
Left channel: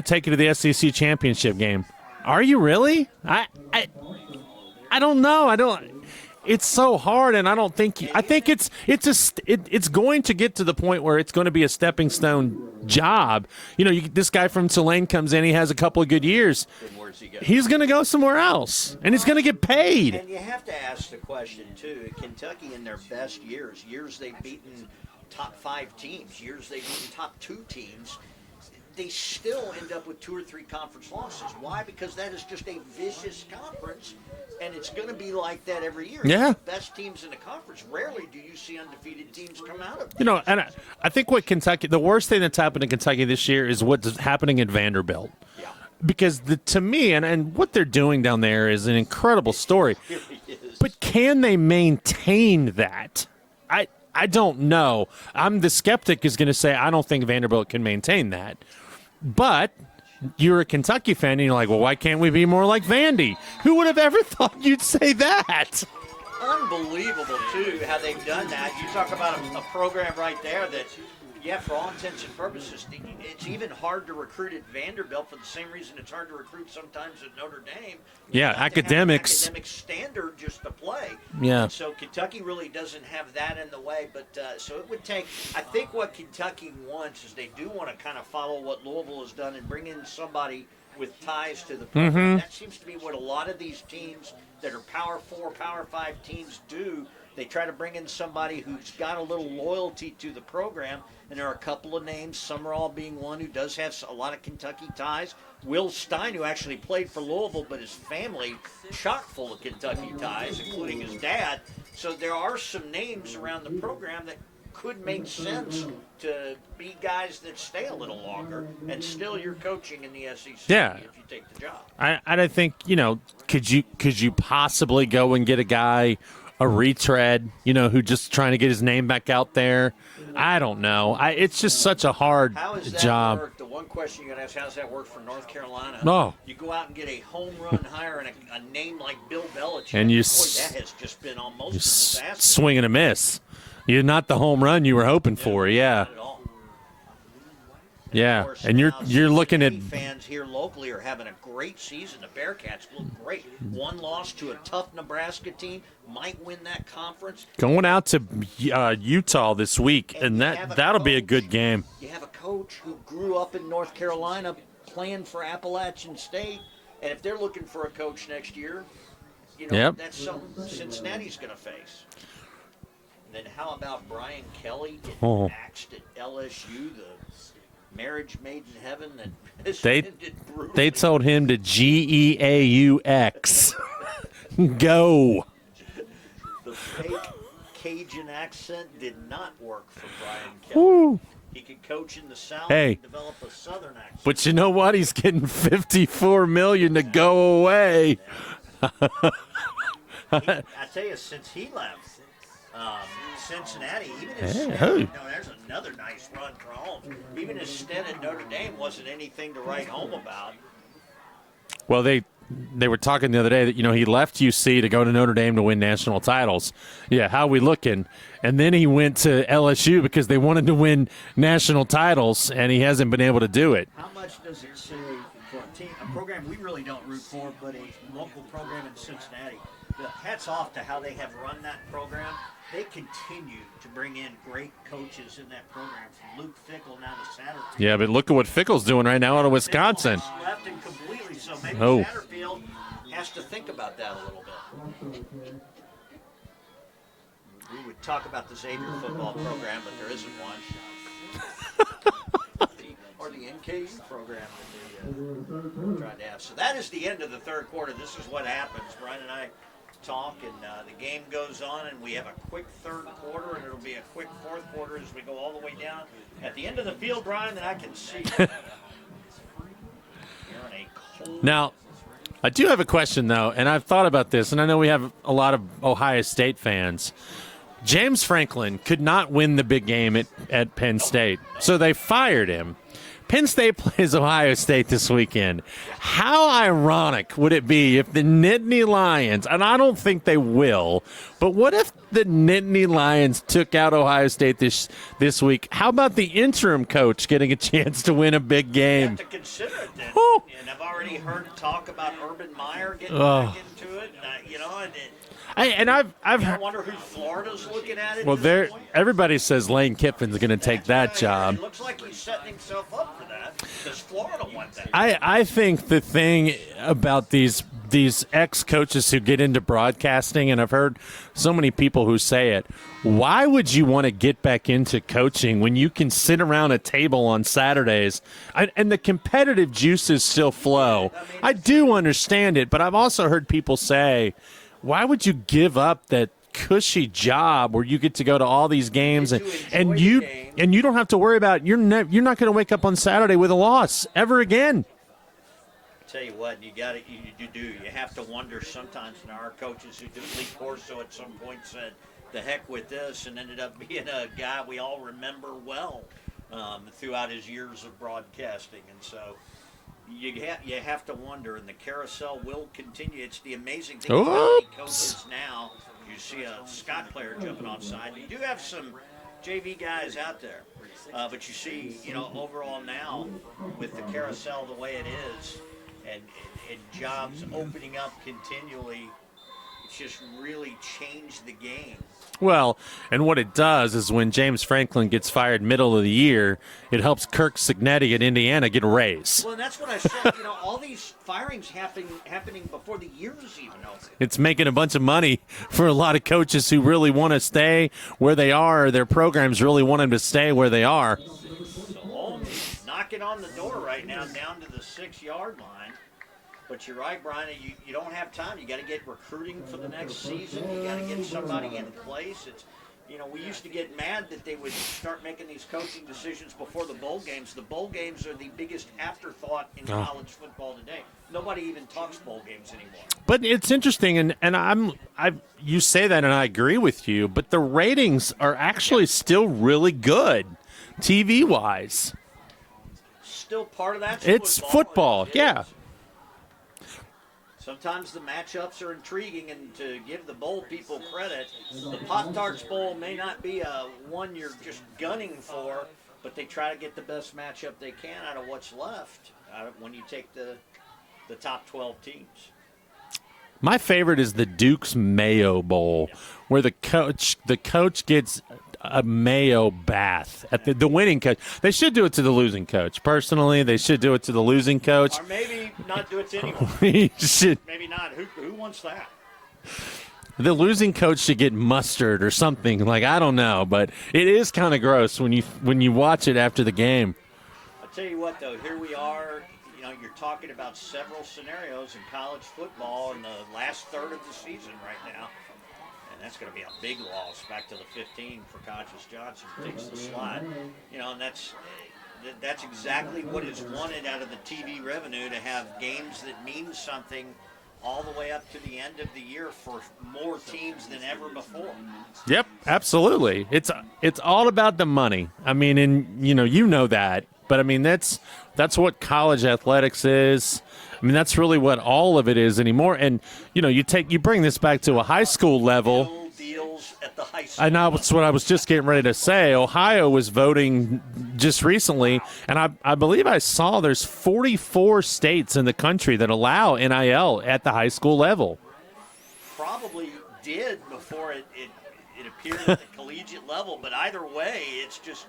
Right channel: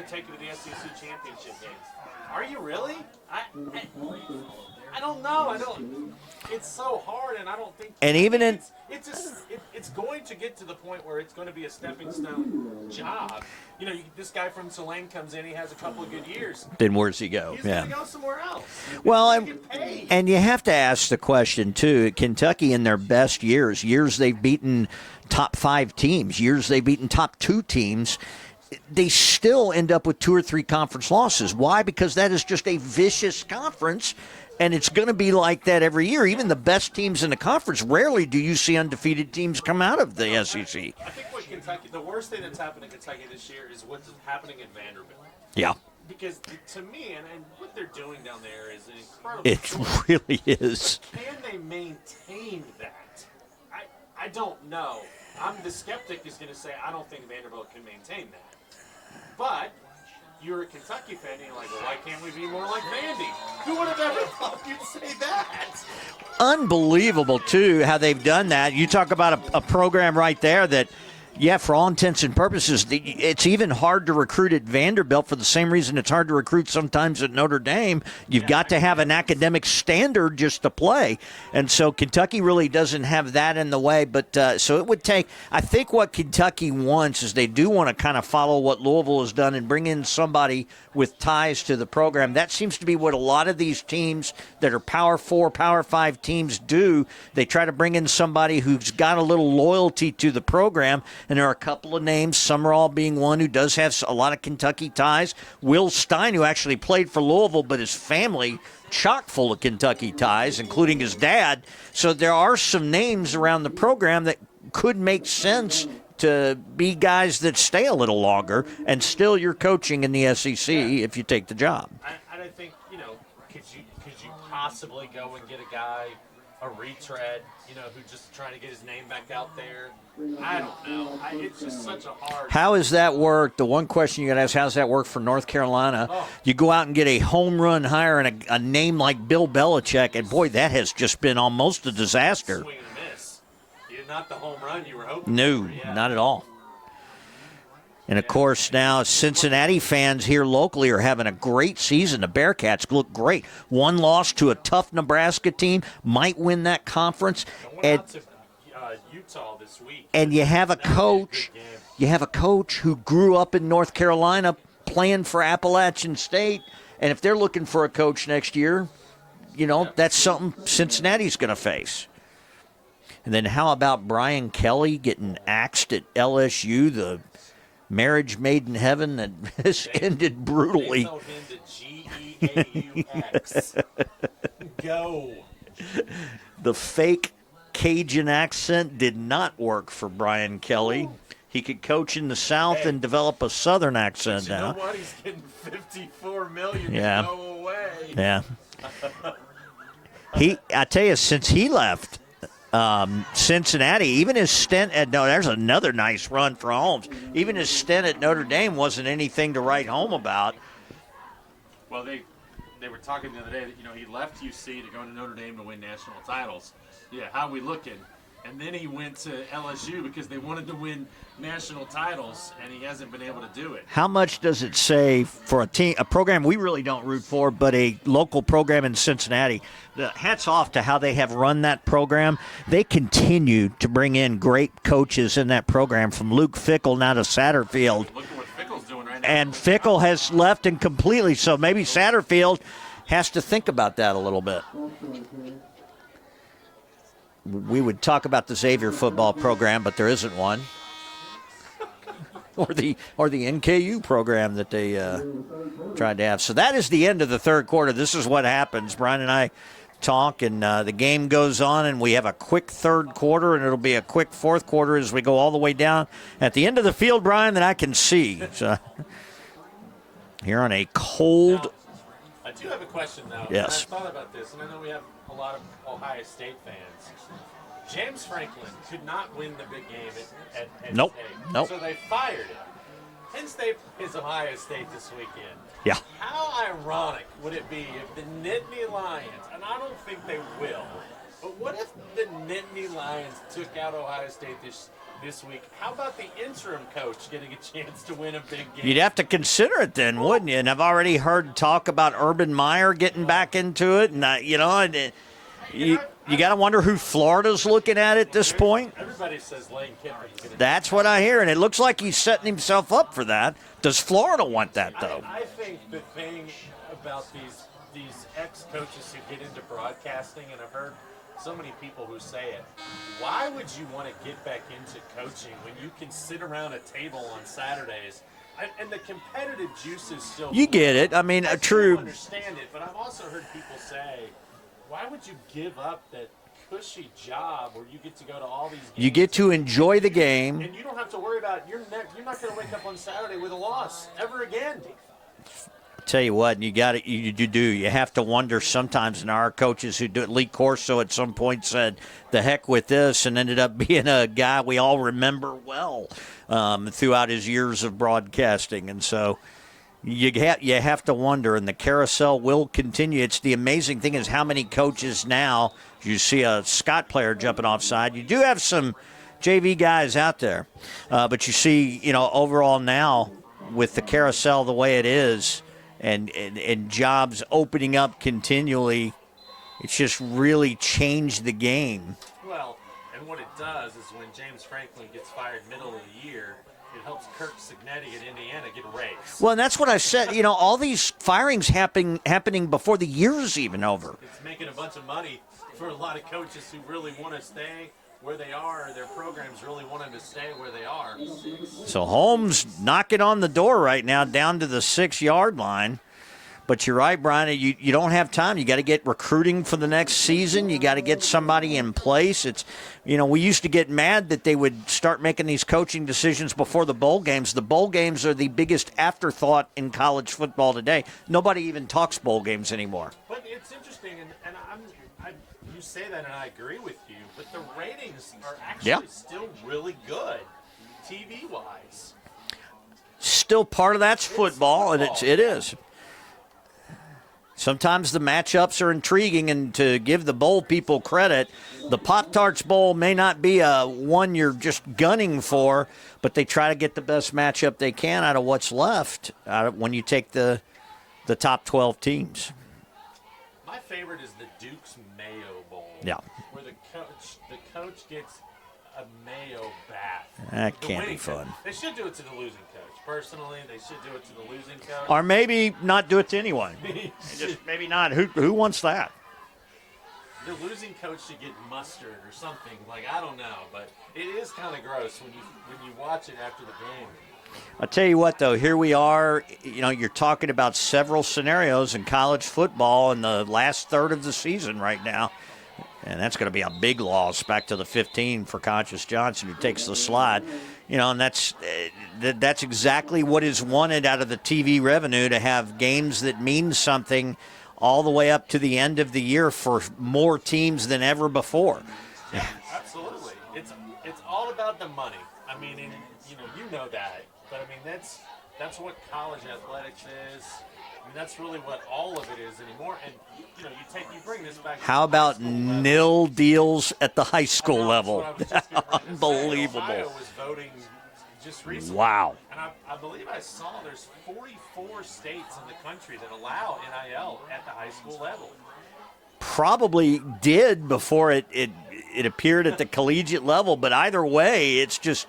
take you to the SEC championship game. Are you really? I don't know. I don't. It's so hard, and I don't think. I think it's going to get to the point where it's going to be a stepping stone job. This guy from Tulane comes in, he has a couple of good years. Then where's he go? He's going to go somewhere else, and he's going to get paid. And you have to ask the question too. Kentucky, in their best years they've beaten top 5 teams, years they've beaten top 2 teams. They still end up with 2 or 3 conference losses. Why? Because that is just a vicious conference. And it's going to be like that every year. Yeah. Even the best teams in the conference, rarely do you see undefeated teams come out of the SEC. I think the worst thing that's happened in Kentucky this year is what's happening at Vanderbilt. Yeah. Because to me, and what they're doing down there is an incredible story. It really is. But can they maintain that? I don't know. The skeptic is going to say, I don't think Vanderbilt can maintain that. But you're a Kentucky fan, and you're like, well, why can't we be more like Vandy? Who would have ever thought you'd say that? Unbelievable, too, how they've done that. You talk about a program right there that, yeah, for all intents and purposes, it's even hard to recruit at Vanderbilt for the same reason it's hard to recruit sometimes at Notre Dame. You've got to have an academic standard just to play. Yeah. And so Kentucky really doesn't have that in the way. But so it would take – I think what Kentucky wants is they do want to kind of follow what Louisville has done and bring in somebody with ties to the program. That seems to be what a lot of these teams that are Power 4, Power 5 teams do. They try to bring in somebody who's got a little loyalty to the program. And there are a couple of names, Summerall being one who does have a lot of Kentucky ties. Will Stein, who actually played for Louisville, but his family chock full of Kentucky ties, including his dad. So there are some names around the program that could make sense to be guys that stay a little longer, and still you're coaching in the SEC if you take the job. I think, could you possibly go and get a guy, a retread, who just trying to get his name back out there? I don't know. It's just such a hard How has that job. worked? The one question you got to ask, how's that work for North Carolina? No. You go out and get a home run hire and a name like Bill Belichick, and boy, that has just been almost a disaster. Swing and a miss. You're not the home run you were hoping for. Yeah, not at all. And, of course, now Cincinnati fans here locally are having a great season. The Bearcats look great. One loss to a tough Nebraska team, might win that conference. Going out to Utah this week, and that'll be a good game. You have a coach who grew up in North Carolina playing for Appalachian State, and if they're looking for a coach next year, that's something Cincinnati's going to face. And then how about Brian Kelly getting axed at LSU, the marriage made in heaven that has ended brutally? They told him to GEAUX. Go. The fake Cajun accent did not work for Brian Kelly. Ooh. He could coach in the South and develop a Southern accent. But you know what? He's getting $54 million to go away. Yeah. I tell you, since he left Cincinnati, even his stint there's another nice run for Holmes. Even his stint at Notre Dame wasn't anything to write home about. Well, they were talking the other day that, he left UC to go to Notre Dame to win national titles. Yeah, how we looking? And then he went to LSU because they wanted to win national titles, and he hasn't been able to do it. How much does it say for a program we really don't root for, but a local program in Cincinnati? Hats off to how they have run that program. They continue to bring in great coaches in that program, from Luke Fickell now to Satterfield. Yeah, but look at what Fickell's doing right now out of Wisconsin. Fickell has left and completely, so maybe Satterfield has to think about that a little bit. We would talk about the Xavier football program, but there isn't one. or the NKU program that they tried to have. So that is the end of the third quarter. This is what happens. Brian and I talk, and the game goes on, and we have a quick third quarter, and it'll be a quick fourth quarter as we go all the way down at the end of the field, Brian, that I can see. So, here on a cold... Now, I do have a question, though, and I've thought about this, and I know we have a lot of Ohio State fans. James Franklin could not win the big game at Penn State, so they fired him. Penn State plays Ohio State this weekend. Yeah. How ironic would it be if the Nittany Lions, and I don't think they will, but what if the Nittany Lions took out Ohio State this week? How about the interim coach getting a chance to win a big game? You'd have to consider it then, wouldn't you? And I've already heard talk about Urban Meyer getting back into it, and you got to wonder who Florida's looking at this point. Everybody says Lane Kiffin's going to take that That's what I hear, and job. it looks like he's setting himself up for that. Does Florida want that, though? I think the thing about these ex-coaches who get into broadcasting, and I've heard so many people who say it, why would you want to get back into coaching when you can sit around a table on Saturdays and the competitive juices still flow? You get it. I mean, I do understand it, but I've also heard people say, why would you give up that cushy job where you get to go to all these games? You get to enjoy the game. And you don't have to worry about, you're not going to wake up on Saturday with a loss ever again. Tell you what, you got it. You do. You have to wonder sometimes. And our coaches who do it, Lee Corso at some point said, "The heck with this," and ended up being a guy we all remember well throughout his years of broadcasting. And so you have to wonder. And the carousel will continue. It's the amazing thing is how many coaches now. You see a Scott player jumping offside. You do have some JV guys out there, but you see, overall now with the carousel the way it is. And jobs opening up continually, it's just really changed the game. Well, and what it does is when James Franklin gets fired middle of the year, it helps Kirk Cignetti at Indiana get a raise. Well, and that's what I said. All these firings happening before the year's even over. It's making a bunch of money for a lot of coaches who really want to stay where they are. Their programs really want them to stay where they are. So Holmes knocking on the door right now down to the 6-yard line. But you're right, Brian. You don't have time. You got to get recruiting for the next season. You got to get somebody in place. It's, we used to get mad that they would start making these coaching decisions before the bowl games. The bowl games are the biggest afterthought in college football today. Nobody even talks bowl games anymore. But it's interesting, and you say that, and I agree with you. But the ratings are actually still really good, TV-wise. Still part of that's football. Football. It is. Sometimes the matchups are intriguing, and to give the bowl people credit, the Pop-Tarts Bowl may not be one you're just gunning for, but they try to get the best matchup they can out of what's left when you take the top 12 teams. My favorite is the Duke's Mayo Bowl, where the coach gets a mayo bath at the winning coach. They should do it to the losing coach. Personally, they should do it to the losing coach. Or maybe not do it to anyone. Maybe not. Who wants that? The losing coach should get mustard or something. I don't know, but it is kind of gross when you watch it after the game. I'll tell you what, though, here we are. You're talking about several scenarios in college football in the last third of the season right now. And that's going to be a big loss back to the 15 for Conscious Johnson, who takes the slide. And that's exactly what is wanted out of the TV revenue, to have games that mean something all the way up to the end of the year for more teams than ever before. Yep, absolutely. It's all about the money. I mean, and you know that, but I mean that's what college athletics is. I mean, that's really what all of it is anymore. And, you bring this back to a high school level. Nil deals at the high school level. That's what I was just getting ready to say. Ohio was voting just recently. Wow. And I believe I saw there's 44 states in the country that allow NIL at the high school level. Probably did before it appeared at the collegiate level. But either way, it's just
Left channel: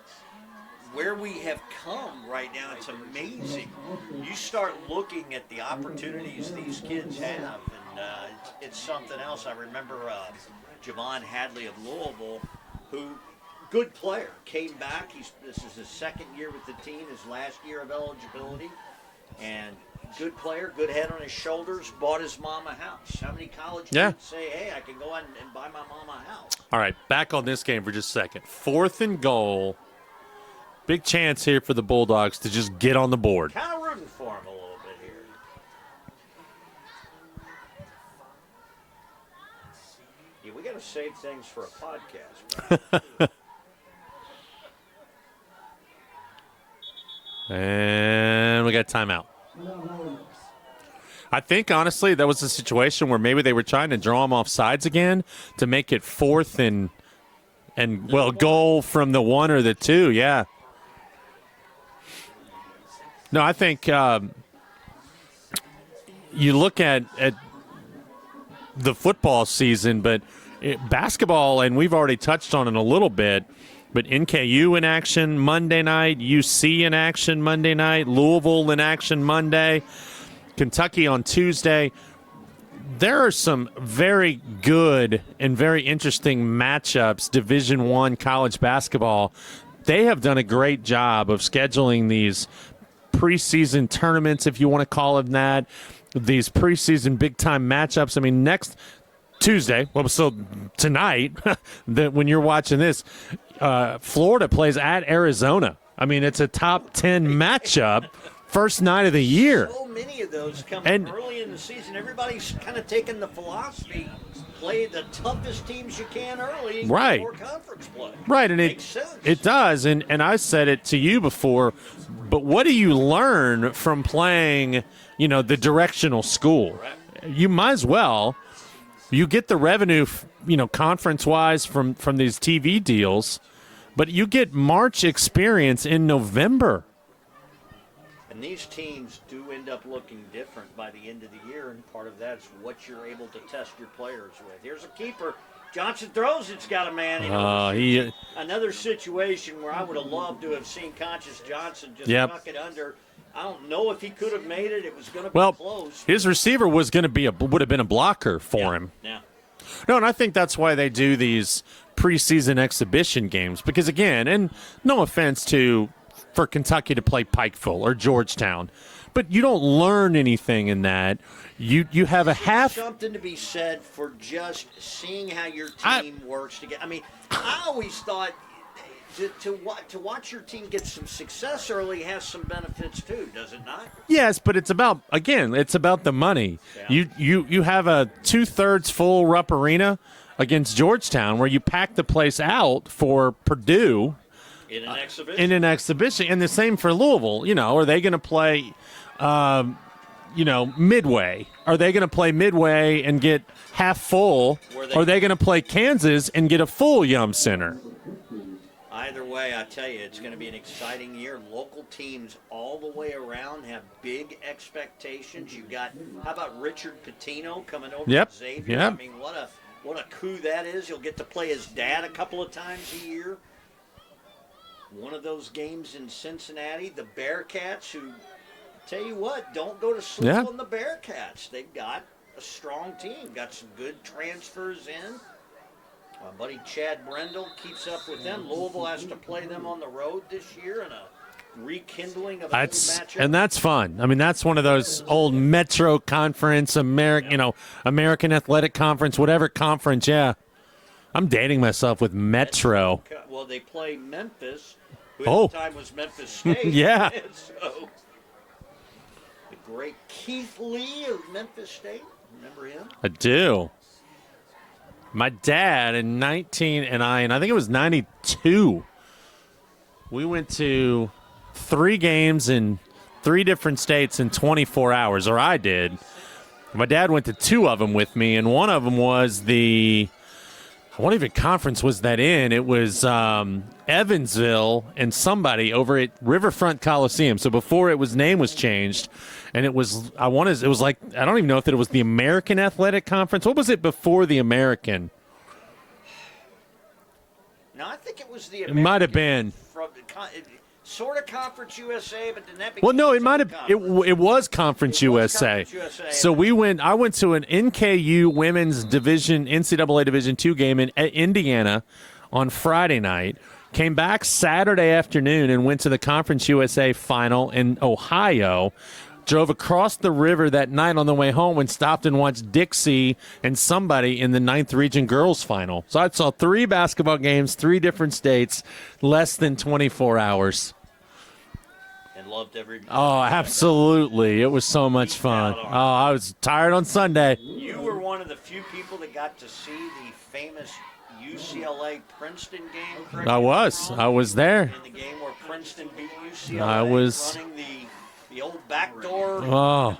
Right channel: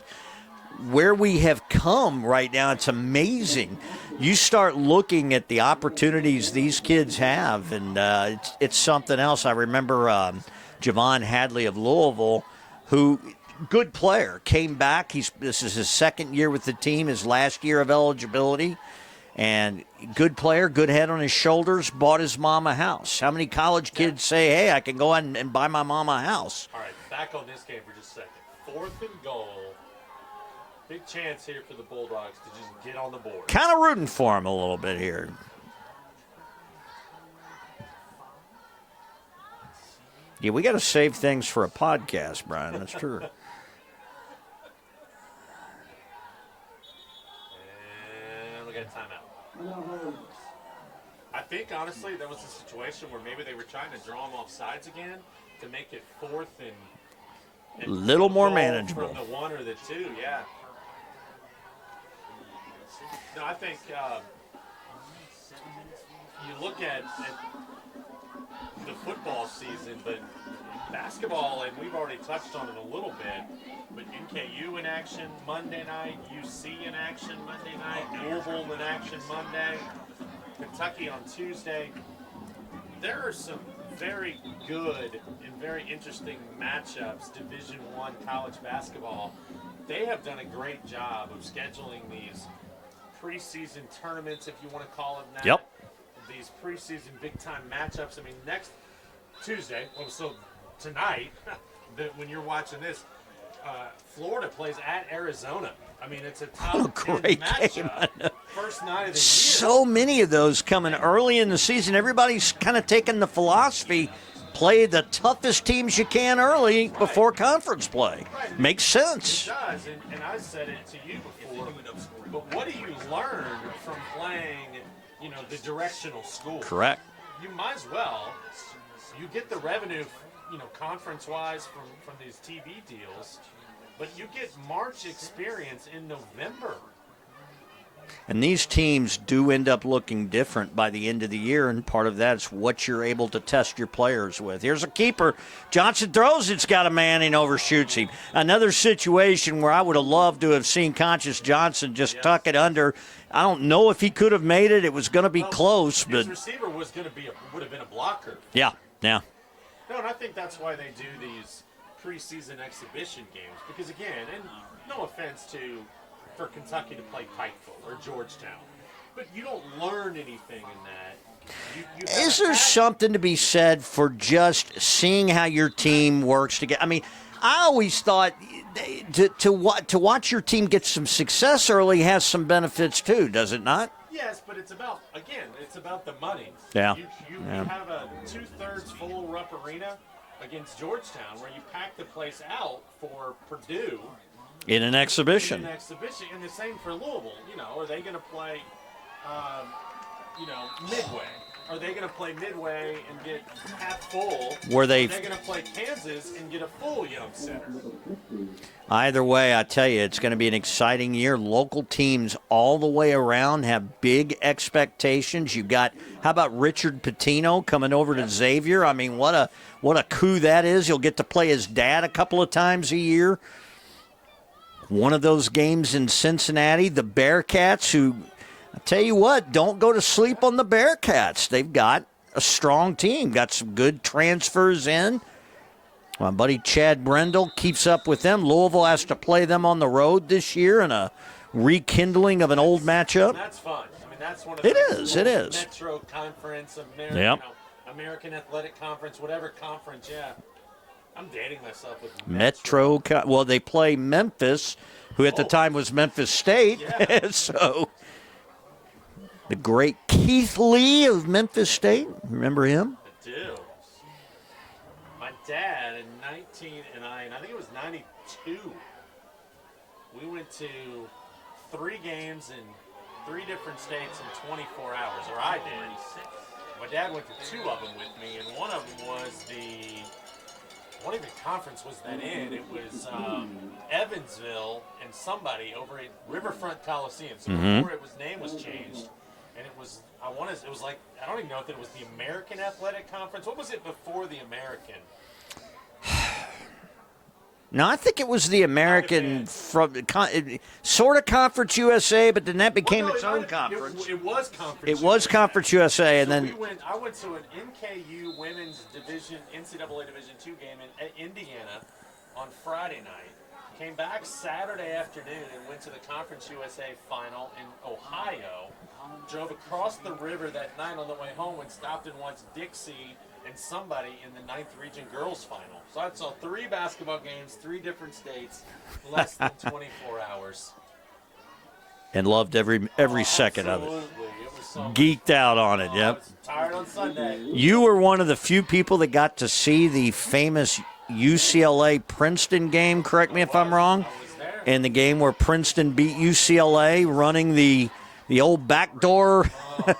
where we have come right now. It's amazing. You start looking at the opportunities these kids have, and it's something else. I remember Javon Hadley of Louisville, who, good player, came back. This is his second year with the team, his last year of eligibility, and good player, good head on his shoulders, bought his mom a house. How many college kids say, hey, I can go out and buy my mom a house? All right, back on this game for just a second. 4th and goal. Big chance here for the Bulldogs to just get on the board. Kind of rooting for him a little bit here. Yeah, we got to save things for a podcast, Brian. That's true. And we got timeout. I think, honestly, that was a situation where maybe they were trying to draw him off sides again to make it 4th and goal from the 1 or the 2, yeah. No, I think you look at the football season, but basketball, and we've already touched on it a little bit, but NKU in action Monday night, UC in action Monday night, Louisville in action Monday, Kentucky on Tuesday. There are some very good and very interesting matchups, Division I college basketball. They have done a great job of scheduling these preseason tournaments, if you want to call them that, these preseason big-time matchups. I mean, next Tuesday, well, so tonight, that when you're watching this, Florida plays at Arizona. I mean, it's a top 10 matchup, first night of the year. So many of those coming early in the season. Everybody's kind of taking the philosophy, play the toughest teams you can early before conference play. Right. And makes sense. It does. And I said it to you before, but what do you learn from playing, the directional school? Correct. You might as well. You get the revenue, conference-wise from these TV deals, but you get March experience in November. And these teams do end up looking different by the end of the year, and part of that is what you're able to test your players with. Here's a keeper. Johnson throws, it's got a man, and overshoots him. Another situation where I would have loved to have seen Conscious Johnson just tuck it under. I don't know if he could have made it. It was going to be close. His receiver was going to would have been a blocker for him. Yeah. No, and I think that's why they do these preseason exhibition games, because again, and no offense for Kentucky to play Pikeville or Georgetown, but you don't learn anything in that. You have Isn't there something to be said for just seeing how your team works together? I mean, I always thought to watch your team get some success early has some benefits too, does it not? Yes, but it's about the money. Yeah. You have a 2/3 full Rupp Arena against Georgetown where you pack the place out for Purdue in an exhibition. And the same for Louisville. Are they going to play Midway? Are they going to play Midway and get half full? Or are they going to play Kansas and get a full Yum Center? Either way, I tell you, it's going to be an exciting year. Local teams all the way around have big expectations. You've got, how about Richard Pitino coming over to Xavier? Yep. I mean, what a coup that is. You'll get to play his dad a couple of times a year. One of those games in Cincinnati, the Bearcats, who, I tell you what, don't go to sleep on the Bearcats. They've got a strong team, got some good transfers in. My buddy Chad Brendel keeps up with them. Louisville has to play them on the road this year in a rekindling of an old matchup. And that's fun. I mean, that's one of those old Metro Conference, American Athletic Conference, whatever conference, I'm dating myself with Metro. Well, they play Memphis, who at the time was Memphis State. So the great Keith Lee of Memphis State. Remember him? I do. My dad in I think it was 92, we went to 3 games in 3 different states in 24 hours, or I did. My dad went to 2 of them with me, and one of them was what even conference was that in? It was Evansville and somebody over at Riverfront Coliseum. So before name was changed. And it was, I don't even know if it was the American Athletic Conference. What was it before the American? No, I think it was the American, sort of Conference USA, but then that became its own conference. It was Conference USA. It was Conference USA. So I went to an NKU women's NCAA Division II game in Indiana on Friday night. Came back Saturday afternoon and went to the Conference USA final in Ohio. Drove across the river that night on the way home and stopped and watched Dixie and somebody in the 9th Region Girls Final. So I saw 3 basketball games, 3 different states, less than 24 hours. And loved every second of it. Absolutely. It was so much fun. Geeked out on it. I was tired on Sunday. You were one of the few people that got to see the famous UCLA Princeton game, correct me if I'm wrong? I was there. In the game where Princeton beat UCLA, running the old backdoor. Oh.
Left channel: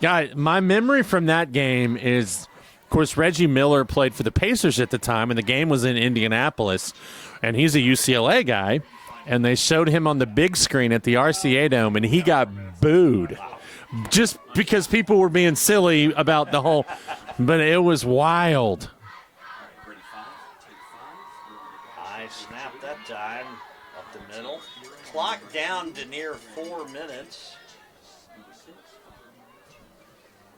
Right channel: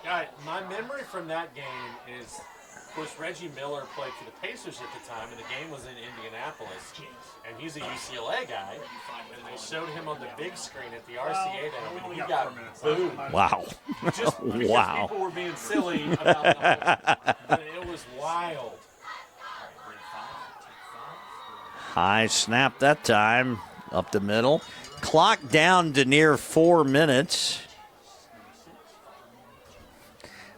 Yeah, my memory from that game is, of course, Reggie Miller played for the Pacers at the time, and the game was in Indianapolis, and he's a UCLA guy, and they showed him on the big screen at the RCA Dome, and he got booed. Wow. Just because people were being silly about the whole, but it was wild. High snap that time, up the middle. Clock down to near 4 minutes.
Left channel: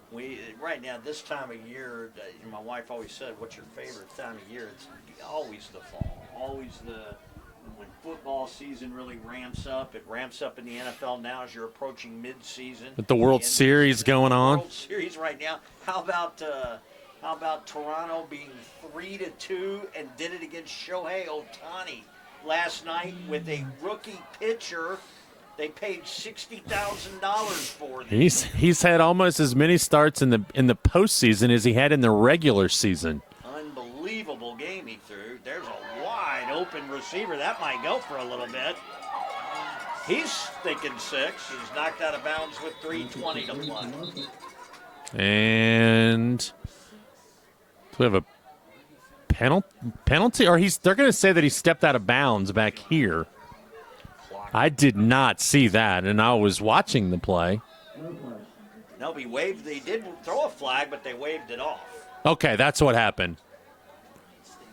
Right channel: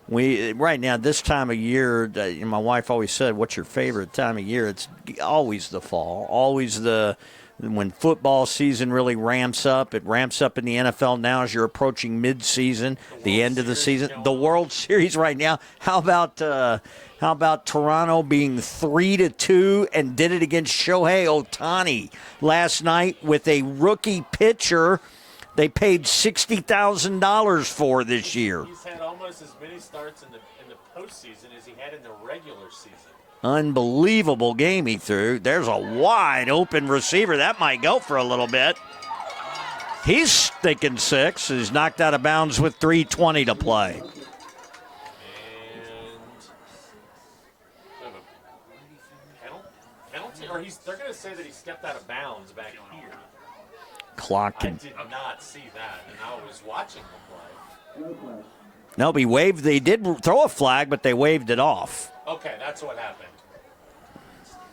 Right now, this time of year, my wife always said, what's your favorite time of year? It's always the fall, always when football season really ramps up. It ramps up in the NFL now as you're approaching mid-season. With the World Series going on. The World Series right now. How about Toronto being 3-2 and did it against Shohei Ohtani last night with a rookie pitcher they paid $60,000 for this year. He's had almost as many starts in the postseason as he had in the regular season. Unbelievable game he threw. There's a wide open receiver. That might go for a little bit. He's thinking 6. He's knocked out of bounds with 3:20 to play. And we have a penalty? Or they're going to say that he stepped out of bounds back here. Clock. I did not see that, and I was watching the play. No, he waved. They did throw a flag, but they waved it off. Okay, that's what happened.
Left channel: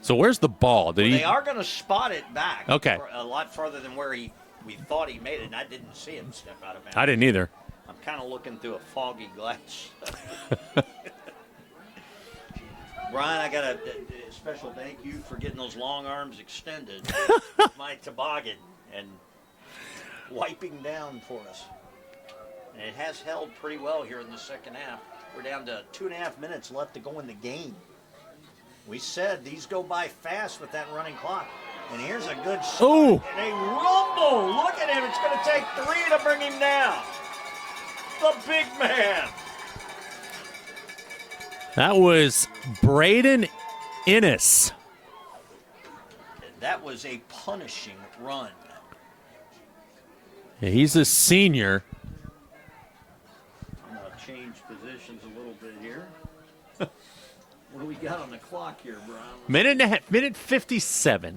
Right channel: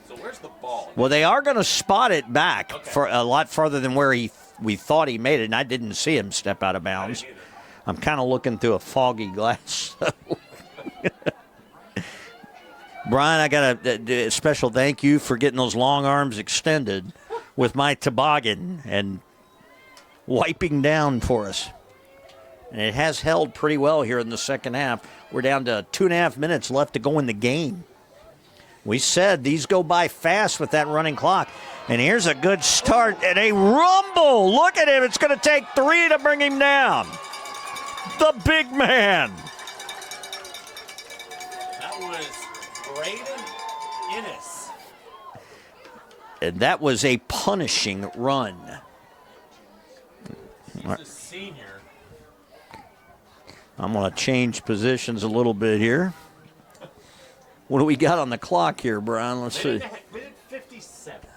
So where's the ball? They are going to spot it back for a lot farther than where we thought he made it, and I didn't see him step out of bounds. I didn't either. I'm kind of looking through a foggy glass. Brian, I got a special thank you for getting those long arms extended with my toboggan and wiping down for us. And it has held pretty well here in the second half. We're down to 2.5 minutes left to go in the game. We said these go by fast with that running clock. And here's a good start. Ooh. And a rumble. Look at him. It's going to take 3 to bring him down. The big man. That was Braden Innis. And that was a punishing run. Yeah, he's a senior. I'm going to change positions a little bit here. What do we got on the clock here, Brian? Let's see. Minute 57.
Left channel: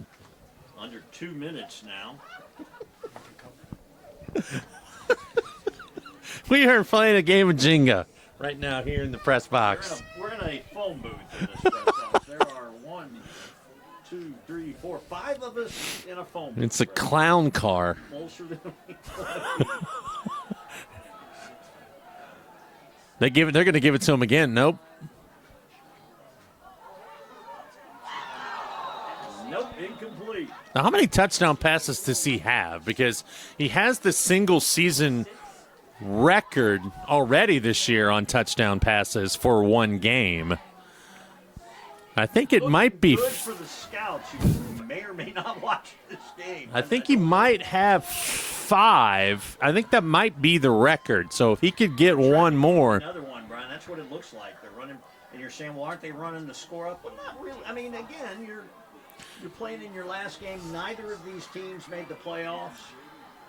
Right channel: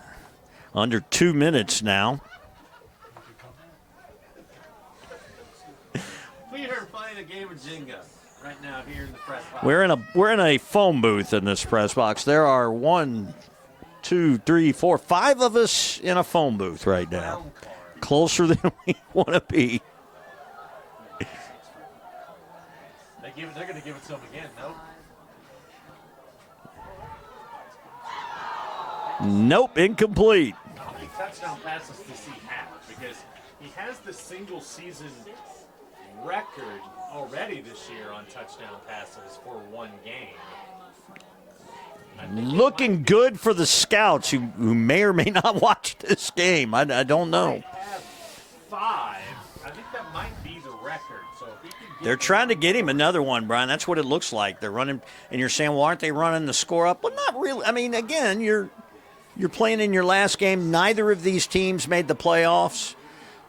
Under 2 minutes now. We are playing a game of Jenga right now here in the press box. We're in a phone booth in this press box. There are 1, 2, 3, 4, 5 of us in a phone booth. It's a right clown now. car. Closer than we want to be. They're going to give it to him again. Nope. Nope, incomplete. Now, how many touchdown passes does he have? Because he has the single season record already this year on touchdown passes for one game. I think it might be good for the scouts who may or may not watch this game. I don't know. He might have 5. I think that might be the record. So if he could get one more. They're trying to get him another one, Brian. That's what it looks like. They're running, and you're saying, well, aren't they running the score up? Well, not really. I mean, again, you're playing in your last game. Neither of these teams made the playoffs,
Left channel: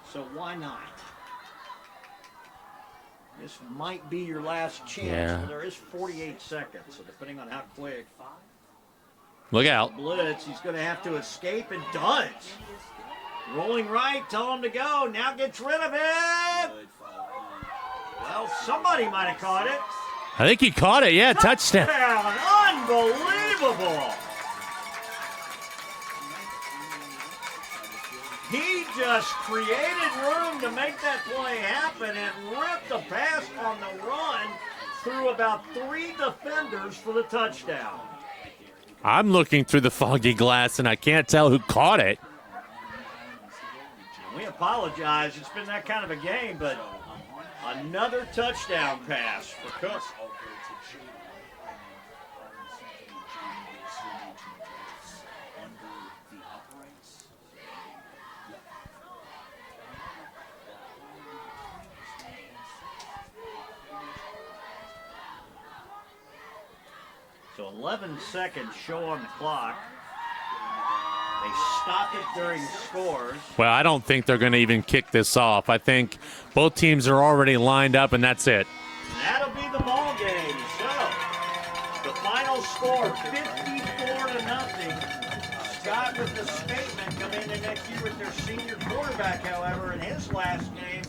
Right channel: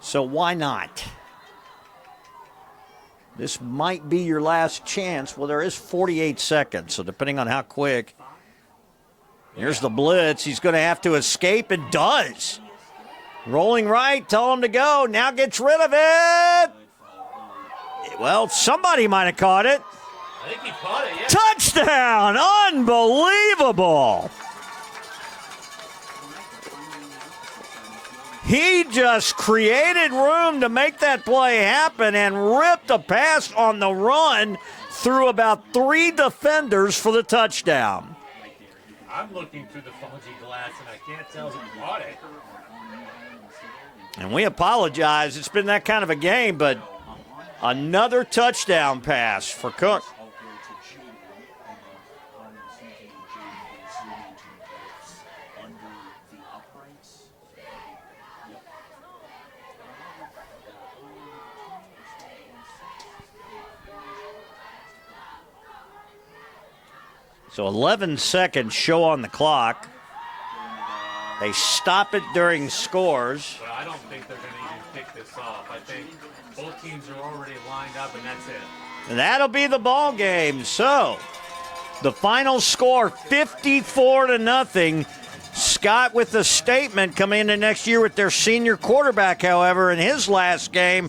so why not? This might be your last chance. Yeah. Well, there is 48 seconds, so depending on how quick. Look out. The blitz. He's going to have to escape, and does. Rolling right, tell him to go. Now gets rid of it. Well, somebody might have caught it. I think he caught it, yeah. Touchdown! Unbelievable! He just created room to make that play happen and ripped a pass on the run through about 3 defenders for the touchdown. I'm looking through the foggy glass, and I can't tell who caught it. And we apologize. It's been that kind of a game, but another touchdown pass for Cook. So 11 seconds show on the clock. They stop it during scores. Well, I don't think they're going to even kick this off. I think both teams are already lined up, and that's it. And that'll be the ball game. So the final score, 54-0. Scott with the statement coming into next year with their senior quarterback, however, in his last game.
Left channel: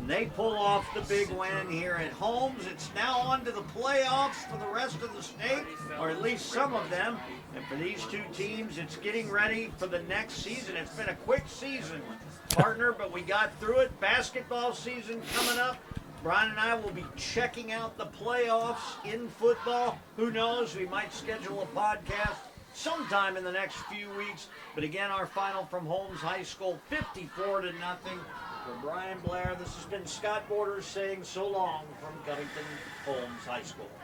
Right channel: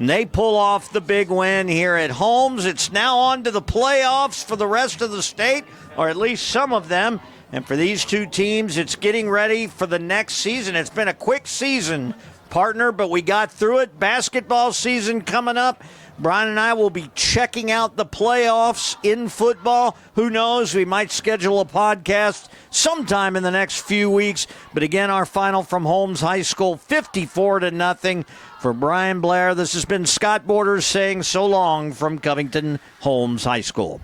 And they pull off the big win here at Holmes. It's now on to the playoffs for the rest of the state, or at least some of them. And for these two teams, it's getting ready for the next season. It's been a quick season, partner, but we got through it. Basketball season coming up. Brian and I will be checking out the playoffs in football. Who knows? We might schedule a podcast sometime in the next few weeks. But again, our final from Holmes High School, 54-0. For Brian Blair, this has been Scott Borders saying so long from Covington Holmes High School.